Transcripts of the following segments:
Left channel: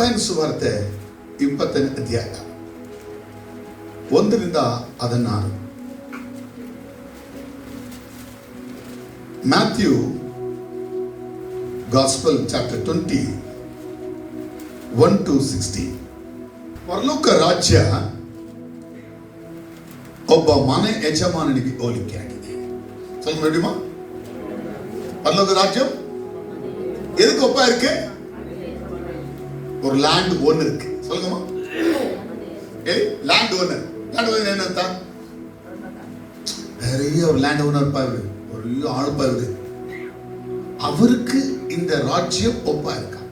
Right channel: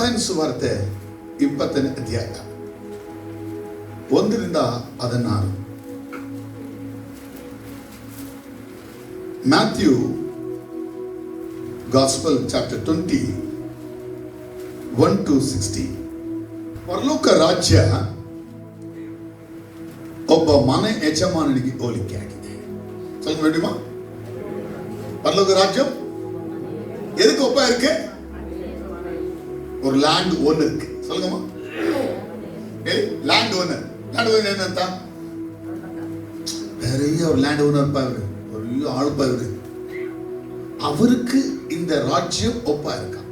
ಮತ್ತಾಯನ ಸುವಾರ್ತೆ 20ನೇ ಅಧ್ಯಾಯ 1ರಿಂದ 16. Matthew gospel chapter 20 1 to 16. ಪರಲೋಕ ರಾಜ್ಯ ಒಬ್ಬ ಮನೆ ಯಜಮಾನನಿಗೆ ಹೋಲಿಕೆ ಆಗಿದೆ. ಸ್ವಲ್ಪ ನೋಡಿಮ, பரலோக ராஜ்யம் எதுக்கு ஒப்பா இருக்கு? ஒரு லேண்ட் ஓனர் இருக்கு. சொல்லுங்கம்மா, லேண்ட் ஓனர். லேண்ட் ஓனர் என்ன? பெரிய ஒரு லேண்ட் ஓனர் பாரு, ஒரு ஆள் பாரு, அவருக்கு இந்த ராஜ்யம் ஒப்பா இருக்கா?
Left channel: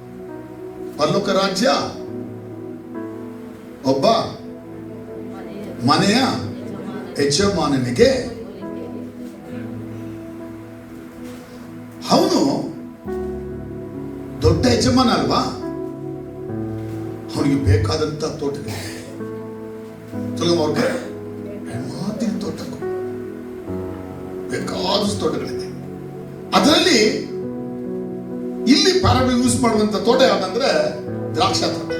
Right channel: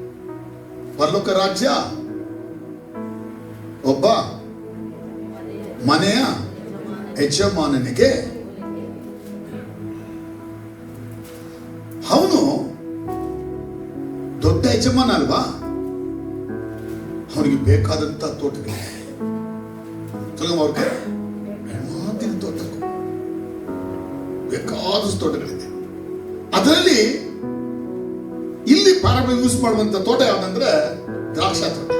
பரலோக ராஜ்ಯ ಒಬ್ಬ ಮನೆಯ ಯಜಮಾನನಿಗೆ ಅವನು ದೊಡ್ಡ ಯಜಮಾನ ಅಲ್ವಾ, ಅವನಿಗೆ ಬೇಕಾದಂತ ತೋಟಗಳಿದೆ. ಹೆಣ್ಮಾತಿನ ತೋಟ ಬೇಕಾದಷ್ಟು ತೋಟಗಳಿದೆ. ಅದರಲ್ಲಿ ಇಲ್ಲಿ ಪ್ಯಾರಾಬಲ್ ಯೂಸ್ ಮಾಡುವಂತ ತೋಟ ಯಾವ್ದಂದ್ರೆ ದ್ರಾಕ್ಷಾ ತೋಟ.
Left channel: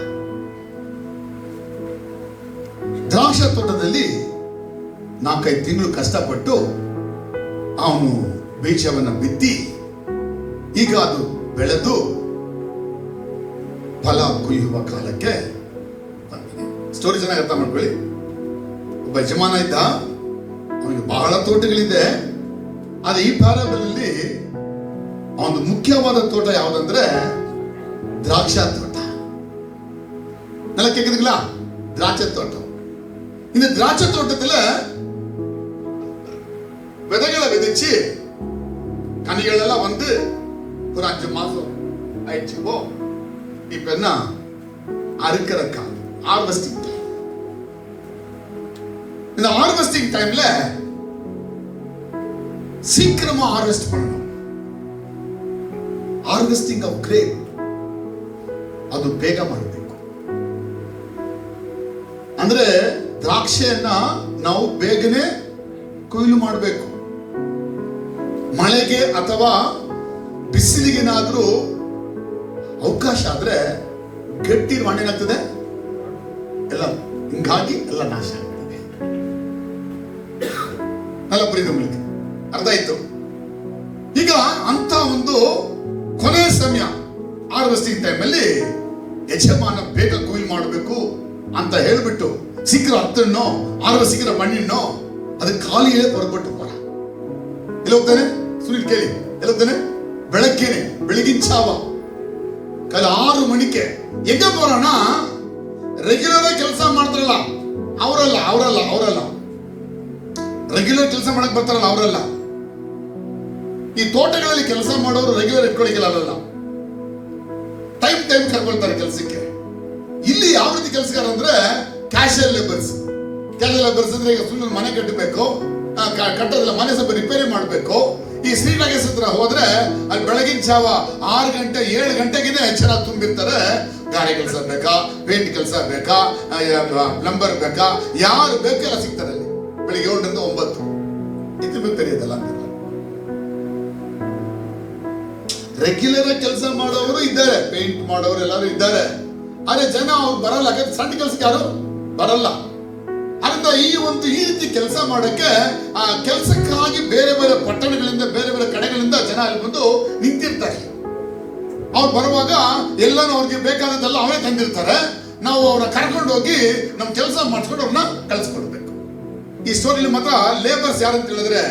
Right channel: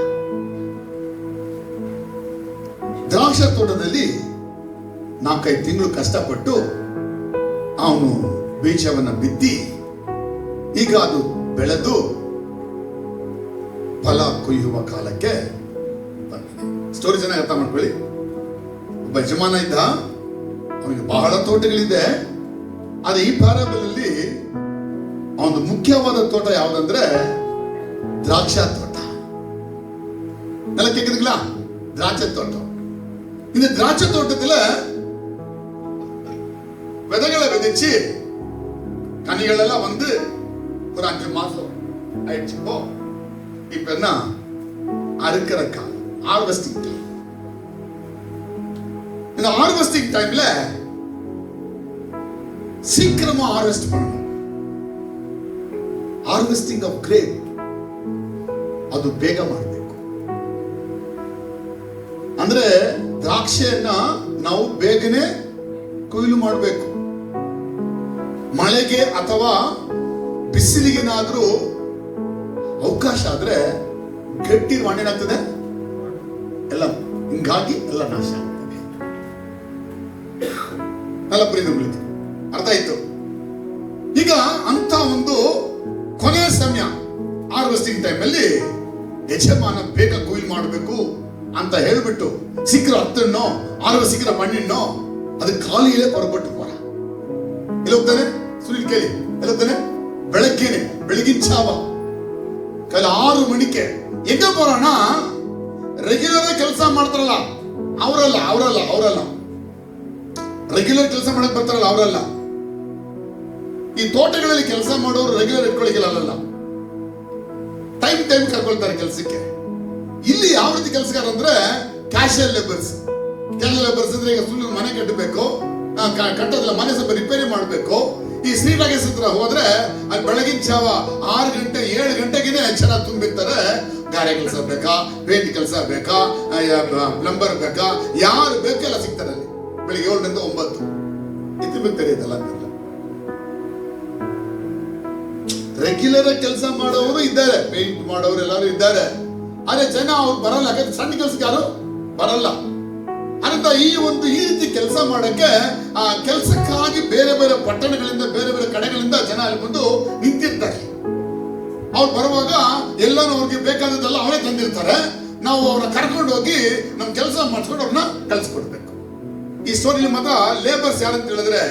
ದ್ರಾಕ್ಷಾ ತೋಟದಲ್ಲಿ 4-5 ತಿಂಗಳು ಕಷ್ಟಪಟ್ಟು ಅವನು ಬೀಜವನ್ನು ಬಿತ್ತಿ ಈಗ ಅದು ಬೆಳೆದು ಫಲ ಕೊಯ್ಯುವ ಕಾಲಕ್ಕೆ ಸ್ಟೋರಿ ಚೆನ್ನಾಗಿ ಅರ್ಥ ಮಾಡ್ಕೊಳ್ಳಿ. ಒಬ್ಬ ಯಜಮಾನ ಇದ್ದ, ಅವನಿಗೆ ಬಹಳ ತೋಟಗಳಿದೆ. ಆದ್ರೆ ಈ ಪ್ಯಾರಾಬಲ್ ಅಲ್ಲಿ ಅವನು ಮುಖ್ಯವಾದ ತೋಟ ಯಾವ್ದಂದ್ರೆ ದ್ರಾಕ್ಷಾ ತೋಟ. நல்லா கேக்குதுங்களா? திராட்சை தோட்டம். இந்த திராட்சை தோட்டத்துல விதைகளை விதைச்சு கனிகள் எல்லாம் வந்து ஒரு 5 மாசம் ஆயிடுச்சு. இப்ப என்ன அறுக்கிற காலம், ஹார்வெஸ்டிங் டைம். இந்த ஹார்வெஸ்டிங் டைம்ல சீக்கிரமா ஹார்வெஸ்ட் பண்ணணும். ಹಾರ್ವೆಸ್ಟಿಂಗ್ ಆಫ್ ಗ್ರೇಪ್ ಅದು ಬೇಗ ಮಾಡಬೇಕು. ಅಂದ್ರೆ ದ್ರಾಕ್ಷಿಯನ್ನ ನಾವು ಬೇಗನೆ ಕೊಯ್ಲು ಮಾಡಬೇಕು. ಮಳೆಗೆ ಅಥವಾ ಬಿಸಿಲಿಗೆನಾದ್ರೂ ಅವಕಾಶ ಆದ್ರೆ ಗಟ್ಟಿ ಮಣ್ಣೇನಾಗ್ತದೆ, ಎಲ್ಲ ಹಿಂಗಾಗಿ ಎಲ್ಲ ನಾಶ ಆಗ್ತದೆ. ಎಲ್ಲ ಪ್ರೀತಿ ಅರ್ಥ ಆಯ್ತು. ಈಗ ಅಂತ ಒಂದು ಕೊನೆಯ ಸಮಯ ಹಾರ್ವೆಸ್ಟಿಂಗ್ ಟೈಮ್ ಅಲ್ಲಿ ಯಜಮಾನ ಬೇಗ ಕೊಯ್ಲು ಮಾಡಬೇಕು ಅಂತ ಹೇಳ್ಬಿಟ್ಟು ಶೀಘ್ರ ಹತ್ತಣ್ಣೋ ಹಾರ್ವೆಸ್ಟ್ ಶೀಘ್ರ ಮಣ್ಣಿಣ್ಣೋ ಅದಕ್ಕೆ ಖಾಲಿಯೇ ಹೊರಬಿಟ್ಟು ಹೋರ. ಎಲ್ಲಿ ಹೋಗ್ತಾನೆ? ಸುನಿಲ್ ಕೇಳಿ, ಎಲ್ಲಿ ಹೋಗ್ತಾನೆ? ಬೆಳಗ್ಗೆನೆ, ಬೆಳಗಿನ ಜಾವ ಕಾಲ 6 ಮಣಿಗೆ ಎಗ ಬರೋಣ. ರೆಗ್ಯುಲರ್ ಕೆಲಸ ಮಾಡ್ತಾರಲ್ಲ ಅವರಲ್ಲ ರೆಗ್ಯುಲರ್ ಕೆಲಸ ಮಾಡಕ್ ಬರ್ತಾರಲ್ಲ ಅವರಲ್ಲ. ಈ ತೋಟಗಳಲ್ಲಿ ಕೆಲಸ ಮಾಡೋರು ರೆಗ್ಯುಲರ್ ಇಟ್ಕೊಳ್ಳಿಕ್ಕಿಲ್ಲ, ಟೈಮ್ ಕರ್ಕೊಳ್ತಾರೆ ಕೆಲಸಕ್ಕೆ. ಇಲ್ಲಿ ಯಾವ ರೀತಿ ಕೆಲಸಗಾರ ಅಂದ್ರೆ ಕ್ಯಾಶುಯಲ್ ಲೇಬರ್ಸ್. ಕ್ಯಾಶುಯಲ್ ಲೇಬರ್ಸ್ ಅಂದ್ರೆ ಈಗ ಸುಮ್ಮನೆ ಮನೆ ಕಟ್ಟಬೇಕು, ಕಟ್ಟೋದಿಲ್ಲ, ಮನೆ ಸ್ವಲ್ಪ ರಿಪೇರಿ ಮಾಡಬೇಕು. ಈ ಶ್ರೀನಗರ ಹತ್ರ ಹೋದ್ರೆ ಅಲ್ಲಿ ಬೆಳಗಿನ ಜಾವ 6 ಗಂಟೆ 7 ಗಂಟೆಗೆ ಎಚ್ಚರ ತುಂಬಿರ್ತಾರೆ. ಗಾರೆ ಕೆಲಸ ಬೇಕಾ, ಪೇಂಟ್ ಕೆಲಸ ಬೇಕಾ, ಪ್ಲಂಬರ್ ಬೇಕಾ, ಯಾರು ಬೇಕೆಲ್ಲ ಸಿಗ್ತಾರೆ ಅಲ್ಲಿ. ಬೆಳಿಗ್ಗೆ 7 ರಿಂದ 9 ಇದು ತೆರೆಯೋದಲ್ಲ ಅಂತ. ರೆಗ್ಯುಲರ್ ಕೆಲಸ ಮಾಡೋರು ಇದ್ದಾರೆ, ಪೇಂಟ್ ಮಾಡೋರು ಎಲ್ಲರೂ ಇದ್ದಾರೆ. ಆದ್ರೆ ಜನ ಅವ್ರು ಬರಲ್ಲ, ಸಣ್ಣ ಕೆಲಸಕ್ಕೆ ಯಾರು ಬರಲ್ಲ. ಅದರಿಂದ ಈ ರೀತಿ ಕೆಲಸ ಮಾಡಕ್ಕೆ ಆ ಕೆಲಸಕ್ಕಾಗಿ ಬೇರೆ ಬೇರೆ ಪಟ್ಟಣಗಳಿಂದ ಬೇರೆ ಬೇರೆ ಕಡೆಗಳಿಂದ ಜನ ಅಲ್ಲಿ ಬಂದು ನಿಂತಿರ್ತಾರೆ. ಅವ್ರು ಬರುವಾಗ ಎಲ್ಲಾನು ಅವ್ರಿಗೆ ಬೇಕಾದದ್ದೆಲ್ಲ ಅವರೇ ತಂದಿರ್ತಾರೆ. ನಾವು ಅವ್ರನ್ನ ಕರ್ಕೊಂಡು ಹೋಗಿ ನಮ್ ಕೆಲಸ ಮಾಡ್ಕೊಂಡು ಅವ್ರನ್ನ ಕಳ್ಸಿಕೊಡ್ಬೇಕು. ಈ ಸ್ಟೋರಿಲಿ ಮಾತ್ರ ಲೇಬರ್ಸ್ ಯಾರು ಅಂತ ಹೇಳಿದ್ರೆ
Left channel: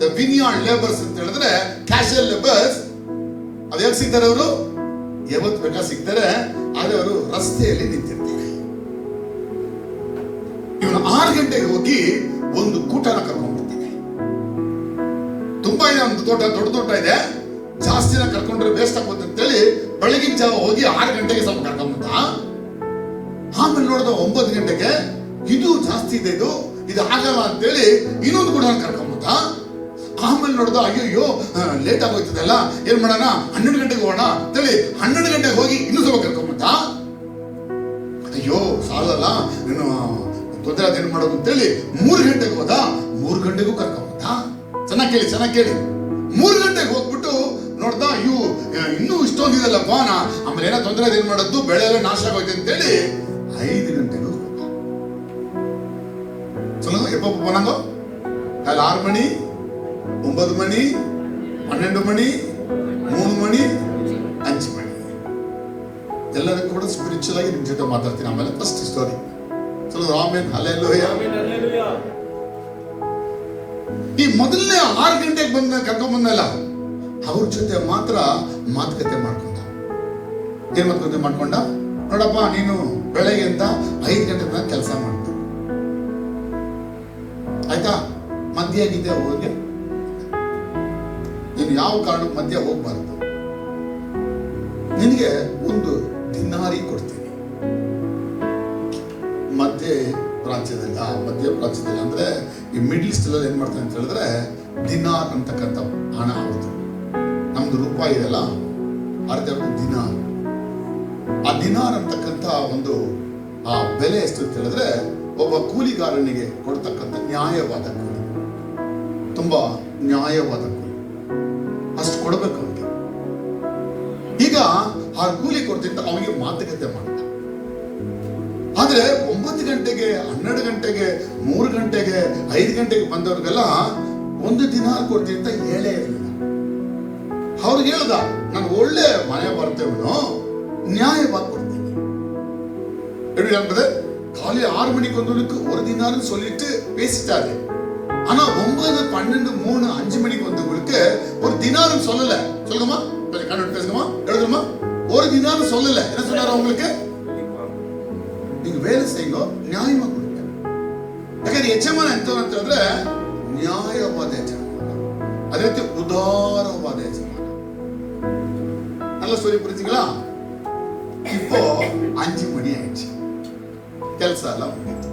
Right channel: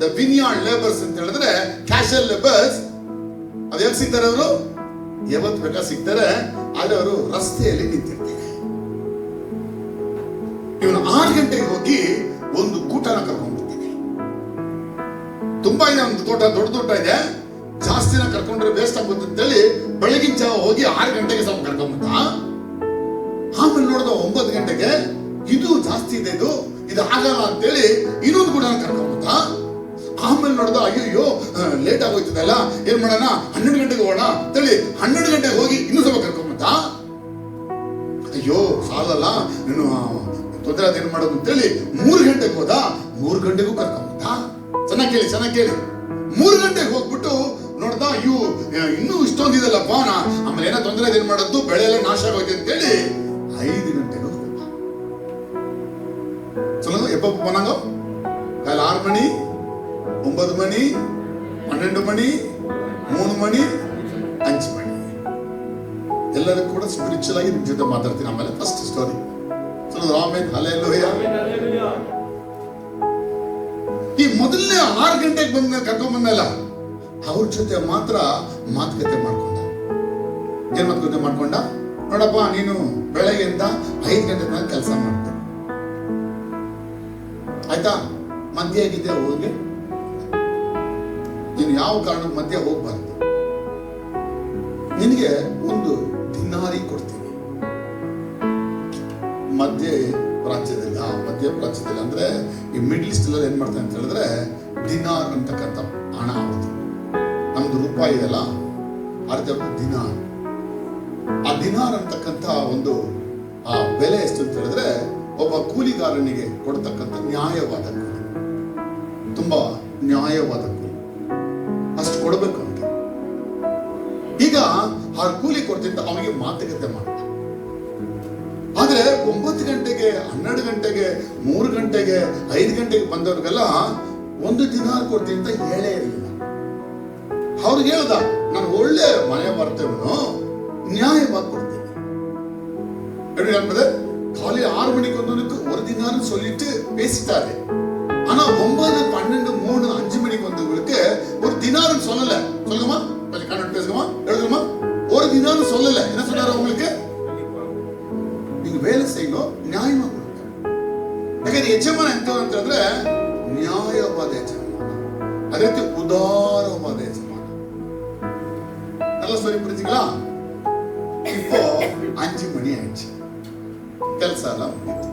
ದ ವಿನ್ಯಾರ್ಡ್ ಲೇಬರ್ಸ್ ಅಂತ ಹೇಳಿದ್ರೆ ಕ್ಯಾಶುಯಲ್ ಲೇಬರ್ಸ್. ಅದು ಯಾಕೆ ಸಿಗ್ತಾರೆ? ಅವರು ಯಾವತ್ತು ಬೇಕಾ ಸಿಗ್ತಾರೆ. ಆದ್ರೆ ಅವರು ರಸ್ತೆಯಲ್ಲಿ ನಿಂತಿರ್ತಾರೆ. ಇವನು 6 ಗಂಟೆಗೆ ಹೋಗಿ ಒಂದು ಕೂಟನ ಕರ್ಕೊಂಡ್ಬಿಡ್ತಾನೆ. ತುಂಬಾ ಇದೆ ಒಂದು ತೋಟ, ದೊಡ್ಡ ಇದೆ, ಜಾಸ್ತಿನ ಕರ್ಕೊಂಡ್ರೆ ವೇಸ್ಟ್ ಆಗುತ್ತೆ ಅಂತೇಳಿ ಬೆಳಗಿನ ಜಾವ ಹೋಗಿ 6 ಗಂಟೆಗೆ ಸ್ವಲ್ಪ ಕರ್ಕೊಂಡ್ಬಿಟ್ಟ. ಆಮೇಲೆ ನೋಡಿದ 9 ಗಂಟೆಗೆ ಇದು ಜಾಸ್ತಿ ಇದೆ, ಇದು ಆಗಲ್ಲ ಅಂತೇಳಿ ಇನ್ನೊಂದು ಕೂಡ ಕರ್ಕೊಂಡ್ಬಿಟ್ಟ. ಆಮೇಲೆ ನೋಡ್ದ ಅಯ್ಯೋ ಲೇಟ್ ಆಗೋಯ್ತದಲ್ಲ, ಏನ್ ಮಾಡೋಣ 12 ಗಂಟೆಗೆ ಹೋಗೋಣ ಅಂತೇಳಿ 12 ಗಂಟೆಗೆ ಹೋಗಿ ಇನ್ನೂ ಸ್ವಲ್ಪ ಕರ್ಕೊಂಡ್ಬಿಟ್ಟ. ಅಯ್ಯೋ ಸಾಲಲ್ಲ, ನೀನು ತೊಂದರೆ ಅದೇನು ಮಾಡೋದು ಅಂತೇಳಿ 3 ಗಂಟೆಗೆ ಹೋದ. 3 ಗಂಟೆಗೂ ಕರ್ಕೊಂಡ್ಬಿಟ್ಟ. ಚೆನ್ನಾಗಿ ಕೇಳಿ 3 ಗಂಟೆಗೆ ಹೋಗ್ಬಿಟ್ಟು ನೋಡ್ದ, ಅಯ್ಯೋ ಇನ್ನೂ ಇಷ್ಟೊಂದಿದೆಲ್ಲಪ್ಪ, ಆಮೇಲೆ ಏನೋ ತೊಂದರೆ ಬಂದ್ರೆ ಅದೇನ್ ಮಾಡೋದು, ಬೆಳೆ ಎಲ್ಲ ನಾಶ ಆಗೋಯ್ತು ಅಂತೇಳಿ 5 ಗಂಟೆಗೂ எப்போ போனாங்க? காலை 6 மணி, 9 மணி, 12 மணி, 3 ಮಣಿ, 5 ಮಣಿ. ಎಲ್ಲರೂ ಕೂಡ ಸ್ಪಿರಿಚುವಲ್ ಆಗಿ ನಿಮ್ ಜೊತೆ ಮಾತಾಡ್ತೀನಿ ಆಮೇಲೆ. ಫಸ್ಟ್ ಸ್ಟೋರಿ ಆಮೇಲೆ ಹಲ್ಲೆಲೂಯಾ. ಈ ಮೊದಲನೇ 6 ಗಂಟೆಗೆ ಬಂದ ಕರ್ಕೊಂಡ್ ಬಂದಲ್ಲ, ಅವ್ರ ಜೊತೆ ಮಾತ್ರ ಮಾತುಕತೆ ಮಾಡ್ಕೊಂಡ. ಏನ್ ಮಾತುಕತೆ ಮಾಡ್ಕೊಂಡ? ನೋಡಪ್ಪ, ನೀನು ಬೆಳಗ್ಗೆಯಿಂದ 5 ಗಂಟೆ ತನಕ ಕೆಲಸ ಮಾಡ್ತೀನಿ, ಆಯ್ತಾ? ಮಧ್ಯ ಆಗಿದ್ದೆ ಹೋಗಿ, ನೀನು ಯಾವ ಕಾರಣಕ್ಕೆ ಮಧ್ಯ ಹೋಗ್ಬಾರ್ದು. ನಿನಗೆ 1 ದಿನಾರಿ ಕೊಡ್ತೀನಿ. ಮಧ್ಯ ಪ್ರಾಚ್ಯದಲ್ಲಿ ಅಂದ್ರೆ ಈ ಮಿಡ್ಲ್ ಈಸ್ಟ್ ಎಲ್ಲ ಏನ್ ಮಾಡ್ತಾರೆ ಅಂತ ಹೇಳಿದ್ರೆ, ದಿನಾರ್ ಅಂತಕ್ಕಂಥ ಹಣ ಅವ್ರದ್ದು. ನಮ್ದು ರೂಪಾಯಿ ಇದೆಲ್ಲ, ಅರ್ಧ ದಿನಾರ್. ಆ ದಿನಾರ್ ಅಂತಕ್ಕಂಥ ಒಂದು ಆ ಬೆಲೆ ಎಷ್ಟು ಅಂತ ಹೇಳಿದ್ರೆ, ಒಬ್ಬ ಕೂಲಿಗಾರನಿಗೆ ಕೊಡ್ತಕ್ಕಂಥ ನ್ಯಾಯವಾದ ಕೂಲಿ, ತುಂಬಾ ನ್ಯಾಯವಾದ ಕೂಲಿ, ಅಷ್ಟು ಕೊಡಬೇಕು ಅವನಿಗೆ. ಈಗ ಆ ಕೂಲಿ ಕೊಡ್ತಿದ್ದ ಅವನಿಗೆ ಮಾತುಕತೆ ಮಾಡ. ಆದ್ರೆ 9 ಗಂಟೆಗೆ, 12 ಗಂಟೆಗೆ, 3 ಗಂಟೆಗೆ, 5 ಗಂಟೆಗೆ ಬಂದವ್ರಿಗೆಲ್ಲ 1 ದಿನಾರ್ ಕೊಡ್ತೀನಿ ಅಂತ ಹೇಳೇ ಇರಲಿಲ್ಲ. ಅವ್ರಿಗೆ ಹೇಳ್ದ, ನಾನು ಒಳ್ಳೆ ಮನೆ ಬರ್ತೇವನು, ನ್ಯಾಯವಾಗಿ ಕೊಡ್ತೀನಿ. காலை 6 மணிக்கு வந்தவனுக்கு 1 தினார்னு சொல்லிட்டு பேசிட்டாரு. ஆனா 9, 12, 3, 5 மணிக்கு வந்தவங்களுக்கு 1 தினார்னு சொல்லல. சொல்லுமா, கொஞ்சம் கண்ணோட பேசுமா, எழுதுமா. 1 தினார்னு சொல்லல. என்ன சொன்னாரு அவங்களுக்கு? நீங்க வேலை செய்யணும், நியாயமா கொடுங்க. ಯಾಕಂದ್ರೆ ಯಜಮಾನ ಎಂತಂದ್ರೆ ನ್ಯಾಯವಾದ ಯಜಮಾನ, ಅದೇ ರೀತಿ ಉದಾರವಾದ ಯಜಮಾನ. நல்லா சொல்லி புரிஞ்சுங்களா? இப்போ 5 மணி ஆயிடுச்சு, ಕೆಲಸ ಎಲ್ಲ ಮುಗಿತು.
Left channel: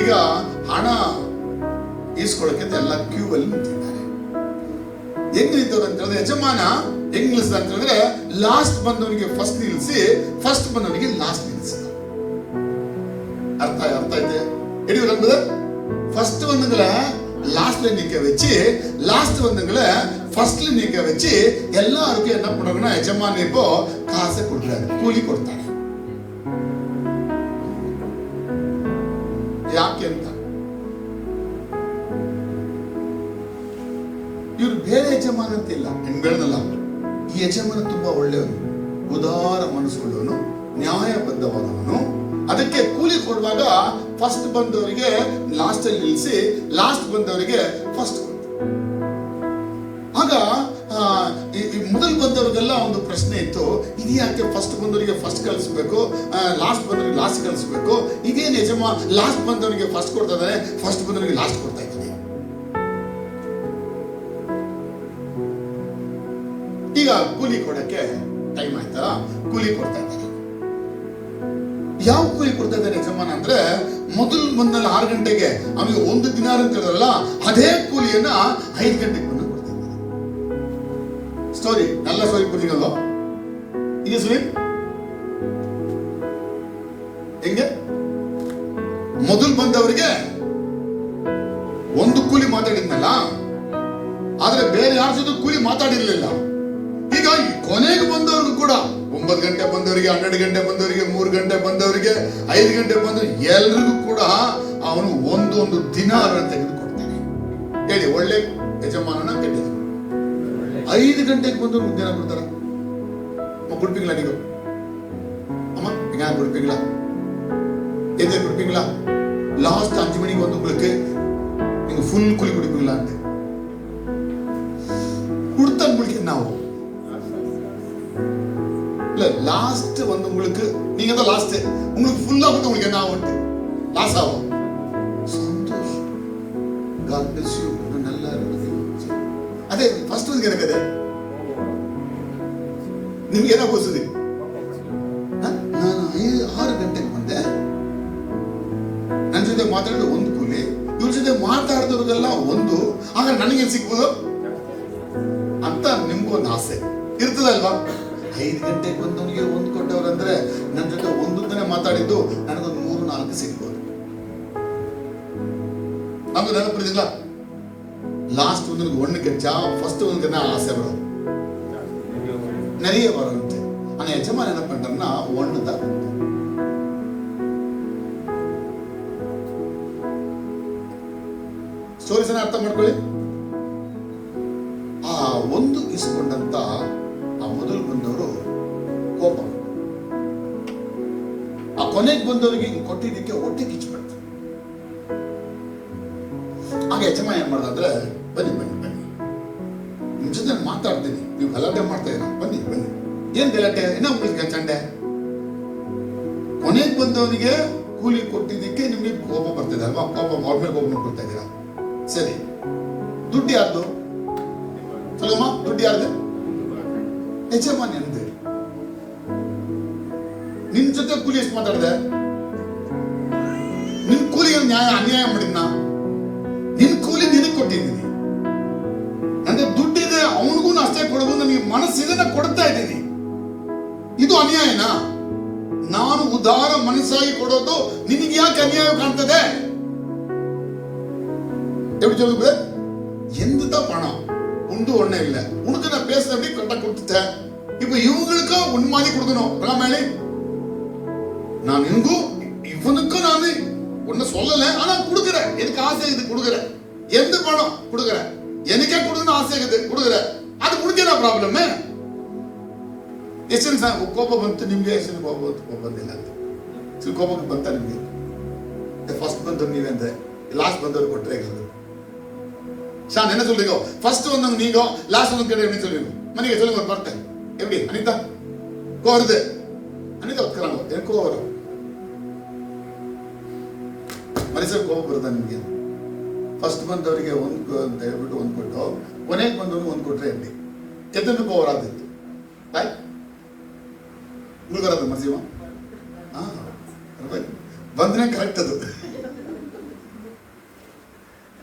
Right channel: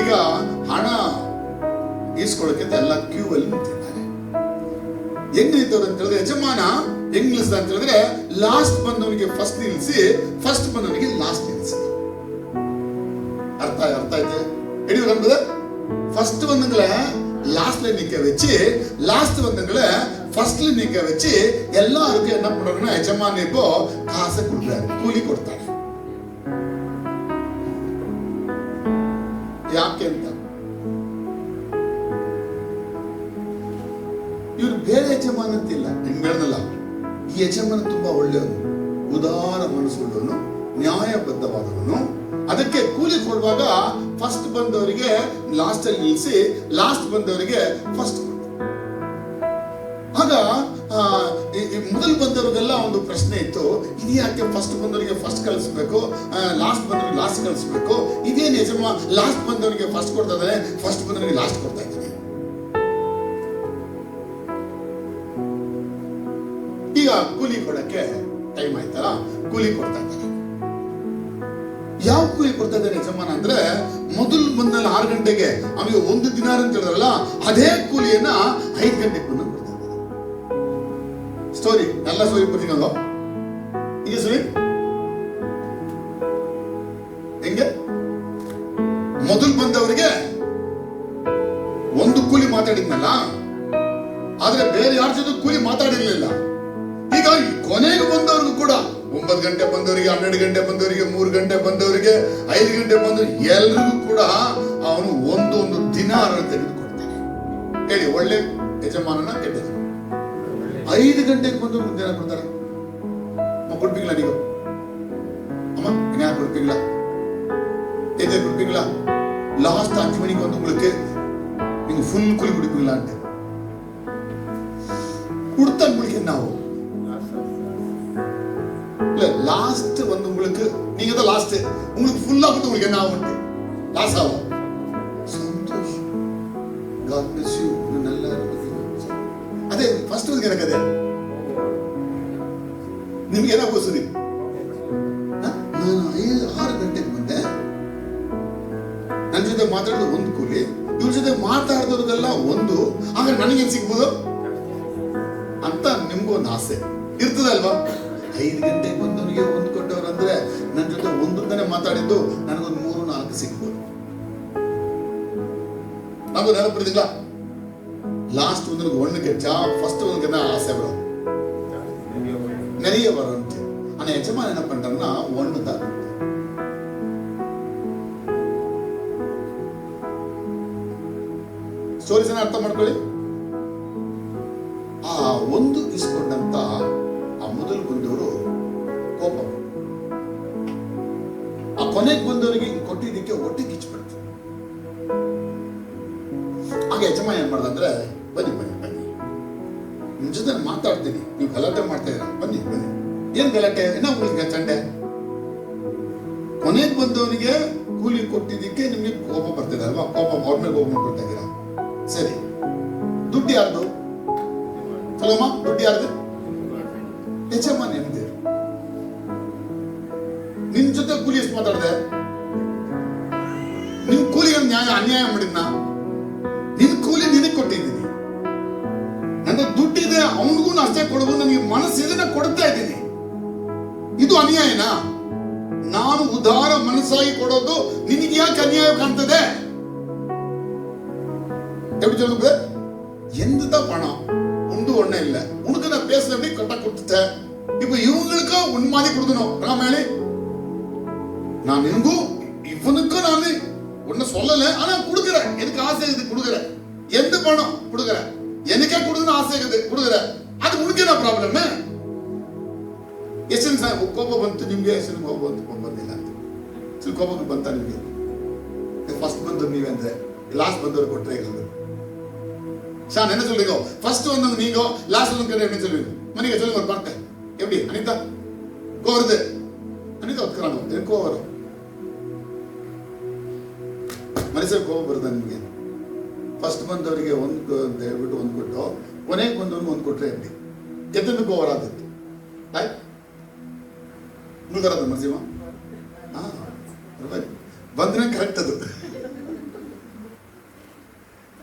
ಈಗ ಹಣ ಈಸ್ಕೊಳ್ಳೋಕೆ ಎಲ್ಲ ಕ್ಯೂ ಅಲ್ಲಿ ನಿಂತಿದ್ದಾರೆ. ಹೆಂಗ್ ನಿಂತವ್ರು ಅಂತ ಹೇಳಿದ್ರೆ, ಯಜಮಾನ ಹೆಂಗ್ ನಿಲ್ಸಿದ ಅಂತ ಹೇಳಿದ್ರೆ, ಲಾಸ್ಟ್ ಬಂದವನಿಗೆ ಫಸ್ಟ್ ನಿಲ್ಸಿ, ಫಸ್ಟ್ ಬಂದವನಿಗೆ ಲಾಸ್ಟ್ ನಿಲ್ಸಿ. ಅರ್ಥ ಆಯ್ತು ಹೇಳಿದ್ರೆ, ஃபர்ஸ்ட் வந்தவங்கள லாஸ்ட்ல நிக்க வச்சு, லாஸ்ட் வந்தவங்கள ஃபர்ஸ்ட்ல நிக்க வச்சு எல்லாருக்கும் என்ன பண்ணுவாங்கன்னா, ಯಜಮಾನ இப்போ காசை கொடுக்குறாரு, கூலி கொடுத்தாரு. ಯಾಕೆ ಅಂತ, ಇವ್ರು ಬೇರೆ ಯಜಮಾನ ಅಂತಿಲ್ಲ, ನಿಮ್ಗೆ ಹೇಳಿದಲ್ಲ. ಈ ಯಜಮಾನ ತುಂಬಾ ಒಳ್ಳೆಯವನು, ಉದಾರ ಮನಸ್ಸುಳ್ಳವನು, ನ್ಯಾಯಬದ್ಧವಾದವನು. ಅದಕ್ಕೆ ಕೂಲಿ ಕೊಡುವಾಗ ಫಸ್ಟ್ ಬಂದವರಿಗೆ ಲಾಸ್ಟ್ ಅಲ್ಲಿ ನಿಲ್ಲಿಸಿ, ಲಾಸ್ಟ್ ಬಂದವರಿಗೆ ಫಸ್ಟ್. ಆಗ ಮೊದಲು ಬಂದವರಿಗೆಲ್ಲ ಒಂದು ಪ್ರಶ್ನೆ ಇತ್ತು, ಇದು ಯಾಕೆ ಫಸ್ಟ್ ಬಂದವರಿಗೆ ಫಸ್ಟ್ ಕಳಿಸ್ಬೇಕು, ಲಾಸ್ಟ್ ಬಂದವರಿಗೆ ಲಾಸ್ಟ್ ಕಳಿಸ್ಬೇಕು, ಇದೇನು ಯಜಮಾನ ಲಾಸ್ಟ್ ಬಂದವರಿಗೆ ಫಸ್ಟ್ ಕೊಡ್ತಾ ಇದ್ದಾನೆ, ಫಸ್ಟ್ ಬಂದವರಿಗೆ ಲಾಸ್ಟ್ ಕೊಡ್ತಾ ಇದ್ದಾನೆ. ಈಗ ಕೂಲಿ ಕೊಡಕ್ಕೆ ಟೈಮ್ ಆಯ್ತಾ, ಕೂಲಿ ಕೊಡ್ತಾ ಇದ್ದಾರೆ. ಯಾವ ಕೂಲಿ ಕೊಡ್ತಾ ಇದ್ದಾರೆ ಯಜಮಾನ ಅಂದ್ರೆ, ಮೊದಲು ಬಂದಲ್ಲಿ 6 ಗಂಟೆಗೆ ಅವನಿಗೆ 1 ದಿನಾರ್ ಅಂತ ಹೇಳಿದ್ರಲ್ಲ, ಅದೇ ಕೂಲಿಯನ್ನ 5 ಗಂಟೆಗೆ ಕೊಡ್ತಾ ಇದ್ದಾರೆ. ಸ್ಟೋರಿ ಎಲ್ಲ ಸ್ಟೋರಿ ಕೊಡ್ತೀನಲ್ಲ, ಈಗ ಸ್ಟೋರಿ ಹೆಂಗೆ, ಮೊದಲು ಬಂದವರಿಗೆ 1 ಕೂಲಿ ಮಾತಾಡಿದ್ನಲ್ಲ, ಆದ್ರೆ ಬೇರೆ ಯಾರ ಜೊತೆ ಕೂಲಿ ಮಾತಾಡಿರ್ಲಿಲ್ಲ. ಈಗ ಕೊನೆಗೆ ಬಂದವ್ರಿಗೂ ಕೂಡ 9 ಗಂಟೆ ಬಂದವರಿಗೆ, 12 ಗಂಟೆ ಬಂದವರಿಗೆ, 3 ಗಂಟೆ ಬಂದವರಿಗೆ, 5 ಗಂಟೆ ಬಂದವರಿಗೆ ಎಲ್ರಿಗೂ ಕೂಡ ಅವನು ಒಂದೊಂದು ದಿನಾರ ತೆಗೆದುಕೊಡ್ತಾನೆ. ಹೇಳಿ, ಒಳ್ಳೆ ಯಜಮಾನನ ಕೆಟ್ಟ ಯಜಮಾನ? 5 ಗಂಟೆಗೆ ಬಂದವ್ರಿಗೆ ದಿನ ಕೊಡ್ತಾರ. ಕುಡ್ಪಿಂಗ್ಲ ನೀವು ಅಮ್ಮ ಹೆಂಗ ಕುಡ್ಪಿಂಗ್ಲ ಎದೆ ಕುಡ್ಪಿಂಗ್ಲ ಲಾಸ್ಟ್ 5 மணிக்கு வந்தவங்களுக்கு நீங்க ஃபுல் குழி குடிப்பீங்களான்ட்டு கொடுத்தா உங்களுக்கு என்ன ஆகும்? இல்ல லாஸ்ட் வந்து உங்களுக்கு, நீங்க தான் லாஸ்ட், உங்களுக்கு ஃபுல்லா வந்து உங்களுக்கு என்ன ஆகும்? லாஸ் ஆகும். சந்தோஷம். God bless you. நல்லா இருக்கு. ಅದೇ ಫಸ್ಟ್ ಒಂದು ಏನಕ್ಕದೆ ನಿಮ್ಗೆ ಏನೋ ಗೊತ್ತಿದೆ, ನಾನು 6 ಗಂಟೆಗೆ ಬಂದೆ, ನನ್ನ ಜೊತೆ ಮಾತಾಡೋದು 1 ಕೂಲಿ, ಇವ್ರ ಜೊತೆ ಮಾತಾಡಿದವ್ರಿಗೆಲ್ಲ 1, ಆಗ ನನಗೇನ್ ಸಿಗ್ಬೋದು ಅಂತ ನಿಮ್ಗೊಂದು ಆಸೆ ಇರ್ತದಲ್ವಾ? 5 ಗಂಟೆಗೆ ಬಂದವನಿಗೆ 1 ಕೊಟ್ಟವ್ರಂದ್ರೆ ನನ್ನ ಜೊತೆ 1 ಮಾತಾಡಿದ್ದು ನನಗೊಂದು 3-4 ಸಿಗ್ಬೋದು. ನಮ್ಗೆ ನೆನಪಿಡಿದಿಲ್ಲ, லாஸ்ட் வந்து ஒண்ணு கிடைச்சா ஃபர்ஸ்ட் வந்து என்ன ஆசை வரும், நிறைய வரும். ஆனால் எஜமான் என்ன பண்றாருன்னா ஒன்று தான். ಸ್ಟೋರೀಸ್ ಅರ್ಥ ಮಾಡ್ಕೊಳ್ಳಿ. ಆ ಒಂದು ಇಸ್ಕೊಂಡಂತ ಆ ಮೊದಲು ಬಂದವರು ಕೋಪ, ಆ ಕೊನೆಗೆ ಬಂದವರಿಗೆ ಕೊಟ್ಟಿದ್ದಕ್ಕೆ ಹೊಟ್ಟೆ ಕಿಚ್ಚಿಬಿಡ್ತು. ಆಗ ಯಜಮಾನ ಏನ್ ಮಾಡ್ದಂದ್ರೆ, ಬನ್ನಿ ಬನ್ನಿ ಬನ್ನಿ, ನಿಮ್ ಜೊತೆ ನಾನು ಮಾತಾಡ್ತೀನಿ, ನೀವು ಗಲಾಟೆ ಮಾಡ್ತಾ ಇದ್ದೀರಾ, ಬನ್ನಿ ಬನ್ನಿ. ಏನ್ ಗಲಾಟೆ, ಇನ್ನೂ உங்களுக்கு ಚಂಡೆ? ಕೊನೆಗೆ ಬಂದವನಿಗೆ ಕೂಲಿ ಕೊಟ್ಟಿದ್ದಕ್ಕೆ ನಿಮ್ಗೆ ಕೋಪ ಬರ್ತಿದೆ ಅಲ್ವಾ? ಕೋಪ ಅವ್ರ ಮೇಲೆ ಕೋಪ ಮಾಡ್ಕೊಳ್ತಾ ಇದ್ದೀರಾ. ಸರಿ, ದುಡ್ಡು ಯಾರ್ದು? ಚಲೋಮ್ಮ, ದುಡ್ಡು ಯಾರ್ದು? ಯಜಮಾನ ನಿಮ್ದು. ನಿನ್ ಜೊತೆ ಕೂಲಿ ಎಷ್ಟು ಮಾತಾಡಿದೆ? ನಿನ್ ಕೂಲಿಗೆ ಅನ್ಯಾಯ ಮಾಡಿದ್ನ? ನಿನ್ ಕೂಲಿ ನಿನಗೆ ಕೊಟ್ಟಿದ್ದೀನಿ, ನನಗೆ ದುಡ್ಡಿದೆ, ಅವನಿಗೂ ಅಷ್ಟೇ ಕೊಡಬಹುದು, ನನಗೆ ಮನಸ್ಸಿದೆ, ಕೊಡ್ತಾ ಇದ್ದೀನಿ. ಇದು ಅನ್ಯಾಯನಾ? ನಾನು ಉದಾರ ಮನಸ್ಸಾಗಿ ಕೊಡೋದು ನಿನಗೆ ಯಾಕೆ ಅನ್ಯಾಯ ಕಾಣ್ತದೆ? எப்படி சொல்லுங்க? எந்த பணம் உண்டு ஒண்ணே இல்ல, உனக்கு நான் பேசுறதை கரெக்டா கொடுத்துட்டேன். இப்ப இவங்களுக்கு உன் மாதிரி கொடுக்கணும். ராமேலி, நான் இவனுக்கும் நான் ஒன்னும் சொல்லல, ஆனா கொடுக்குறேன். எனக்கு ஆசை இது கொடுக்குறேன். எந்த பணம் கொடுக்குறேன், எனக்கே கொடுக்கணும் ஆசை இருக்குது, கொடுக்குறேன். அது உனக்கு என்ன ப்ராப்ளம்? ಎಷ್ಟು ಸರ್ ಕೋಪ ಬಂತು ನಿಮ್ಗೆ? ಎಷ್ಟು ಕೋಪ ಬಂದಿಲ್ಲ ಅಂತ ಕೋಪ ಬಂತ ನಿಮ್ಗೆ? ಫಸ್ಟ್ ಬಂದವ್ರು ನೀವೇ ಅಂದ್ರೆ ಲಾಸ್ಟ್ ಬಂದವ್ರು ಕೊಟ್ಟರೆ சார் என்ன சொல்றீங்க? ஃபர்ஸ்ட் வந்தவங்க நீங்க, லாஸ்ட் வந்தவங்க என்ன சொல்றீங்க? மணிக்கு சொல்லுங்க ஒரு வார்த்தை. எப்படி அனிதா கோவருது? அனிதா உட்காராங்க, எனக்கு கோவம் வரும். ಮನುಷ್ಯರು ಕೋಪ ಬರ್ತದೆ ನಿಮಗೆ. ಫಸ್ಟ್ ಬಂದವರಿಗೆ ಒಂದು ದಯವಿಟ್ಟು ಒಂದು ಕೊಟ್ಟು, ಕೊನೆಗೆ ಬಂದವರಿಗೆ ಒಂದು ಕೊಟ್ಟರೆ ಹೇಳಿ ಎತ್ತನ್ನು ಕೋವ ಬರಾದಿತ್ತು. ಆಯ್ತು, ನಿಮ್ಗೆ ಬರೋದು ನರಸಿಂಹ? ಬಂದ್ರೆ ಕರೆಕ್ಟ್ ಅದು.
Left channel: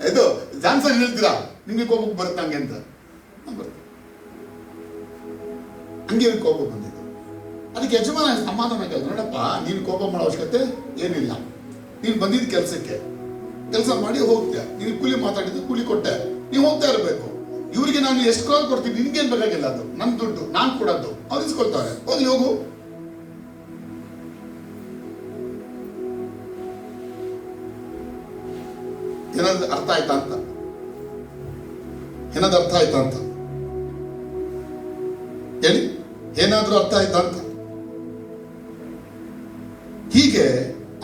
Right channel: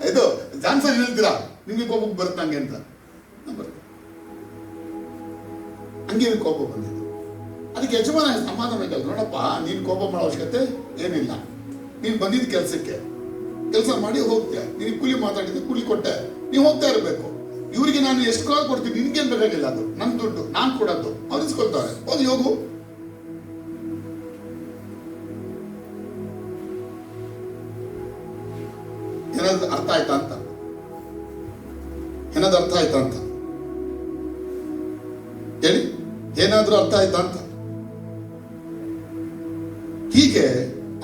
ಇದು ಜಾನ್ಸನ್ ಹೇಳ್ತೀರಾ ನಿಮ್ಗೆ ಕೋಪಕ್ಕೆ ಬರುತ್ತೆ ಹಂಗೆ ಅಂತ? ಬರುತ್ತೆ. ಹಂಗೆ ಕೋಪ ಬಂದಿದ್ದು. ಅದಕ್ಕೆ ಯಜಮಾನ ಸಮಾಧಾನ ಬೇಕಾದ್ರೆ, ನೋಡಪ್ಪ ನೀನು ಕೋಪ ಮಾಡೋ ಅವಶ್ಯಕತೆ ಏನಿಲ್ಲ, ನೀನು ಬಂದಿದ್ದ ಕೆಲಸ ಮಾಡಿ ಹೋಗ್ತೀಯ, ನೀನು ಕೂಲಿ ಮಾತಾಡಿದ್ದು ಕೂಲಿ ಕೊಟ್ಟೆ, ನೀವು ಹೋಗ್ತಾ ಇರಬೇಕು. ಇವರಿಗೆ ನಾನು ಎಷ್ಟು ಕಾಲ ಕೊಡ್ತೀನಿ, ನಿನ್ಗೇನು ಬೇಕಾಗಿಲ್ಲ, ಅದು ನನ್ನ ದುಡ್ಡು, ನಾನು ಕೊಡೋದು, ಅವ್ರು ಇಸ್ಕೊಳ್ತಾರೆ, ಹೋಗಿ ಹೋಗು. ಏನಾದ್ರು ಅರ್ಥ ಆಯ್ತಾ ಅಂತ? ಏನಾದ್ರು ಅರ್ಥ ಆಯ್ತಾ ಅಂತ ಹೇಳಿ. ಏನಾದ್ರೂ ಅರ್ಥ ಆಯ್ತಾ ಅಂತ? ಹೀಗೆ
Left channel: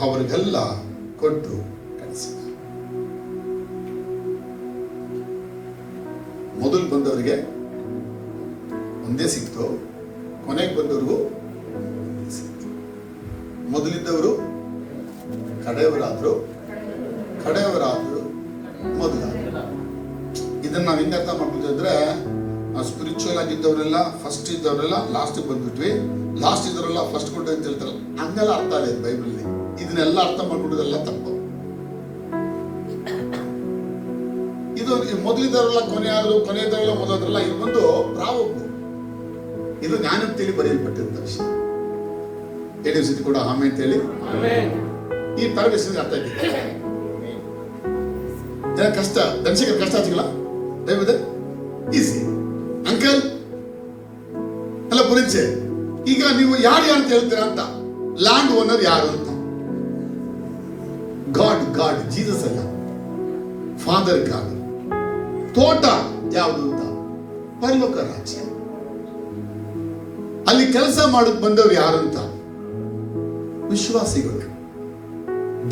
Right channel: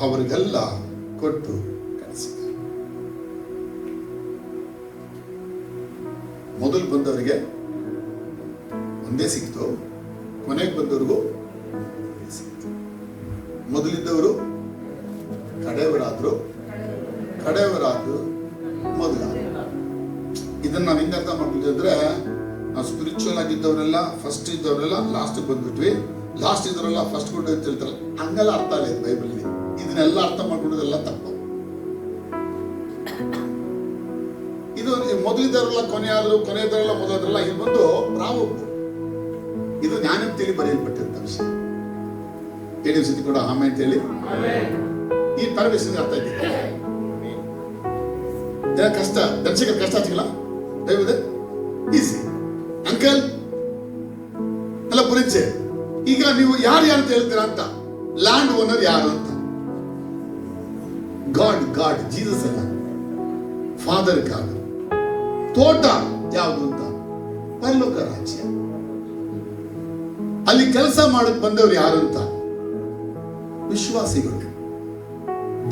ಅವರಿಗೆಲ್ಲ ಕೊಟ್ಟು ಕಳಿಸಿ. ಮೊದಲು ಬಂದವರಿಗೆ ಒಂದೇ ಸಿಕ್ತು, ಕೊನೆಗೆ ಬಂದವರಿಗೂ ಒಂದೇ ಸಿಕ್ತು. ಮೊದಲಿದ್ದವರು ಕಡೆಯವರಾದ್ರು, ಕಡೆಯವರಾದ್ರು ಮೊದಲಾದ್ರು. ಇದನ್ನ ನಾವು ಹೆಂಗೆ ಅರ್ಥ ಮಾಡ್ಬಿಟ್ಟು ಅಂದ್ರೆ, ಸ್ಪಿರಿಚುವಲ್ ಆಗಿದ್ದವರೆಲ್ಲ ಫಸ್ಟ್ ಇದ್ದವರೆಲ್ಲ ಲಾಸ್ಟ್ ಬಂದ್ಬಿಟ್ವಿ, ಲಾಸ್ಟ್ ಇದ್ದವರೆಲ್ಲ ಫಸ್ಟ್ ಕೊಟ್ಟು ಅಂತ ಹೇಳ್ತಾರೆ. ಹಂಗೆಲ್ಲ ಅರ್ಥ ಇಲ್ಲ ಬೈಬಲ್. ಇದನ್ನೆಲ್ಲ ಅರ್ಥ ಮಾಡ್ಬಿಡೋದೆಲ್ಲ ತಪ್ಪು. ಇದು ಮೊದಲಿದ್ದವರೆಲ್ಲ ಕೊನೆ ಆದ್ರು, ಕೊನೆಯದವರೆಲ್ಲ ಮೊದಲಿದ್ರಲ್ಲ, ಇದು ಬಂದು ಪ್ರಾವೊಬ್ಬ. ಇದು ಜ್ಞಾನಂತೇಳಿ ಬರೆಯಲ್ಪಟ್ಟಿರುತ್ತ ವಿಷಯ. ಹೇಳಿ ಸತಿ ಕೂಡ ಆಮೆ ಅಂತೇಳಿ ಈ ಪರಮೇಶ್ವರ ಅರ್ಥ ಆಯ್ತಿದೆ. ಕಷ್ಟ ಧನಸಿಗೆ ಕಷ್ಟ ಆಯ್ತಿಲ್ಲ, ದಯವಿದೆ ಈಸಿ ಅಂಕಲ್ ಎಲ್ಲ ಪರಿಚಯ. ಈಗ ನೀವು ಯಾರು ಅಂತ ಹೇಳ್ತೀರಾ ಅಂತ, ಲ್ಯಾಂಡ್ ಓನರ್ ಯಾರು ಅಂತ? ಗಾಡ್ ಜೀಸಸ್ ಅಲ್ಲ, ಫಾದರ್ ಗಾಡ್. ತೋಟ ಯಾವುದು ಅಂತ? ಪರಲೋಕ ರಾಜ್ಯ. ಅಲ್ಲಿ ಕೆಲಸ ಮಾಡಕ್ ಬಂದವರು ಯಾರು ಅಂತ? ವಿಶ್ವಾಸಿಗಳು.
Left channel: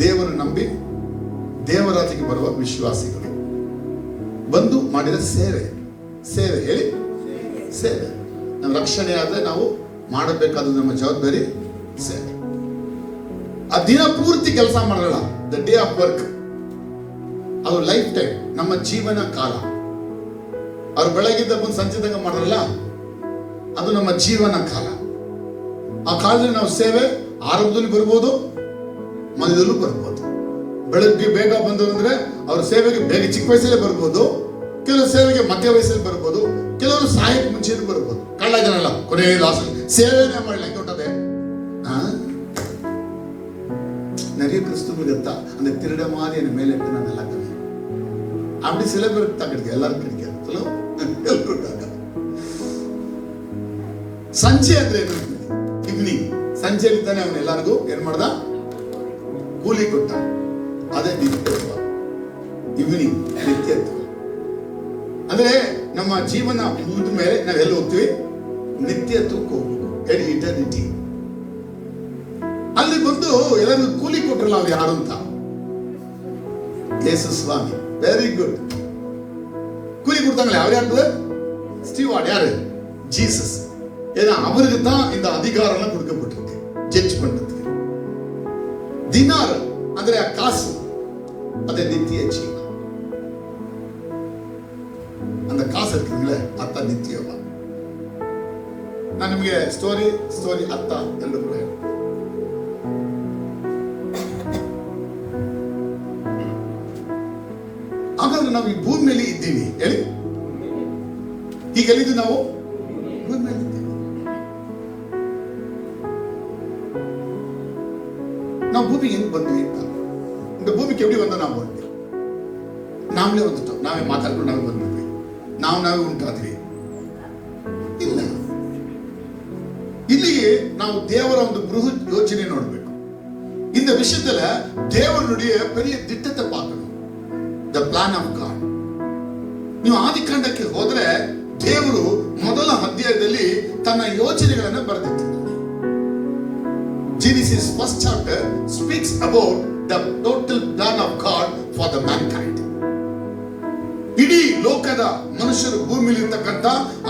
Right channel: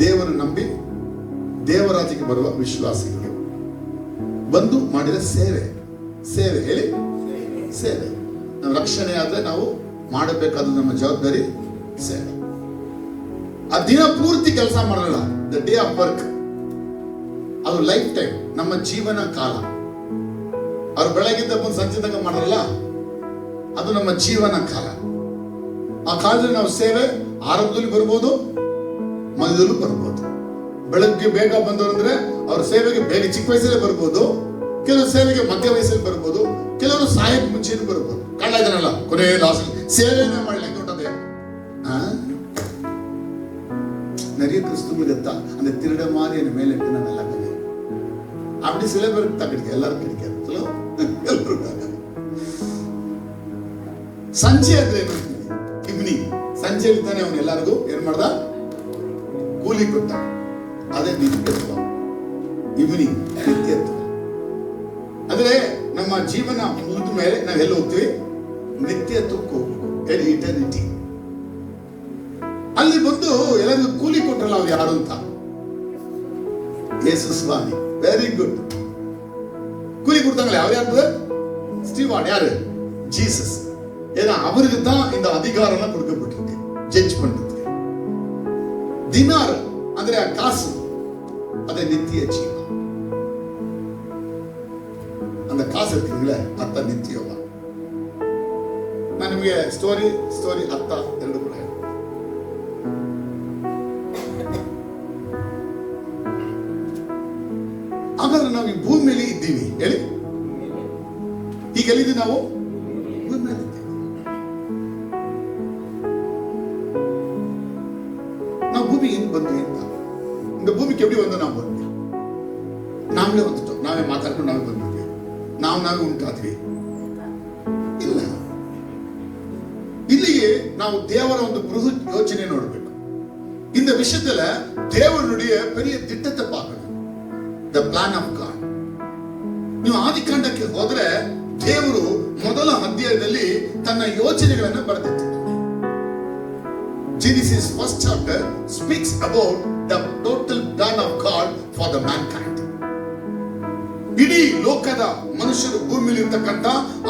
ದೇವರು ನಂಬಿ ದೇವರಾಜ್ಯಕ್ಕೆ ಬರುವ ವಿಶ್ವಾಸಿಗಳು ಬಂದು ಮಾಡಿದ ಸೇವೆ. ಹೇಳಿ, ಸೇವೆ. ನಮ್ಮ ರಕ್ಷಣೆ ಆದ್ರೆ ನಾವು ಮಾಡಬೇಕಾದ ನಮ್ಮ ಜವಾಬ್ದಾರಿ ಸೇವೆ. ಆ ದಿನ ಪೂರ್ತಿ ಕೆಲಸ ಮಾಡಲ್ಲ, ದ ಡೇ ಆಫ್ ವರ್ಕ್. ಅದು ಲೈಫ್ ಟೈಮ್, ನಮ್ಮ ಜೀವನ ಕಾಲ. ಅವ್ರು ಬೆಳಗಿದ್ದ ಬಂದು ಸಂಜೆ ತನಕ ಮಾಡಲ್ಲ, ಅದು ನಮ್ಮ ಜೀವನ ಕಾಲ. ಆ ಕಾಲದಲ್ಲಿ ನಾವು ಸೇವೆ ಆರಂಭದಲ್ಲಿ ಬರ್ಬೋದು, ಮಧ್ಯದಲ್ಲೂ ಬರ್ಬೋದು. ಬೆಳಗ್ಗೆ ಬೇಗ ಬಂದವರು ಅಂದ್ರೆ ಅವ್ರ ಸೇವೆಗೆ ಬೇಗ ಚಿಕ್ಕ ವಯಸ್ಸಲ್ಲೇ ಬರ್ಬೋದು, ಕೆಲವರು ಸೇವೆಗೆ ಮಧ್ಯ ವಯಸ್ಸಲ್ಲಿ ಬರ್ಬೋದು, ಕೆಲವರು ಸಾಯಕ್ಕೆ ಮುಂಚೆನೂ ಬರ್ಬೋದು. ಕಾಲ ಇದನ್ನಲ್ಲ, ಕೊನೆ ಲಾಸ್ಟ್ ಸೇವೆನೇ ಮಾಡಲಿ ಕೊಟ್ಟದೆ. நிறைய கிறிஸ்துவ கத்தா அந்த திருட மாதிரி என் மேல இட்டு நான் நல்லா பண்ணேன். அப்படி சில பேருக்கு தான் கிடைக்கும், எல்லாரும் கிடைக்காது. சொல்லுங்க, எல்லாருக்காக ಸಂಜೆ ಅಂದ್ರೆ ಏನು? ಸಂಜೆಯಲ್ಲಿ ತಾನೆ ಅವನು ಎಲ್ಲರಿಗೂ ಏನ್ ಮಾಡ್ದ? ಕೂಲಿ ಕೊಟ್ಟ. ಅದೇ ನಿತ್ಯತ್ವ. ಈವ್ನಿಂಗ್ ನಿತ್ಯತ್ವ ಅಂದ್ರೆ ನಮ್ಮ ಜೀವನ ಮುಗಿದ ಮೇಲೆ ನಾವೆಲ್ಲ ಹೋಗ್ತೀವಿ? ನಿತ್ಯತ್ವಕ್ಕೆ ಹೋಗ್ಬೇಕು, ಇಟರ್ನಿಟಿ. ಅಲ್ಲಿ ಬಂದು ಎಲ್ಲರಿಗೂ ಕೂಲಿ ಕೊಟ್ಟರಲ್ಲ, ಅವ್ರು ಯಾರು ಅಂತ? ಯೇಸು ಸ್ವಾಮಿ. Very good. ಕೂಲಿ ಕೊಡ್ತಾங்களே, ಅವ್ರು ಯಾರು? ಸ್ಟೀವಾರ್ಡ್. ಯಾರು? ಜೀಸಸ್. ஏன்னா அவருக்கு தான் இந்த அதிகாரம் கொடுக்கப்பட்டிருக்கு ஜட்ஜ் பண்றதுக்கு. ದಿನಾರ್ ಅಂದ್ರೆ ಆ ಕಾಸು, ಅದೇ ನಿತ್ಯ ಜೀವ. அந்த காசு இருக்குங்களே, ಅತ್ತ ನಿತ್ಯವ. ನಾನು ನಿಮಗೆ ಸ್ಟೋರಿ ಅತ್ತ ಎರಡು ಕೂಡ ಹೇಳಿ. ಹಾಗಾದ್ರೆ ನಾವು ಈ ಭೂಮಿ ಮೇಲೆ ಇದ್ದೀವಿ ಹೇಳಿ. ಈಗ ಎಲ್ಲಿದ್ದೀವಿ ನಾವು? ಭೂಮಿ ಮೇಲೆ ಇದ್ದೀವಿ. ನಾವು ಭೂಮಿಗೆ ಹೆಂಗ್ ಬಂದ್ವಿ ಅಂತ, ಭೂಮಿಗೆ ಎಲ್ಲಿ ಬಂದ ನಾವು ಬಂದ್ವಿ? ನಾವೇ ಬಂದಿತ್ತು, ನಾವೇ ಮಾತಾಡ್ಕೊಂಡು ನಾವೇ ಬಂದ್ಬಿಟ್ವಿ, ನಾವೇ ಉಂಟಾದ್ವಿ? ಇಲ್ಲ. ಇಲ್ಲಿಗೆ ನಾವು ದೇವರ ಒಂದು ಬೃಹತ್ ಯೋಚನೆ ನೋಡಬೇಕು. இந்த விஷயத்துல தேவனுடைய பெரிய திட்டத்தை பார்க்கணும். The plan of god. ನೀವು ಆದಿಕಾಂಡಕ್ಕೆ ಹೋದ್ರೆ ದೇವರು ಮೊದಲ ಅಧ್ಯಾಯದಲ್ಲಿ ತನ್ನ ಯೋಚನೆಗಳನ್ನು ಬರೆದಿಟ್ಟಿದ್ದಾರೆ. Genesis first chapter speaks about the total plan of God for the mankind. ಇಡೀ ಲೋಕದ ಮನುಷ್ಯರು ಭೂಮಿಯಲ್ಲಿ ಇರತಕ್ಕಂತ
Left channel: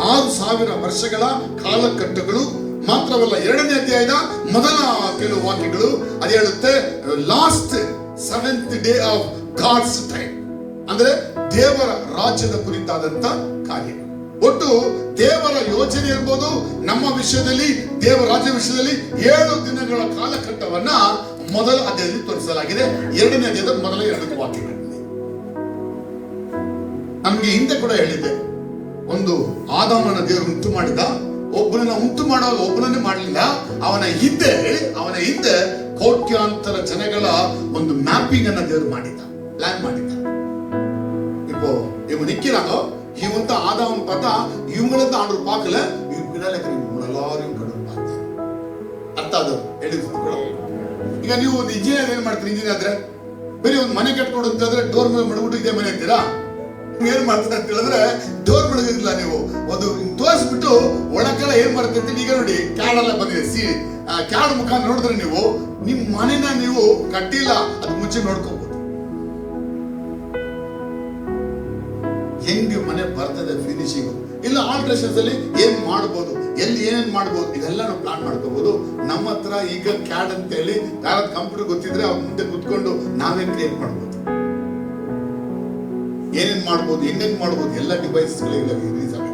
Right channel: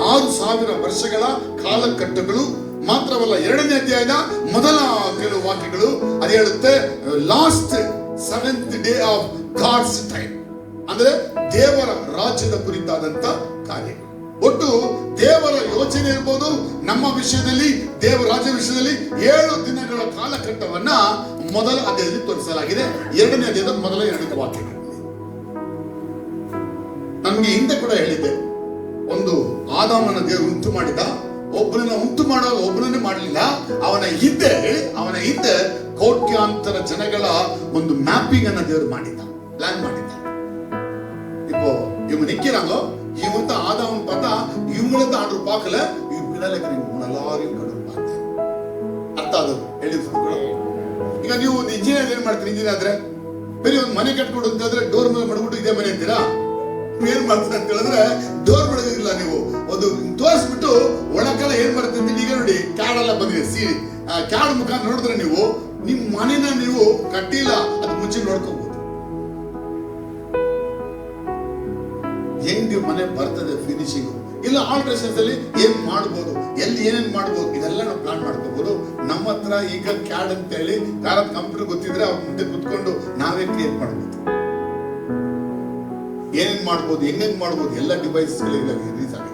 6000 ವರ್ಷಗಳ ಕಾಲಘಟ್ಟಗಳು ಮಾತ್ರವಲ್ಲ. 2ನೇ ಅಧ್ಯಾಯದ ಮೊದಲ ಕೆಲವು ವಾಕ್ಯಗಳು ಅದು ಹೇಳುತ್ತೆ, last 7th day of God's time. ಅಂದ್ರೆ ದೇವರ ರಾಜ್ಯದ ಕುರಿತಾದಂತ ಕಾರ್ಯ. ಒಟ್ಟು ದೇವರ ಯೋಚನೆ ಇರ್ಬೋದು ನಮ್ಮ ವಿಷಯದಲ್ಲಿ, ದೇವರ ರಾಜ್ಯ ವಿಷಯದಲ್ಲಿ 7 ದಿನಗಳ ಕಾಲಘಟ್ಟವನ್ನ ಮೊದಲ ಅಧ್ಯಾಯದಲ್ಲಿ ತೋರಿಸಲಾಗಿದೆ. 2ನೇ ಅಧ್ಯಾಯದ ಮೊದಲ 2 ವಾಕ್ಯಗಳು. ನಮ್ಗೆ ಹಿಂದೆ ಕೂಡ ಹೇಳಿದ್ದೆ, ಒಂದು ಆದಾಮನ ದೇವರು ಉಂಟು ಮಾಡಿದ, ಒಬ್ಬನನ್ನ ಉಂಟು ಮಾಡುವಾಗ ಒಬ್ಬನನ್ನೇ ಮಾಡಲಿಲ್ಲ, ಅವನ ಹಿಂದೆ ಕೋಟ್ಯಾಂತರ ಜನಗಳ ಒಂದು ಮ್ಯಾಪಿಂಗ್ ಅನ್ನ ದೇವರು ಮಾಡಿದ್ದ, ಪ್ಲಾನ್ ಮಾಡಿದ್ದ. இப்போ இவங்க நிக்கிறாங்க, இவங்க ஆதாம் பார்த்தா இவங்கள ஆர்டர் பார்க்கல, இவங்க பின்னால இருக்கிறவங்க எல்லாரையும் கடவுள் பார்த்தார். ಅರ್ಥ ಅದು ಹೇಳಿದ್ರು. ಈಗ ನೀವು ಒಂದು ಇಂಜಿನಿಯರ್ ಏನ್ ಮಾಡ್ತೀರಿ? ಇಂಜಿನಿಯರ್ ಆದ್ರೆ ಬೇರೆ ಒಂದು ಮನೆ ಕಟ್ಕೊಂಡು ಅಂತಂದ್ರೆ ಡೋರ್ ಮೇಲೆ ಮಾಡ್ಬಿಟ್ಟು ಇದೇ ಮನೆ ಅಂತೀರಾ? ಏನ್ ಮಾಡ್ತಾರೆ ಅಂತ ಹೇಳಿದ್ರೆ ಡೋರ್ ಮಾಡೋದಿಲ್ಲ, ನೀವು ಒಂದು ತೋರಿಸ್ಬಿಟ್ಟು ಒಳಗೆಲ್ಲ ಏನ್ ಮಾಡ್ತಾರೆ ಅಂತ. ಈಗ ನೋಡಿ ಕ್ಯಾಡ್ ಎಲ್ಲ ಬಂದಿದೆ, ಕ್ಯಾಡ್ ಮುಖ ನೋಡಿದ್ರೆ ನೀವು ನಿಮ್ ಮನೆನ ನೀವು ಕಟ್ಟಿಲ್ಲ, ಅದು ಮುಂಚೆ ನೋಡ್ಕೋಬಹುದು. ಹೆಂಗ್ ಮನೆ ಬರ್ತದೆ ಫಿನಿಶಿಂಗ್, ಇಲ್ಲ ಆಲ್ಟ್ರೇಷನ್ಸ್ ಅಲ್ಲಿ ಏನ್ ಮಾಡ್ಬೋದು, ಎಲ್ಲಿ ಏನೇನ್ ಮಾಡ್ಬೋದು, ಇದೆಲ್ಲ ನಾವು ಪ್ಲಾನ್ ಮಾಡ್ಕೋಬಹುದು. ನಮ್ಮ ಹತ್ರ ಈಗ ಕ್ಯಾಡ್ ಅಂತ ಹೇಳಿ ಯಾರಾದ್ ಕಂಪ್ಯೂಟರ್ ಗೊತ್ತಿದ್ರೆ ಅವ್ರ ಮುಂದೆ ಕುತ್ಕೊಂಡು ನಾವೇ ಕ್ರಿಯೇಟ್ ಮಾಡ್ಬೋದು, ಏನೇನ್ ಮಾಡ್ಬೋದು, ಹೆಂಗ್ ಮಾಡ್ಬೋದು, ಎಲ್ಲ ಡಿವೈಸ್ ರಿಲೀಸ್ ಆಗುತ್ತೆ.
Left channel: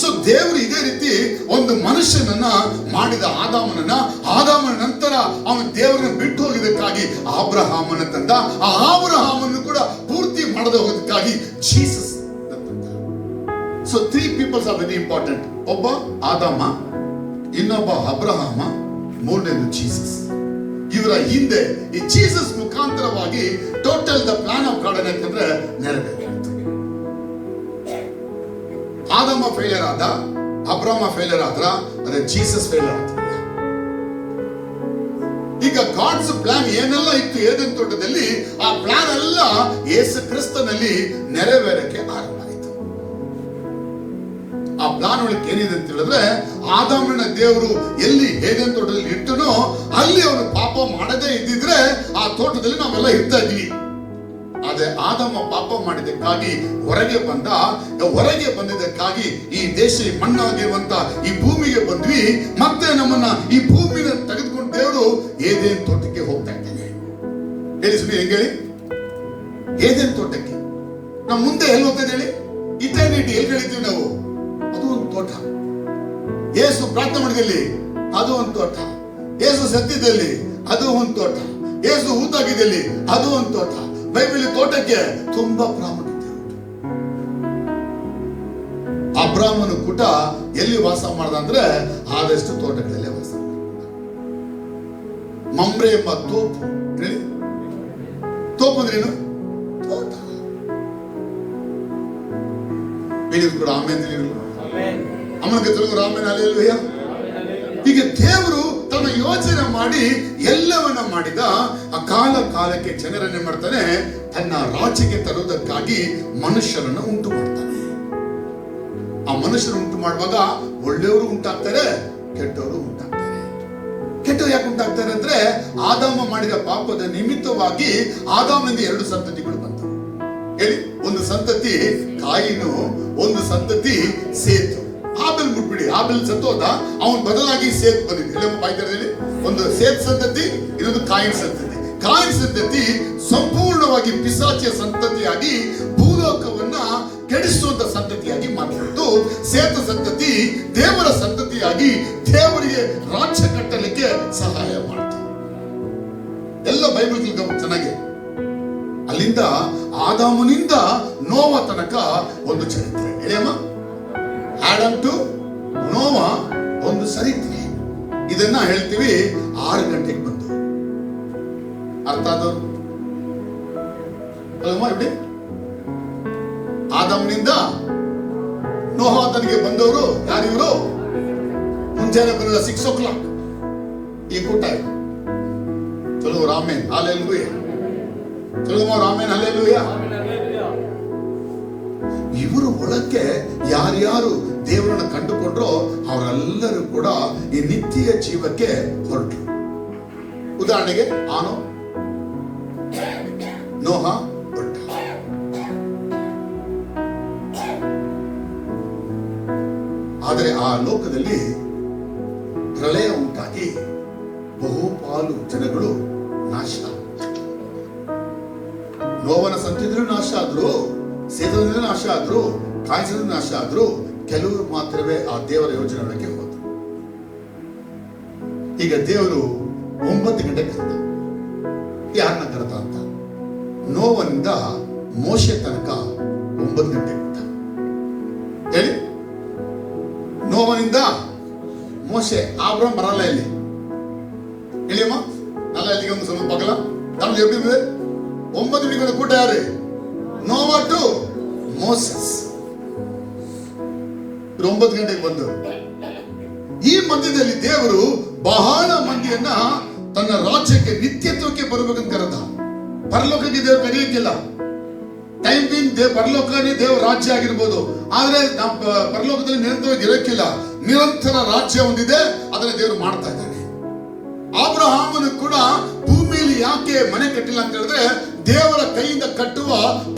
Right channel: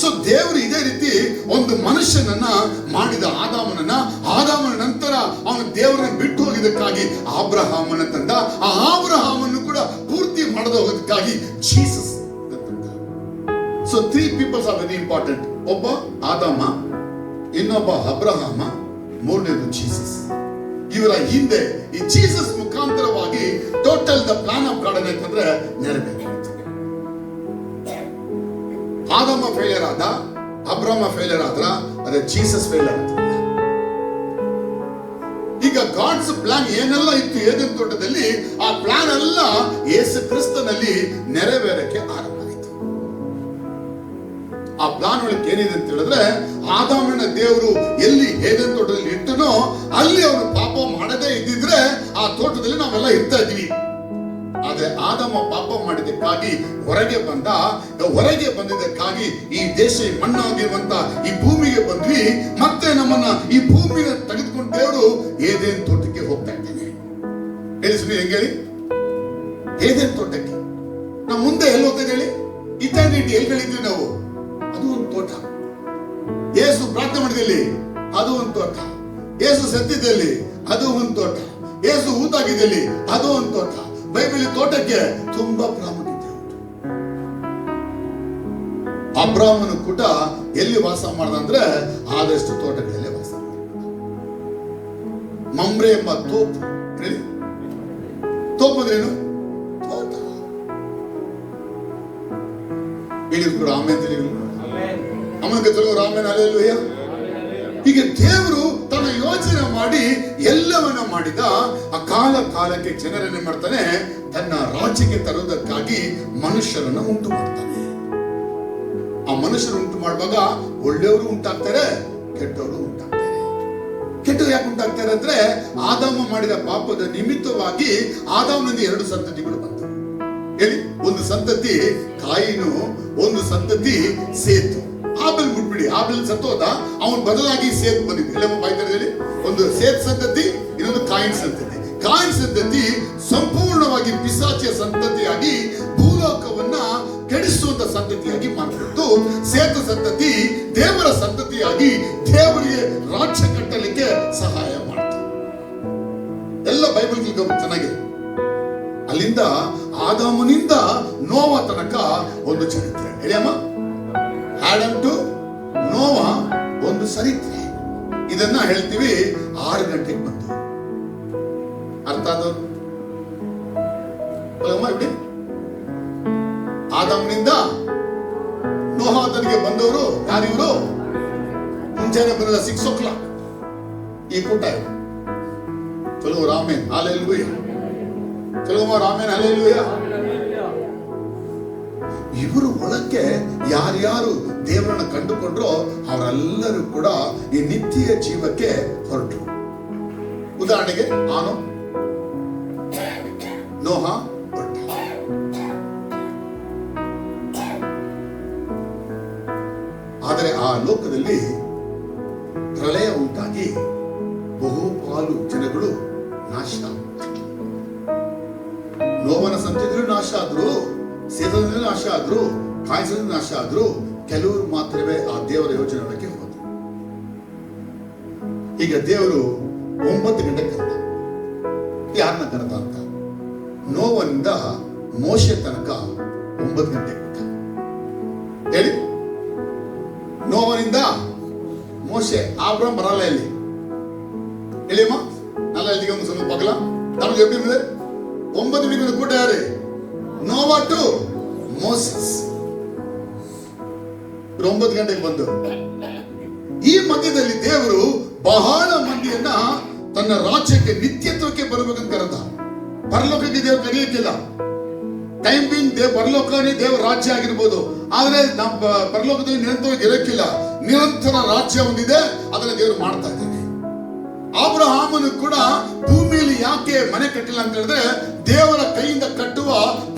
ಸೊ ದೇವರು ಇದೇ ರೀತಿ ಒಂದು ಮನುಷ್ಯನನ್ನ ಮಾಡಿದ, ಆದಾಮನ ನಂತರ ಅವನು ದೇವರನ್ನ ಬಿಟ್ಟು ಹೋಗಿದ್ದಕ್ಕಾಗಿ ಅಬ್ರಹಾಮನ ತಂದ. ಆ ಅಬ್ರಹಾಮನ್ನು ಕೂಡ ಪೂರ್ತಿ ಮಾಡದೆ ಹೋಗೋದಕ್ಕಾಗಿ Jesus. So 3 peoples are very important. ಒಬ್ಬ ಆದಾಮ, ಇನ್ನೊಬ್ಬ ಅಬ್ರಹಾಮ, ಮೂರನೇದು ಜೀಸಸ್. ಇವರ ಹಿಂದೆ ಈ ಜೀಸಸ್ ಮುಖಾಂತರವಾಗಿ total the plan of god ಏನಂತಂದ್ರೆ ನೆರವೇರುತ್ತೆ. ಆದಾಮ ಫೇಲಿಯರ್ ಆದ, ಅಬ್ರಹಾಮ ಫೇಲಿಯರ್ ಆದ್ರ, ಅದೇ ಜೀಸಸ್ ಫೇಲಿಯರ್ ಆದ. ಈಗ ಗಾಡ್ಸ್ ಪ್ಲಾನ್ ಏನೆಲ್ಲ ಇತ್ತು ಏದೆನ್ ತೋಟದಲ್ಲಿ, ಆ ಪ್ಲಾನ್ ಎಲ್ಲ ಯೇಸು ಕ್ರಿಸ್ತನಲ್ಲಿ ನೆರವೇರಕ್ಕೆ ಆರಂಭ ಆಯಿತು. ಆ ಪ್ಲಾನ್ ಒಳಗೆ ಏನಿದೆ ಅಂತ ಹೇಳಿದ್ರೆ, ಆದಾಮನ ದೇವರು ಎಲ್ಲಿ ಏದೆನ್ ತೋಟದಲ್ಲಿ ಇಟ್ಟನೋ ಅಲ್ಲಿ ಅವನು ಪಾಪ ಮಾಡದೇ ಇದ್ದಿದ್ರೆ ಆ ತೋಟದಲ್ಲಿ ನಾವೆಲ್ಲ ಇರ್ತಾ ಇದ್ವಿ. ಆದ್ರೆ ಆದಾಮ ಪಾಪ ಮಾಡಿದ್ದಕ್ಕಾಗಿ ಹೊರಗೆ ಬಂದಿದ್ದಕ್ಕಾಗಿ ಈ ದೇಶ ಮಣ್ಣಾಗಿರುವಂತ ಈ ಭೂಮಿಗೆ ಬಂದ್ವಿ. ಮತ್ತೆ ನಮ್ಮನ್ನ ಈ ಭೂಮಿನ ತೆಗೆದುಕೊಂಡು ದೇವರು ಏದೇನ್ ತೋಟಕ್ಕೆ ಹೋಗ್ತಾ ಇದ್ದಾನೆ. ಹೇಳಿಸ್ಬಿ ಹೆಂಗ ಹೇಳಿ? ಏದೇನ್ ತೋಟಕ್ಕೆ. ನಾವು ಮುಂದೆ ಎಲ್ಲಿ ಹೋಗ್ತೇವೆ ಹೇಳಿ? ಇಟರ್ನಿಟಿ ಎಲ್ಲಿ ಹೇಳಿದ್ವಿ ನಾವು? ಅದು ಒಂದು ತೋಟ. ಯೇಸು ಪ್ರಾರ್ಥನೆ ಮಾಡಿದಲ್ಲಿ ಅದು ಒಂದು ತೋಟ. ಯೇಸು ಸತ್ಯದಲ್ಲಿ ಅದು ಒಂದು ತೋಟ. ಯೇಸು ಊತಾಗಿದ್ದಲ್ಲಿ ಅದು ಒಂದು ತೋಟ. ಬೈಬಲ್ ತೋಟಕ್ಕೆ ತುಂಬಾ ಪ್ರಾಮುಖ್ಯತೆ ಉಂಟು. ಅಬ್ರಾಹ್ಮನ ಕೂಟ ಎಲ್ಲಿ ವಾಸ ಮಾಡ್ದ ಅಂದ್ರೆ ಆದಷ್ಟು ತೋಟಗಳಲ್ಲೇ ವಾಸ ಮಾಡ್ದ. ಮಮ್ರೆ ಎಂಬ ತೋಪು ಅಂದ್ರೇನು? ತೋಟ. ಹೇಳಿದ್ರು ಕೂಡ ಆಮೇಲೆ ಅಮ್ಮನಿಗೆ ತಿಳಿದ್ರು ಆಮೇಲೆ ಅಲ್ಲೆಲ್ಲೂಯ್ಯ. ಹೀಗೆ ದೇವರು ತನ್ನ ಯೋಚನೆ ಮಾಡಿ ಎಲ್ಲವನ್ನ ಮಾಡಿದ. ಆ ಕಾಲಕ್ಕೆ ಜನರನ್ನೇ ಮಾಡ್ತಾನೆ, ತನ್ನ ರಾಜ್ಯಕ್ಕೆ ತರುವುದಕ್ಕಾಗಿ ಮನುಷ್ಯರನ್ನು ಉಂಟು ಮಾಡ್ತಾನೆ. ಆ ಮನುಷ್ಯರು ಉಂಟು ಮಾಡುವಾಗ ಒಳ್ಳೆಯವರು ಉಂಟಾಗ್ತಾರೆ, ಕೆಟ್ಟವರು ಉಂಟಾಗ್ತಾರೆ. ಕೆಟ್ಟವರು ಯಾಕೆ ಉಂಟಾಗ್ತಾರೆ ಅಂದ್ರೆ, ಆದಾಮ ಮಾಡಿದ ಪಾಪದ ನಿಮಿತ್ತವಾಗಿ ಆದಾಮನಿಂದ 2 ಸಂತತಿಗಳು ಬಂತು. ಹೇಳಿ, ಒಂದು ಸಂತತಿ ಕಾಯಿನು, ಒಂದು ಸಂತತಿ ಸೇತು. ಆಬೇಲ್ ಬಿಟ್ಬಿಡಿ, ಆಬೇಲ್ ಸತ್ತೋದ, ಅವನ ಬದಲಾಗಿ ಸೇತ್ ಬಂದಿದ್ದು. ಹೇಳಿ ಬಾಯ್ತಾರೆ, ಒಂದು ಸೇತ್ ಸಂತತಿ, ಇನ್ನೊಂದು ಕಾಯಿನ್ ಸಂತತಿ. ಕಾಯಿನ್ ಸಂತತಿ ಸಂಪೂರ್ಣವಾಗಿ ಪಿಶಾಚಿಯ ಸಂತತಿಯಾಗಿ ಭೂಲೋಕವನ್ನ ಕೆಡಿಸುವಂತ ಸಂತತಿಯಾಗಿ ಮಾರ್ಪಟ್ಟು, ಸೇತ ಸಂತತಿ ದೇವರ ಸಂತತಿಯಾಗಿ ದೇವರಿಗೆ ರಾಜ್ಯ ಕಟ್ಟಲಿಕ್ಕೆ ಸಹಾಯ ಮಾಡ್ತು. ಎಲ್ಲ ಬೈಬಲ್ ಚೆನ್ನಾಗಿ. ಅಲ್ಲಿಂದ ಆದಾಮನಿಂದ ನೋವ ತನಕ ಒಂದು ಚರಿತ್ರೆ. ಹೇಳಮ್ಮ, ಆಡಮ್ ಟು ನೋವ ಒಂದು ಚರಿತ್ರೆ. ಇದನ್ನ ಹೇಳ್ತೀವಿ 6 ಗಂಟೆಗೆ ಬಂದು. ಅರ್ಥ ಆದವರು ಆದಾಮನಿಂದ ನೋಹಾತನಿಗೆ ಬಂದವರು ಯಾರಿವರು? ಮುಂಜಾನೆ ಬರೋದ 6 o'clock ಈ ಕೂಟ. ಚಲೋ ರಾಮೇನ್ ಹಾಲೆಲೂಯ, ಚಲೋ ರಾಮೇನ್ ಹಾಲೆಲೂಯ. ಇವರು ಒಳಕ್ಕೆ ಯಾರ್ಯಾರು ದೇವರನ್ನ ಕಂಡುಕೊಂಡ್ರೋ ಅವರೆಲ್ಲರೂ ಕೂಡ ಈ ನಿತ್ಯ ಜೀವಕ್ಕೆ ಹೊರಟರು. ಉದಾಹರಣೆಗೆ ಆನು, ನೋಹ ಹೊರಟ. ಆದರೆ ಆ ಲೋಕದಲ್ಲಿ ಪ್ರಳಯ ಉಂಟಾಗಿ ಬಹುಪಾಲು ಜನಗಳು ನಾಶ. ನೋವನ ಸಂತಿದ್ರು ನಾಶ ಆದ್ರು, ಸೇತದಿಂದ ನಾಶ ಆದ್ರು, ಕಾಯಿಸದ ನಾಶ ಆದ್ರು. ಕೆಲವರು ಮಾತ್ರವೇ ಆ ದೇವರ ಯೋಜನೆಗೆ ಹೋದ್ರು. ಈಗ ದೇವರು 9 ಗಂಟೆ ಕರೆದ. ಯಾರನ್ನ ಕರೆದ ಅಂತ? ನೋವನಿಂದ ಮೋಶೆ ತನಕ 9 ಗಂಟೆ ಕೊಟ್ಟ. ಹೇಳಿ, ನೋವನಿಂದ ಮೋಶೆ. ಆಬ್ರಹಂ ಬರಲ್ಲ ಇಲ್ಲಿ. ಹೇಳಿಯಮ್ಮ, ನಲ್ಲ ಇಲ್ಲಿಗೆ ಒಂದು ಸ್ವಲ್ಪ ಪಗಲ ತಾನು చెప్పింది 9 ಗಂಟೆ ಕೂಟ ಯಾರು? ನೋವಾ ಟು ಮೋಸಸ್. 9 ಗಂಟೆಗೆ ಬಂದು ಈ ಮಧ್ಯದಲ್ಲಿ ದೇವರು ಬಹಳ ಮಂದಿಯನ್ನ ತನ್ನ ರಾಜ್ಯಕ್ಕೆ ನಿತ್ಯತ್ವಕ್ಕೆ ಬರಬೇಕಂತ ಕರೆದ. ಪರಲೋಕಕ್ಕೆ ದೇವರು ಕರೆಯಕ್ಕಿಲ್ಲ. ಟೈಮ್ ಬೀಂಗ್ ಪರಲೋಕನೇ ದೇವರ ರಾಜ್ಯ ಆಗಿರ್ಬೋದು, ಆದ್ರೆ ನಮ್ಮ ಪರಲೋಕದಲ್ಲಿ ನಿರಂತರವಾಗಿ ಇರಕ್ಕಿಲ್ಲ. ನಿರಂತರ ರಾಜ್ಯ ಹೊಂದಿದೆ, ಅದನ್ನ ದೇವರು ಮಾಡ್ತಾ ಇದ್ದಾನೆ. ಅಬ್ರಹಾಮನು ಕೂಡ ಭೂಮಿಯಲ್ಲಿ ಯಾಕೆ ಮನೆ ಕಟ್ಟಿಲ್ಲ ಅಂತ ಹೇಳಿದ್ರೆ, ದೇವರ ಕೈಯಿಂದ ಕಟ್ಟುವ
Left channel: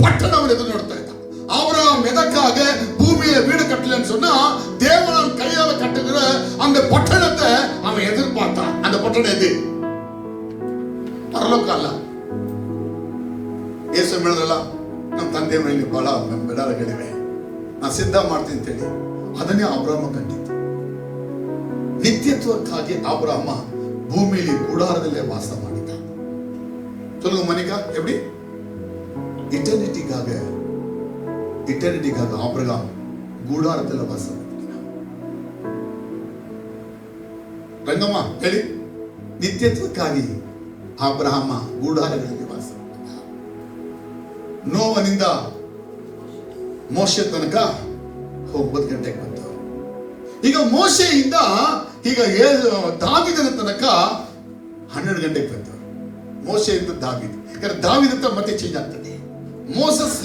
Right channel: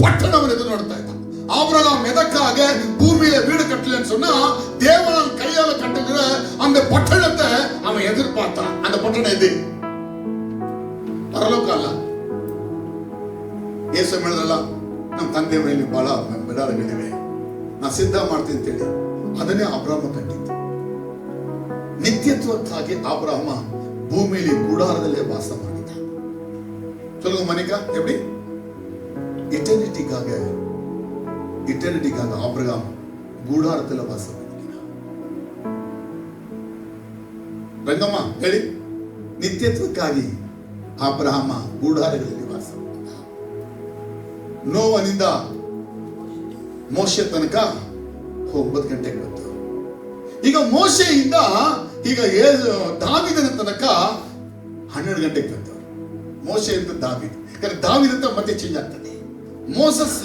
ಪಟ್ಟಣವನ್ನು ಎದುರು ನೋಡ್ತಾ ಇದ್ದ. அபிரகாம் எதற்காக பூமியில வீடு கட்டலன்னு சொன்னா, தேவன் கையால கட்டுகிற அந்த பட்டணத்தை அவன் எதிர்பார்த்தான். அந்த பட்டணம் எது? ಪರಲೋಕ ಅಲ್ಲ. ಯೇಸು ಹೇಳಿದ್ರಲ್ಲ, ನಮ್ಮ ತಂದೆ ಮೇಲೆ ಬಹಳ ಬೆಡಗಳಿವೆ, ನಾ ಸಿದ್ಧ ಮಾಡ್ತೀನಿ ಅಂತೇಳಿ. ಅದನ್ನೇ ಅಬ್ರಹಾಮ ಕಂಡಿತ್ತು. ನಿತ್ಯತ್ವಕ್ಕಾಗಿ ಅಬ್ರಹಾಮ ಭೂಮಿಯಲ್ಲಿ ಗುಡಾರದಲ್ಲೇ ವಾಸ ಮಾಡಿದ. சொல்லுங்க மணிக்கா, எப்படி? இட்டர்னிட்டிக்காக ஆபிரகாம் கூடாரத்தில் வாசம். ರಂಗಮ್ಮ ಹೇಳಿ, ನಿತ್ಯತ್ವಕ್ಕಾಗಿ ಅಬ್ರಹಾಮ ಗೂಢಾರಗಳಲ್ಲಿ ವಾಸ. ನೋವನಿಂದ ಮೋಶೆ ತನಕ 9 ಗಂಟೆಗೆ ಬಂತು. ಈಗ ಮೋಶೆಯಿಂದ ಈಗ ದಾವಿದನ ತನಕ 12 ಗಂಟೆಗೆ ಬಂತು. ಮೋಶೆಯಿಂದ ದಾವಿದ್, ಯಾಕಂದ್ರೆ ದಾವಿದ ಅಂತ ಮತ್ತೆ ಚೇಂಜ್ ಆಗ್ತದೆ. ಮೋಸಸ್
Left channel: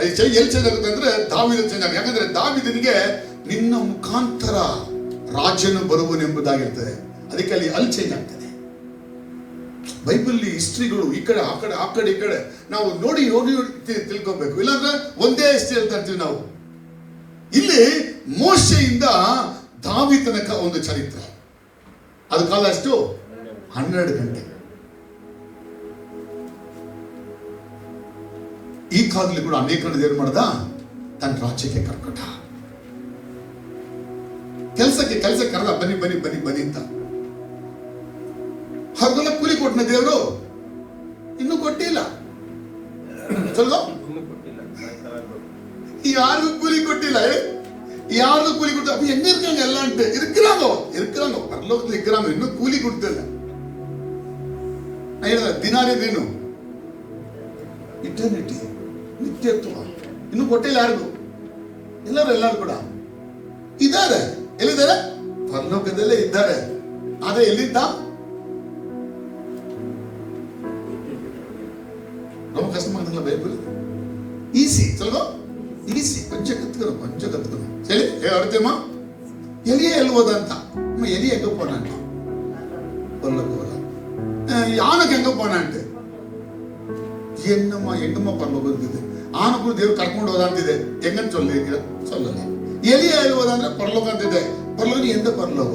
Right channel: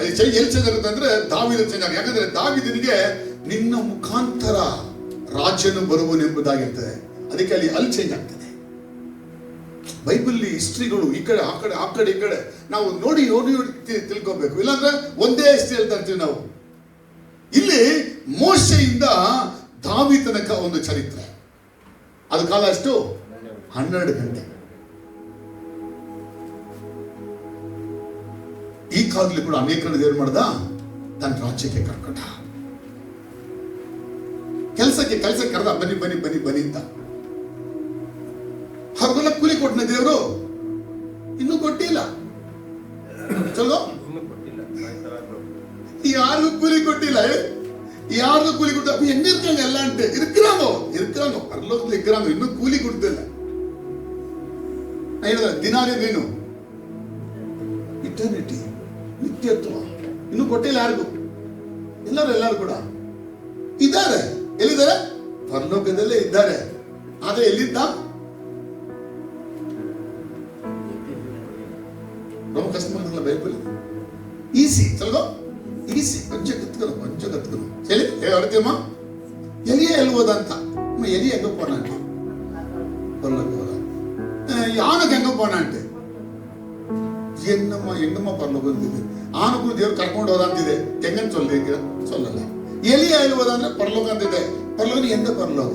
ಎಲ್ಲಿ ಚೇಂಜ್ ಆಗುತ್ತೆ ಅಂದ್ರೆ ದಾವಿದ ಚೇಂಜ್ ಆಗುತ್ತೆ. ಯಾಕಂದ್ರೆ ದಾವಿದನಿಗೆ ನಿನ್ನ ಮುಖಾಂತರ ರಾಜ್ಯನು ಬರುವನೆಂಬುದಾಗಿರ್ತದೆ. ಅದಕ್ಕೆ ಅಲ್ಲಿ ಚೇಂಜ್ ಆಗ್ತದೆ. ಬೈಬಲ್ ಹಿಸ್ಟ್ರಿಗಳು ಈ ಕಡೆ ಆ ಕಡೆ ಈ ಕಡೆ ನಾವು ನೋಡಿ ತಿಳ್ಕೋಬೇಕು. ಇಲ್ಲಾಂದ್ರೆ ಒಂದೇ ಹಿಸ್ಟ್ರಿ ಹೇಳ್ತಾ ಇರ್ತೀವಿ ನಾವು. ಇಲ್ಲಿ ಮೋಶೆಯಿಂದ ದಾವಿ ತನಕ ಒಂದು ಚರಿತ್ರೆ. ಅದು ಕಾಲ ಅಷ್ಟು 12 ಗಂಟೆ. ಈ ಕಾಲದಲ್ಲಿ ಕೂಡ ಅನೇಕರನ್ನು ಏನ್ ಮಾಡ್ದ, ತನ್ನ ರಾಜ್ಯಕ್ಕೆ ಕರ್ಕೊಟ್ಟ. ಕೆಲಸಕ್ಕೆ ಕರೆದ, ಬನ್ನಿ ಅಂತ. ಅವ್ರಿಗೆಲ್ಲ ಕೂಲಿ ಕೊಟ್ಟನ ದೇವರು? ಇನ್ನೂ ಕೊಟ್ಟಿಲ್ಲ. ಚಲೋ, ಯಾರಿಗೂ ಕೂಲಿ ಕೊಟ್ಟಿಲ್ಲ. ಯಾರಿಗೂ ಕೂಲಿ ಕೊಡ್ತ ಹೆಂಗಿರ್ಕಂಗ ಎಲ್ಲ ಅಂಟೆ ಇರ್ಕ್ರಾಂಗೋ ಪರಲೋಕದಲ್ಲಿ ಇರ್ಕ್ರಾಂಗೋ, ಇನ್ನೂ ಕೂಲಿ ಕೊಡ್ತಿಲ್ಲ. ನಾ ಹೇಳಿದ ದಿನಾರೇನು ಇಟರ್ನಿಟಿ, ನಿತ್ಯತ್ವ ಇನ್ನೂ ಕೊಟ್ಟಿಲ್ಲ ಯಾರಿಗೂ. ಎಲ್ಲರೂ ಕೂಡ ಇದ್ದಾರೆ. ಎಲ್ಲಿದ್ದಾರೆ? ಪರಲೋಕದಲ್ಲೇ ಇದ್ದಾರೆ. ಆದ್ರೆ ಎಲ್ಲಿದ್ದ? ரொம்ப கஷ்டமா இருக்குல்ல பைபிள். ஈஸி சொல்லுங்க, ಈಸಿ. ಕೊಂಚ ಕತ್ಕರು ಸರಿ ಹೇಳ್ತೀಮ್ಮ. ಎಲಿಯ ಎಲ್ಬೋದಂತ ಎಲಿ ಹೆಂಗ ಪೋಣಂಟ ಪರಲೋಕ யானுக்கு எங்க போனான்ட்டு என்னம்மா பரலோகம் இருக்குது. ஆணுக்கும் ದೇವ್ರು ಕರ್ಕೊಂಡು ಹೋದಂತಿದೆ. ಹೆಂಗಂತ சொல்லல. ಎಲಿಯ ಎಲ್ಬೋದಂದ್ರೆ ಪರಲೋಕ ಅಂತಿದೆ. ಪರಲೋಕ ಎಂದ ಪರಲೋಕ?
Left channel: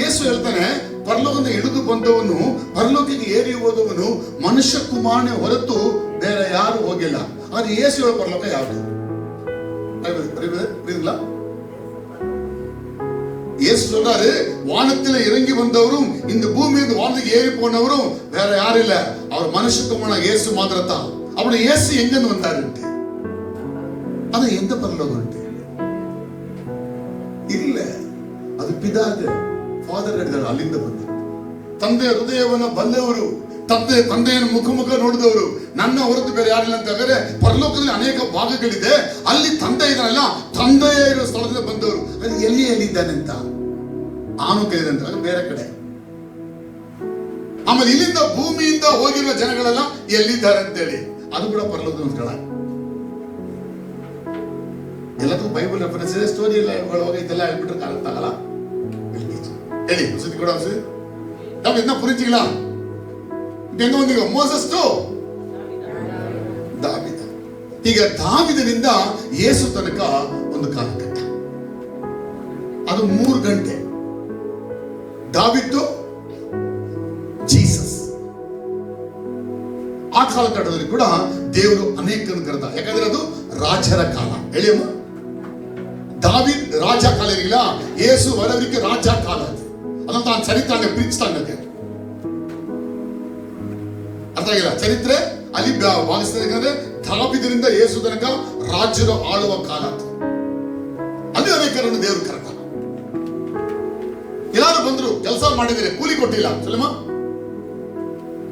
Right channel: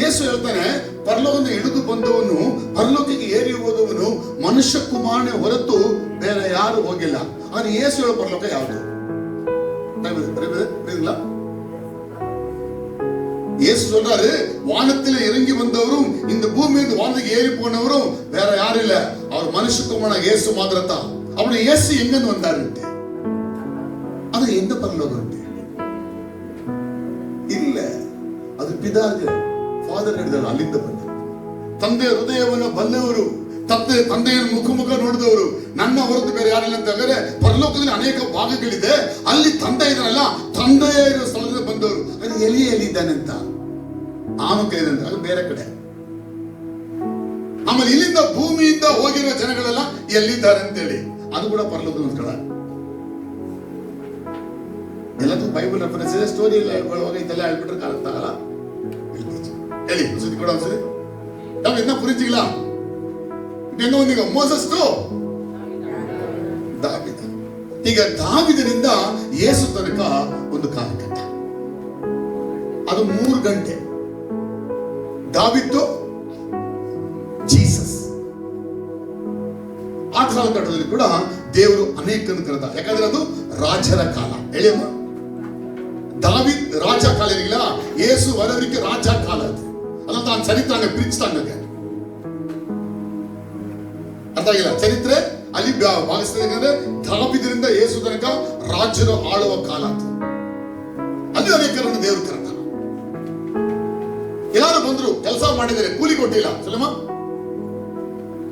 ಯೇಸು ಹೇಳ್ತಾನೆ, ಪರಲೋಕದಿಂದ ಇಳಿದು ಬಂದವನು, ಪರಲೋಕಕ್ಕೆ ಏರಿ ಹೋದವನು ಮನುಷ್ಯ ಕುಮಾರನೇ ಹೊರತು ಬೇರೆ ಯಾರು ಹೋಗಿಲ್ಲ. ಆದ್ರೆ ಯೇಸು ಹೇಳೋ ಪರಲೋಕ ಯಾವುದು? இயேசு சொல்றாரு, வானத்தில் இறங்கி வந்தவரும் இந்த பூமியிலிருந்து வானத்துக்கு ஏறி போனவரும் வேற யாரும் இல்ல, அவர் மனுஷத்துக்குமான இயேசு மாத்திரத்தான். அப்படி இயேசு எங்கிருந்து வந்தாரு? அது எந்த பரலோகம் இல்ல, ಅದು ಪಿತಾಗೆ ಫಾದರ್ ಹೇಳಿದ್ದಾರೆ, ಅಲ್ಲಿಂದ ಬಂದ. ತಂದೆಯ ಹೃದಯವನ್ನು ಬಲ್ಲವರು, ತಂದೆಯನ್ನು ಮುಖ ನೋಡಿದವರು, ನನ್ನ ಹೊರತು ಬೇರೆ ಯಾರಿಲ್ಲ ಅಂತ ಹೇಳಿದ್ರೆ ಪರಲೋಕದಲ್ಲಿ ಅನೇಕ ಭಾಗಗಳಿದೆ. ಅಲ್ಲಿ ತಂದೆ ಇದ್ದಾನಲ್ಲ, ತಂದೆಯ ಸ್ಥಳದಿಂದ ಬಂದವರು. ಅದು ಎಲ್ಲಿದ್ದಾನೆ ಅಂತ ಆನು ಕೈದಂತ, ಅದು ಬೇರೆ ಕಡೆ. ಆಮೇಲೆ ಇಲ್ಲಿಂದ ಭೂಮಿಯಿಂದ ಹೋಗಿರುವ ಜನಗಳೆಲ್ಲ ಎಲ್ಲಿದ್ದಾರೆ ಅಂತೇಳಿ, ಅದು ಕೂಡ ಪರಲೋಕದ ಸ್ಥಳ. ಎಲ್ಲದೂ ಬೈಬಲ್ ರೆಫರೆನ್ಸ್ ಇದೆ. ಸ್ಟೋರಿ ಎಲ್ಲ ಹೋಗೈತೆಲ್ಲ ಹೇಳ್ಬಿಟ್ರೆ ಕಾಣುತ್ತಾಗಲ್ಲ. ಹೇಳಿ ಸುದ್ದಿ ಕೊಡ ನಾವು ಇನ್ನ ಪುರಿತಿಲ್ಲ. ಇನ್ನೊಂದಿಗೆ ಮೋಸಸ್ಟು ದಾವಿದ. ಈಗ ದಾವಿದನಿಂದ ಯೇಸು ತನಕ ಒಂದು ಕಾಲಘಟ್ಟ, ಅದು 3 ಗಂಟೆ. ದಾವಿದ್ದು ಜೀಸಸ್. ಆ ಕಾಲಘಟ್ಟದಲ್ಲಿ ಕೂಡ ದೇವರು ಅನೇಕರನ್ನು ಕರೆದ. ಯಾಕಂದ್ರೆ ಅದು ರಾಜರ ಕಾಲ. ಹೇಳಿ ಅಮ್ಮ, ದಾವಿದ್ ರಾಜ ಕಾಲ ಇರಲಿಲ್ಲ, ಯೇಸು ವರವರಿಗೆ ರಾಜ ಕಾಲ. ಅದು ನಾನು ಚರಿತ್ರೆ ಪ್ರೀತಿಸ್ತಾನೆ ಅರ್ಥ ಆಗಿಲ್ಲ. ಚರಿತ್ರೆ ಅಲ್ಲಿ ಭಾವಿಸ್ತಾರೆ. ದಾವಿದರಿಂದ ಯೇಸು ತನಕ ರಾಜ್ಯರು ಆಳುವ ಕಾಲ ಅಂತ. ಅಲ್ಲಿ ಅನೇಕರನ್ನು ದೇವರು ಕರೆದ. ಯಾರು ಬಂದ್ರು, ಕೆಲಸ ಮಾಡಿದರೆ ಕೂಲಿ ಕೊಟ್ಟಿಲ್ಲ. ಸಲಮ